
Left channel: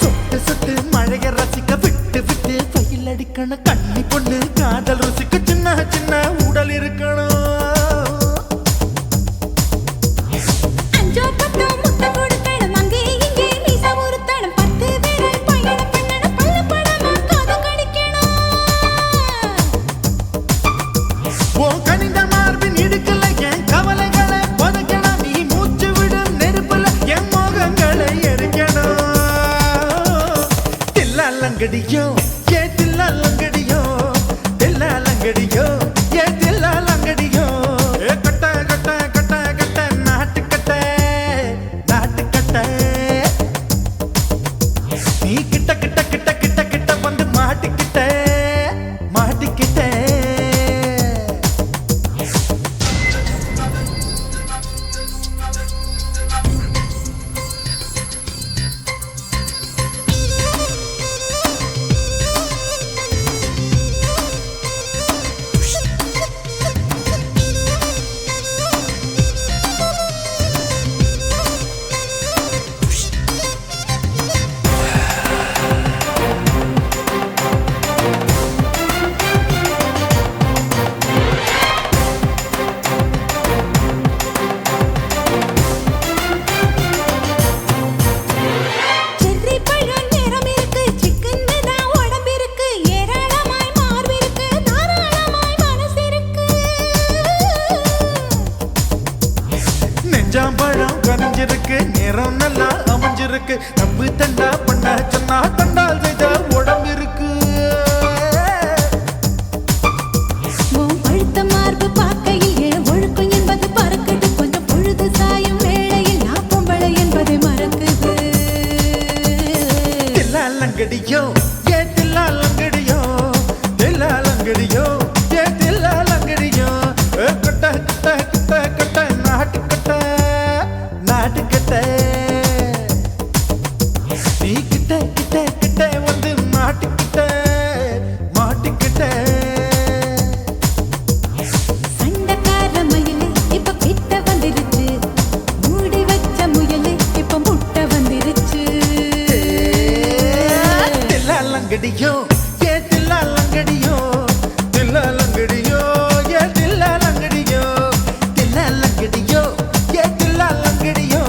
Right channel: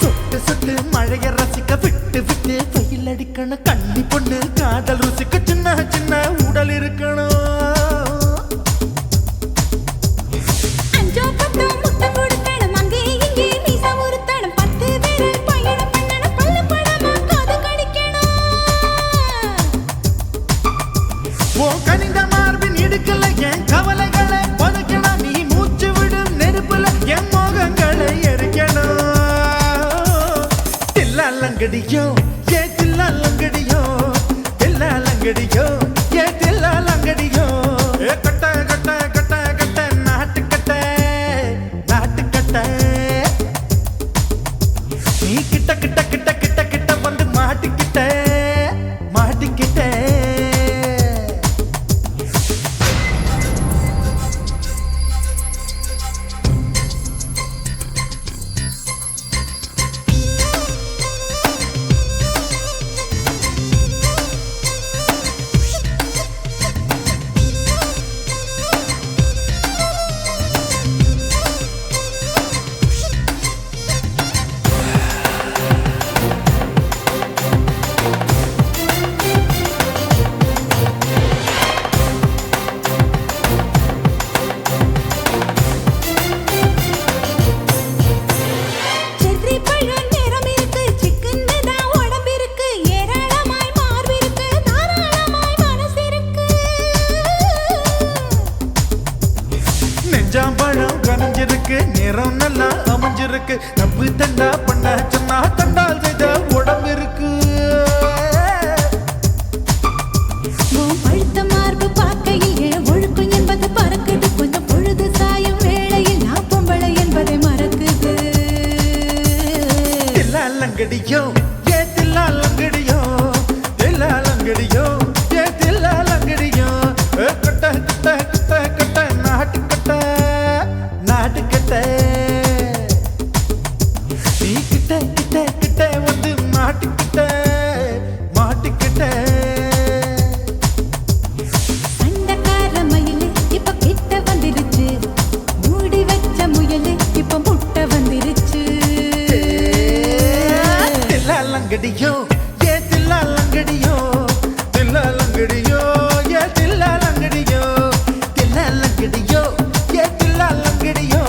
சொட்டு சொட்டு மழைய ரசிக்க விட்டு விட்டு வெயில் அடிக்கணும், கண்ணி பொண்ணு காதல் ருசிக்க சின்ன சின்ன உடல் இருக்கணும். அஞ்சோ பத்தோ முட்டை கொடுக்கணும், அங்கே இங்கே மீச உருத்தணும், 10 விரல் பயணம் பண்ணணும், பல்ல படமா காது கடிக்கணும். உன் கனிந்த மார்பின் இடுக்கல என் கவலைகளை புதைக்கணும், நீ மூச்சு விடும் நெருப்புல என் மோகங்களை எரிக்கணும். தில்லாலங்கடியோ ஏ தில்லாலங்கடியோ தில்லாலங்கடியோ ஏ தில்லாலங்கடியோ ஏ கட்ட கட்ட கட்ட கட்ட நாட்டு கட்ட நாட்டு கட்ட நீ கிட்ட கிட்ட கிட்ட கிட்ட கிட்ட வந்து மாட்டிக்கிட்ட மாட்டிக்கிட்ட. செர்ரி பழம் நிறம் இருக்கு, சிக்கன்னு தான் உடம்பு இருக்கு, ஏராளமாய் மார்பு இருக்கு, தாராளமாய் மனசு இருக்கு. நெஞ்சாம்பழம் கனிஞ்சிருக்கு, நிறம் நல்லா அமைஞ்சிருக்கு, தப்பு தண்டா பண்ண சொன்னா தண்டால் செய்த உடம்பு இருக்கு. உன் பழுத்த மார்பு பார்க்கையில் என் ஒழுக்கம் என்பது பறக்குது, கொஞ்சம் பொழுது சாயும் வேளையில் நான் பொம்பளை என்பதை மறக்குது. தில்லாலங்கடியோ ஏ தில்லாலங்கடியோ தில்லாலங்கடியோ ஏ தில்லாலங்கடியோ ஏ கட்ட கட்ட கட்ட கட்ட நாட்டு கட்ட நாட்டு கட்ட நீ கிட்ட கிட்ட கிட்ட வந்து மாட்டிக்கிட்ட மாட்டிக்கிட்ட. சண்டக்கார மயிலு இப்ப கிட்ட வந்துருச்சு, மூடி வச்ச முயலு இப்ப முட்டை வந்துருச்சு. தில்லாலங்கடியோ ஏ தில்லாலங்கடியோ தில்லாலங்கடியோ ஏ தில்லாலங்கடியோ தில்லாலங்கடியோ ஏ தில்லாலங்கடியோ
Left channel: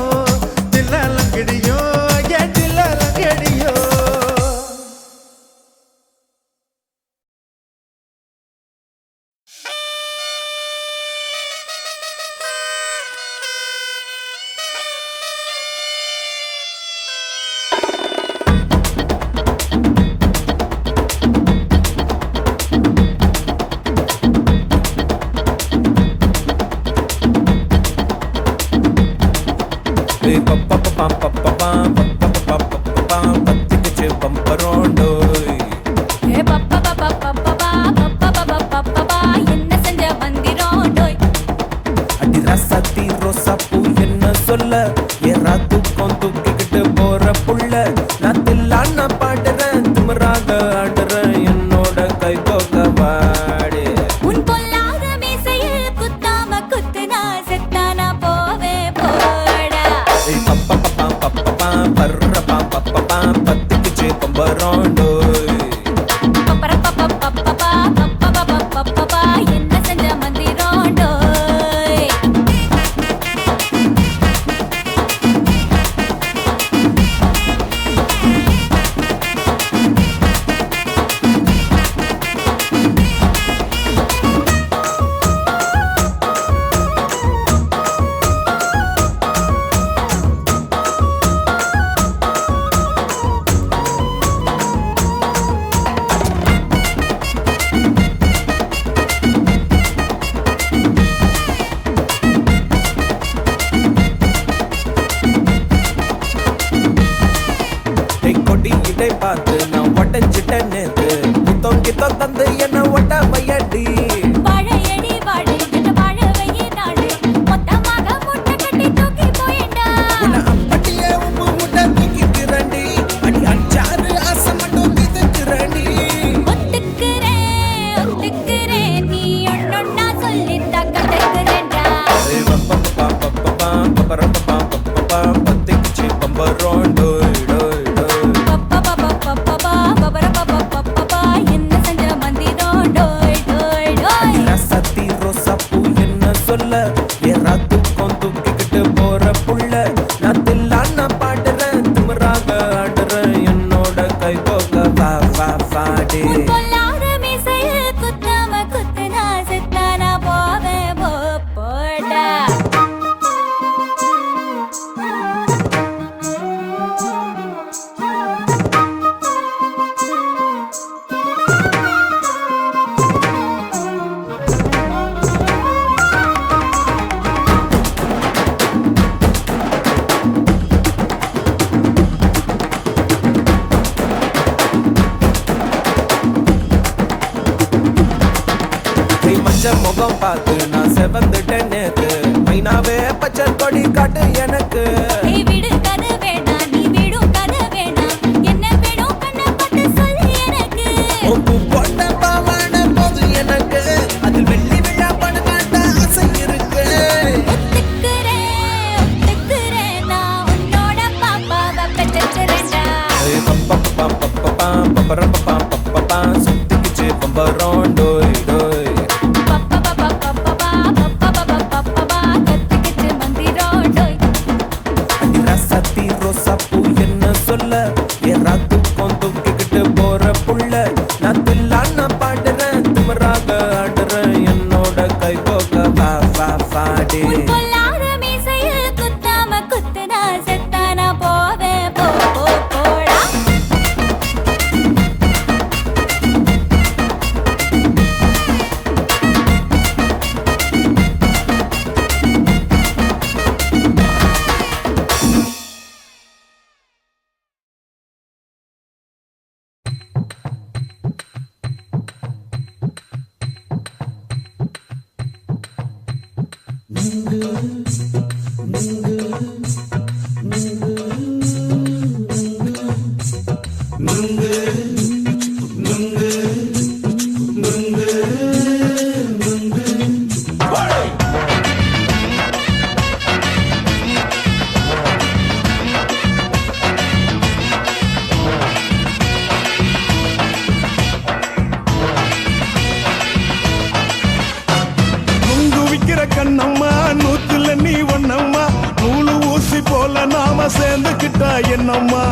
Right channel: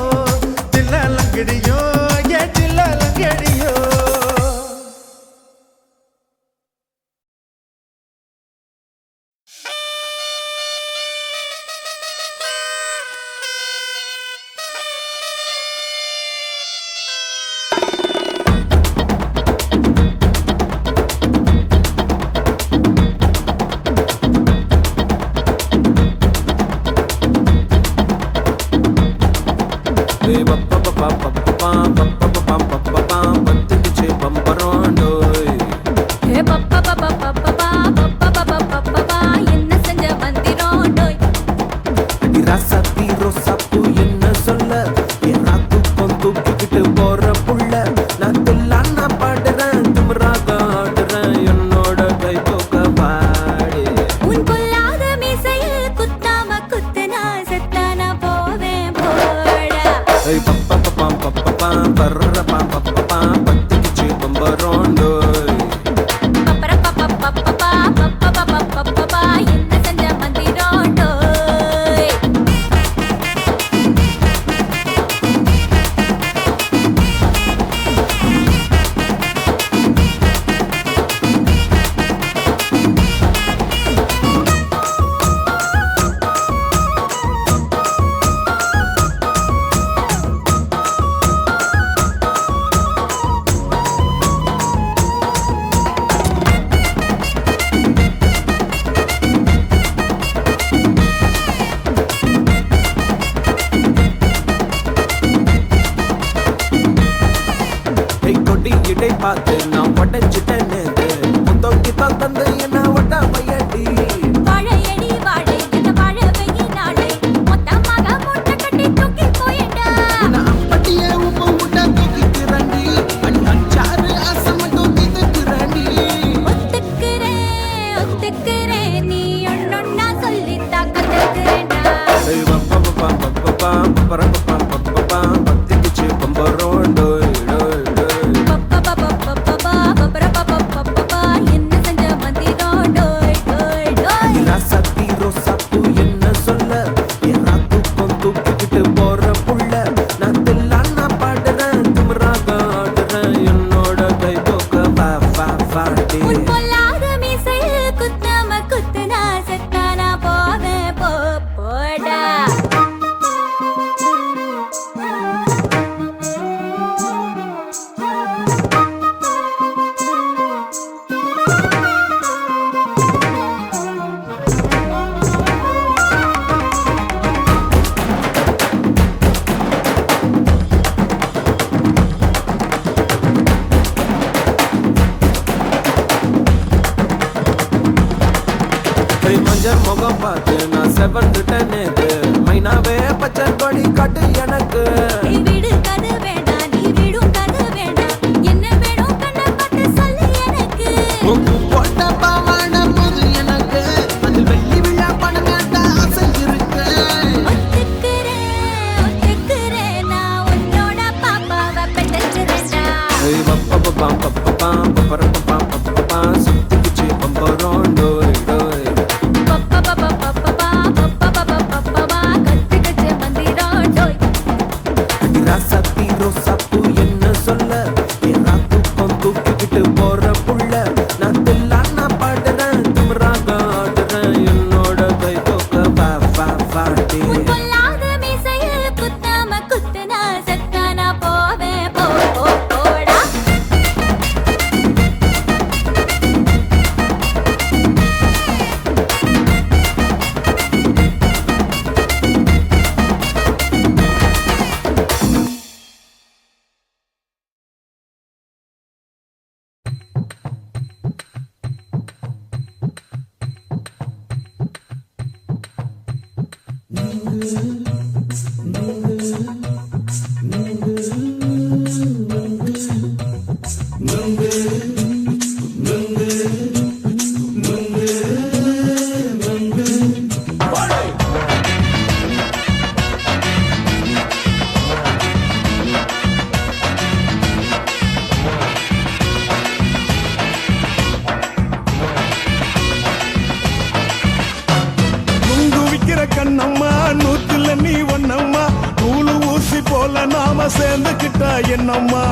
கண்ணம்மா நூத்துல நீ ஒன்னம்மா நூலு ஊசி போல நாம சேர்ந்துக்கிட்டா என்னம்மா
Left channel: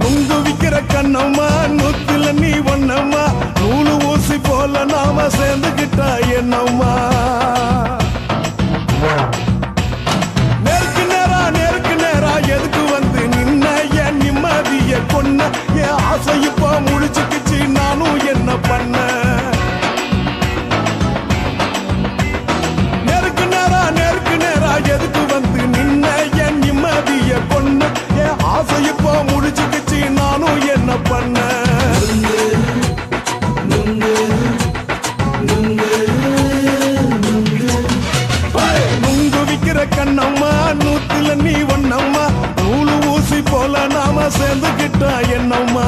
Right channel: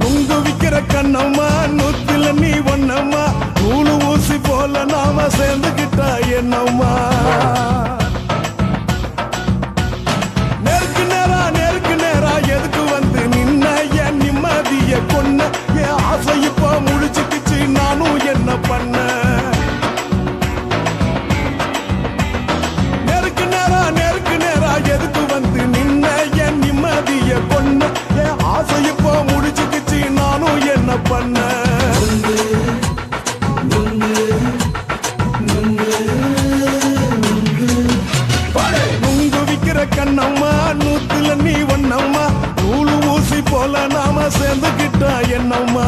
நுங்கு விக்கிற கண்ணம்மா நூத்துல நீ ஒன்னம்மா நூலு ஊசி போல நாம சேர்ந்துக்கிட்டா என்னம்மா நேருக்கு நேரா எதுக்கு வந்து நின்ன என் நிம்மதிய கொன்ன என் ஆசை இப்ப முழிச்சுக்கிச்சு நானும் என்ன பண்ண நேருக்கு நேரா விக்கிற கண்ணம்மா நூத்துல நீ ஒன்னம்மா நூலு ஊசி போல நாம சேர்ந்துகிட்டா என்னம்மா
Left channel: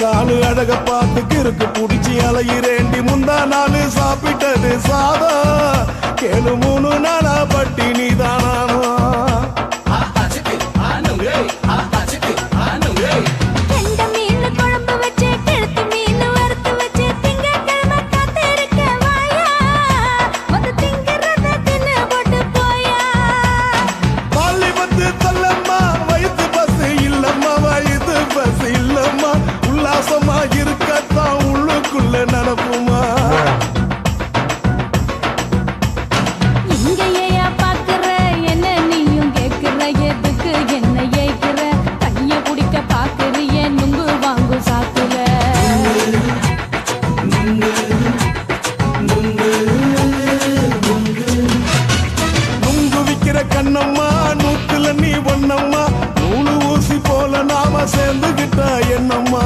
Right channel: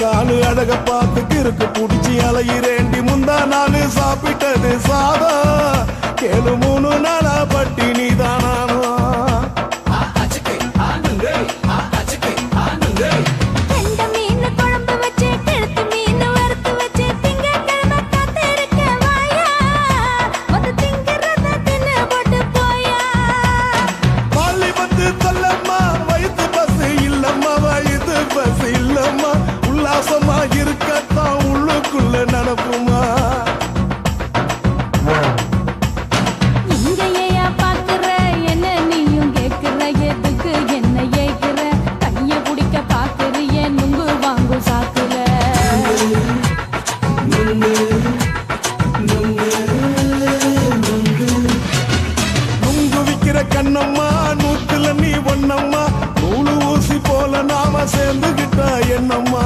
காலு அழக பார்த்து கிறுக்கு புடிச்சி அலையிறேண்டி முந்தா நாலு சாப்பிட்டது சாதா கேளு 3 நாளா பட்டினி தானானோ சொல்லம்மா வயசு பஸ் இல்லம்மா வயசு பஸ் இல்லம்மா உல்லாசமா இருக்கத்தான் உள்ளுக்குள்ள நடப்புமா இங்கேயா பாக்குற என்ன நீயும் கேக்குற எதுக்கு என்ன ஏக்குற கைய குடிக்க பாக்குறிய நுங்கு வாங்கு சாக்குற நுங்கு விக்கிற கண்ணம்மா நூத்துல நீ ஒன்னம்மா நூலு ஊசி போல நாம சேர்ந்துகிட்டா என்னம்மா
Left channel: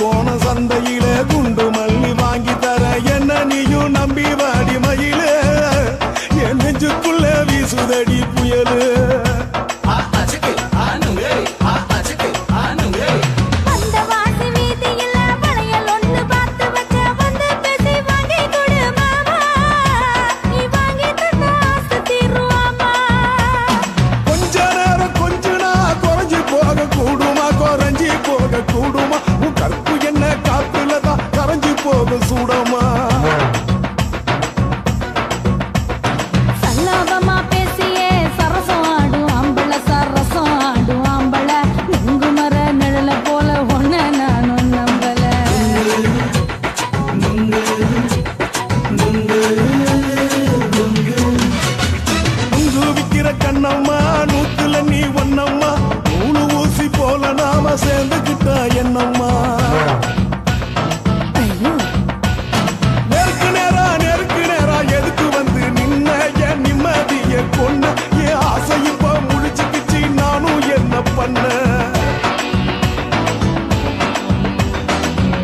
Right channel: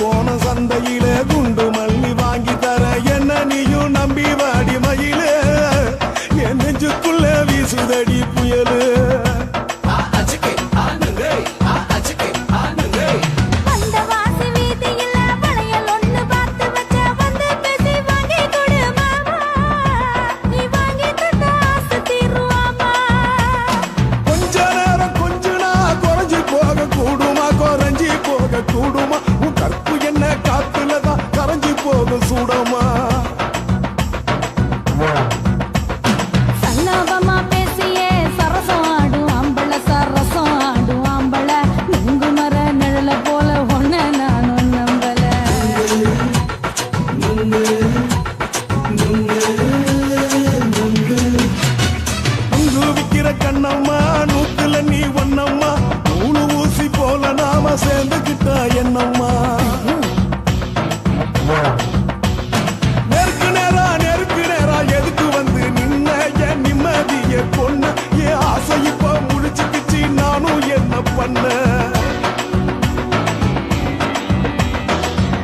கோண சந்தையில குண்டு மல்லி வாங்கி தர என்ன நீயும் நம்பி வாடி மயில என் நெஞ்சுக்குள்ள வீசுதடி புயலு கொஞ்ச நேரம் கொஞ்ச நான் குறைஞ்சி போக கூடுமா குறைஞ்சி போக கூடுமா உன் கற்பு என்ன காத்துலதான் கரைஞ்சி போக சூடமா சல்லாபமா பேசியே சரசம் ஆடும் ஆம்பள சரசம் ஆடும் ஆம்பள நுங்கு மர நிழல போல ஒன்ன நானும் நம்பல நுங்கு விக்கிற கண்ணம்மா நூத்துல நீ ஒன்னம்மா நூலு ஊசி போல நாம சேர்ந்துகிட்டா என்னம்மா நெருக்கு நேரா எதுக்கு வந்து நின்ன என் நிம்மதிய கொன்ன என் ஆசை இப்ப முடிச்சுக்கிச்சு நானும் என்ன பண்ண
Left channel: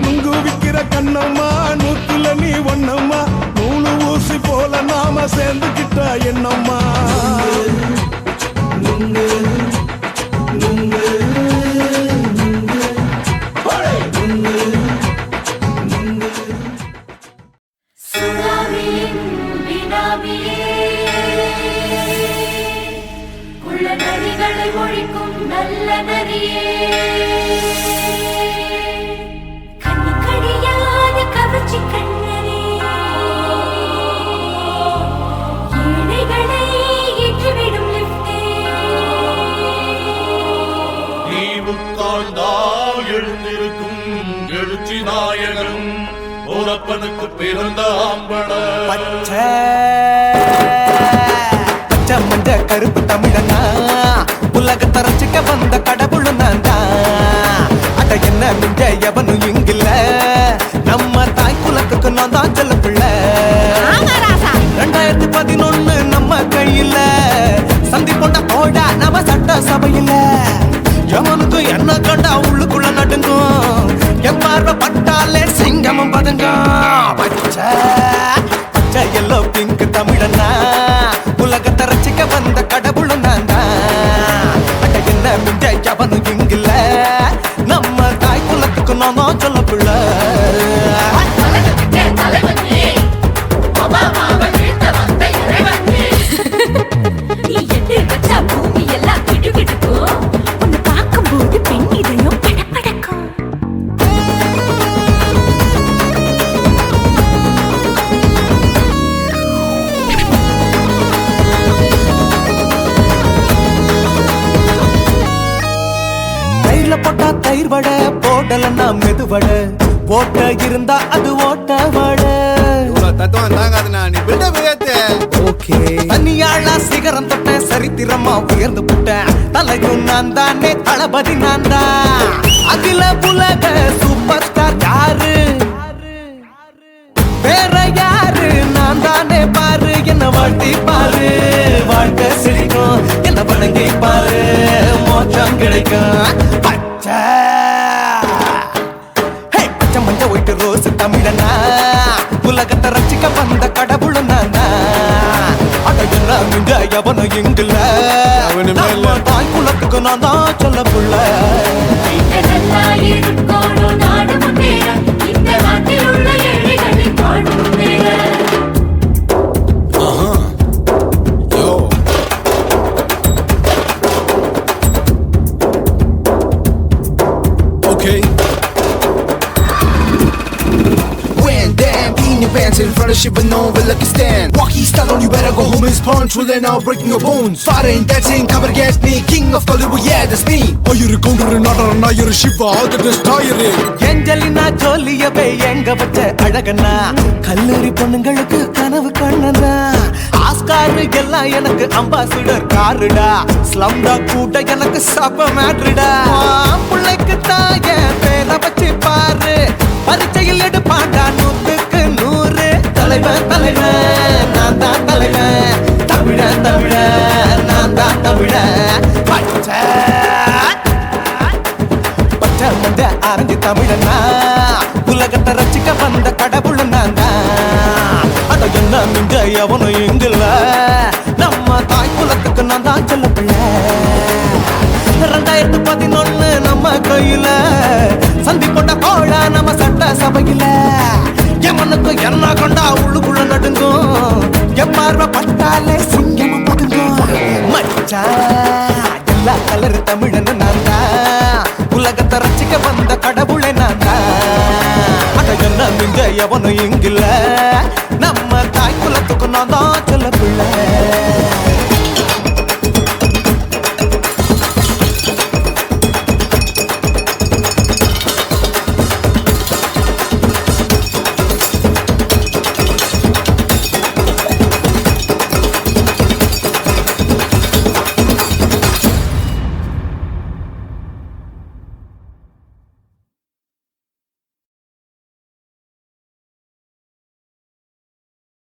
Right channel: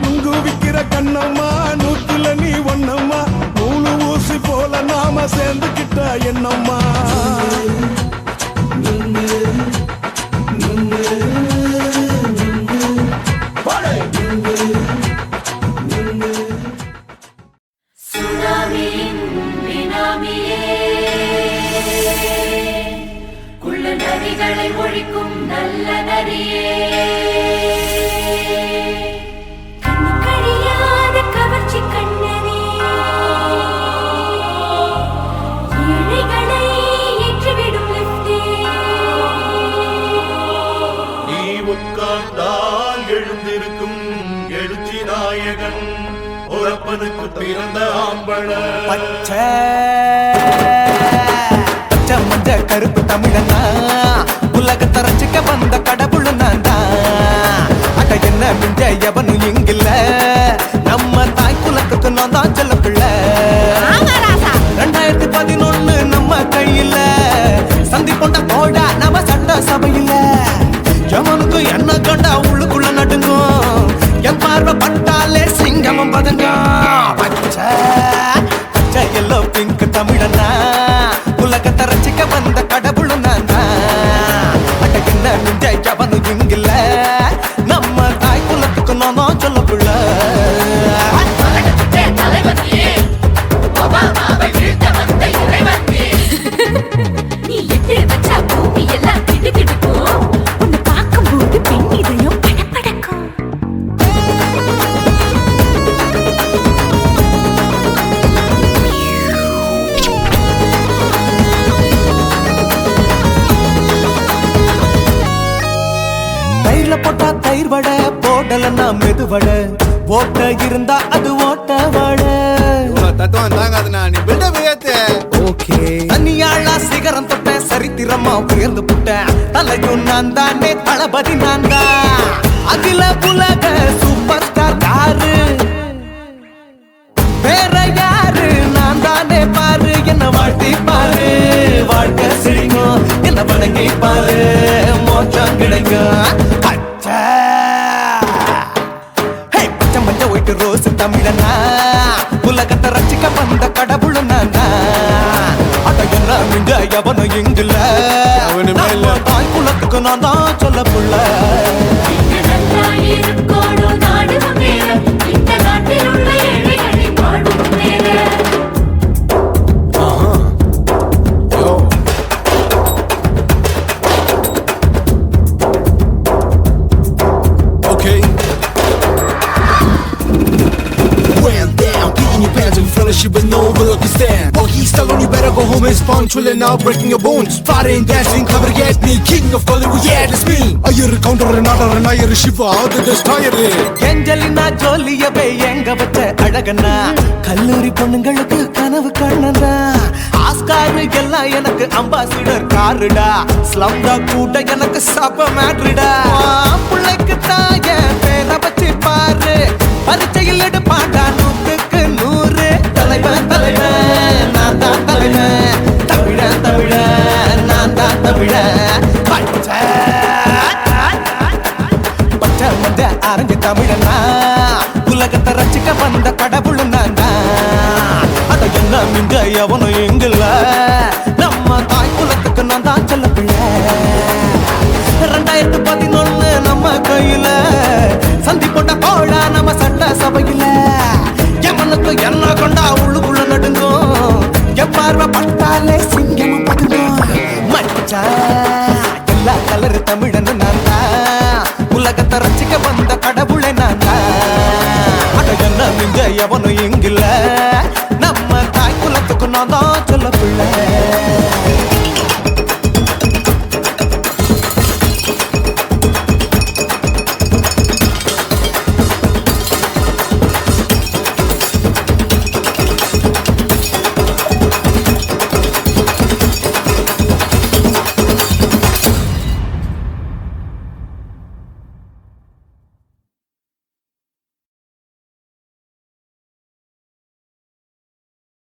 நுங்கு விக்கிற கண்ணம்மா நூத்துல நீ ஒன்னம்மா நூலு ஊசி போல நாம சேர்ந்துகிட்டா என்னம்மா ஒழிக்கும் நல்ல நரியே கவர்ச்சி கண்ணனே ஏழைகளை ஏற்றிவிடும் லிப்டே நீ உட்கார்ந்தால் எழுந்திருக்கும் எழுச்சி நாயகன் உறப்பதுக்கு பிறந்த ஆம்பள பச்சை மஞ்ச கருப்பு தமிழனா உலகத்தை ரசிக்க வந்த கடவுள் நான் தான் அட என்ன மிஞ்ச எவனும் இங்கில்ல நம்ம தாய் குலத்துக்கு நான் தான் சொல்ல பிள்ளை 2011 நம்ம கையில சந்தி போட்ட தோட நம்ம சட்ட சபையில எவனுக்கு என்ன கண்டா உள்ளுக்குள்ள நடுங்கும் என் பார்வை பட்டாலே சிங்கமும் பதுங்கும் பச்சை பச்சை எல்லோ பிங்க் தமிழனா உலகத்தை ரசிக்க வந்த கடவுளும் நான் தான் அட என்ன மிஞ்ச எவனும் இங்கில்ல நம்ம தாய் குலத்துக்கு நான் சொல்ல பிள்ளை தண்ணியில போட்டா தயிர் வடை, போடலன்னா மெதுவடை, ஓட்ட இருந்தா அது ஓட்ட வடை. தத்துவம் தாங்காதுண்ணா, நீ பில்டப் ஏத்து. ஓகே, தண்ணியாளா சிகரம் தொட்டேன், சரித்திரமா உயர்ந்து புட்டேன். தலையும் நான் தானே, தளபதி நான் தான். அகில உலக சூப்பர் ஸ்டார் யாரு? வேற யாரு? நான் தானே பாரு, என்ன வாழ்த்தி பாரு. வாழ்க்கை சிரிக்கும், என்ன வணங்கி பாரு, மோட்சம் கிடைக்கும். பச்சை பச்சை மஞ்ச ஒயிட்டு ரோஸ் தமிழனா, உலகத்தை ரசிக்க வந்த கடவுள் நான் தான். அட என்ன மிஞ்ச எவனும் இங்குல, நம்ம தாய் குலத்துக்கு நான் தான் சொல்ல புள்ள. Okay. When down, be in your pants in front of shit, but no one will let you stand. Oh, he's telling you better go home and spawn, chilling out, breaking your bones. Fighting, dancing, coming against me, king of Hollywood, yeah, that's me. Oh, you're a conqueror, not you're a shipper, how did this tie it in? Angelina ஜோலியவே எங்க வச்ச அழகனா, கல்லூரி பொண்ணுங்களுக்கு கனவு கண்ணனா. Oscar எல்லாம் எனக்கு ambassador காருடா, ஸ்லம்டா கூட எனக்கு சப்ப மேட்ருடா. பிள்ளைக்கு தாய பேரை வச்சு பாரு, பரீட்சையில் எடுப்பாண்டா 100க்கு 100. தலைவன் தலைவன் நான் தான் தலைவன், தமிழன் தமிழன் நான் தான் தமிழன். பச்சை பச்சை மந்த ஆரஞ்சு தமிழனா, உலகத்தை ரசிக்க வந்த கடவுள் நான் தான். அட என்ன மிஞ்ச எவனும் எங்குல, நம்ம தாய் குலத்துக்கு நான் தான் சொல்ல பிள்ளை. 2011 நம்ம கையில, சந்தி போட்ட கோழா நம்ம சட்ட சபையில. எமனுக்கு என்ன கொண்டா உள்ளுக்குள்ள நடுங்கும், எப்பார்வ பட்டாலே சிங்கமும் பதுங்கும். மச்சா எல்லா கலர் தமிழன்னு நான் தான், உலகத்தை ரசிக்க வந்த கடவுளை நான் தான். அட என்ன மிஞ்ச எவனும் இங்கில்ல, நம்ம தாய் குலத்துக்கு நான் தான் சொல்ல பிள்ளை.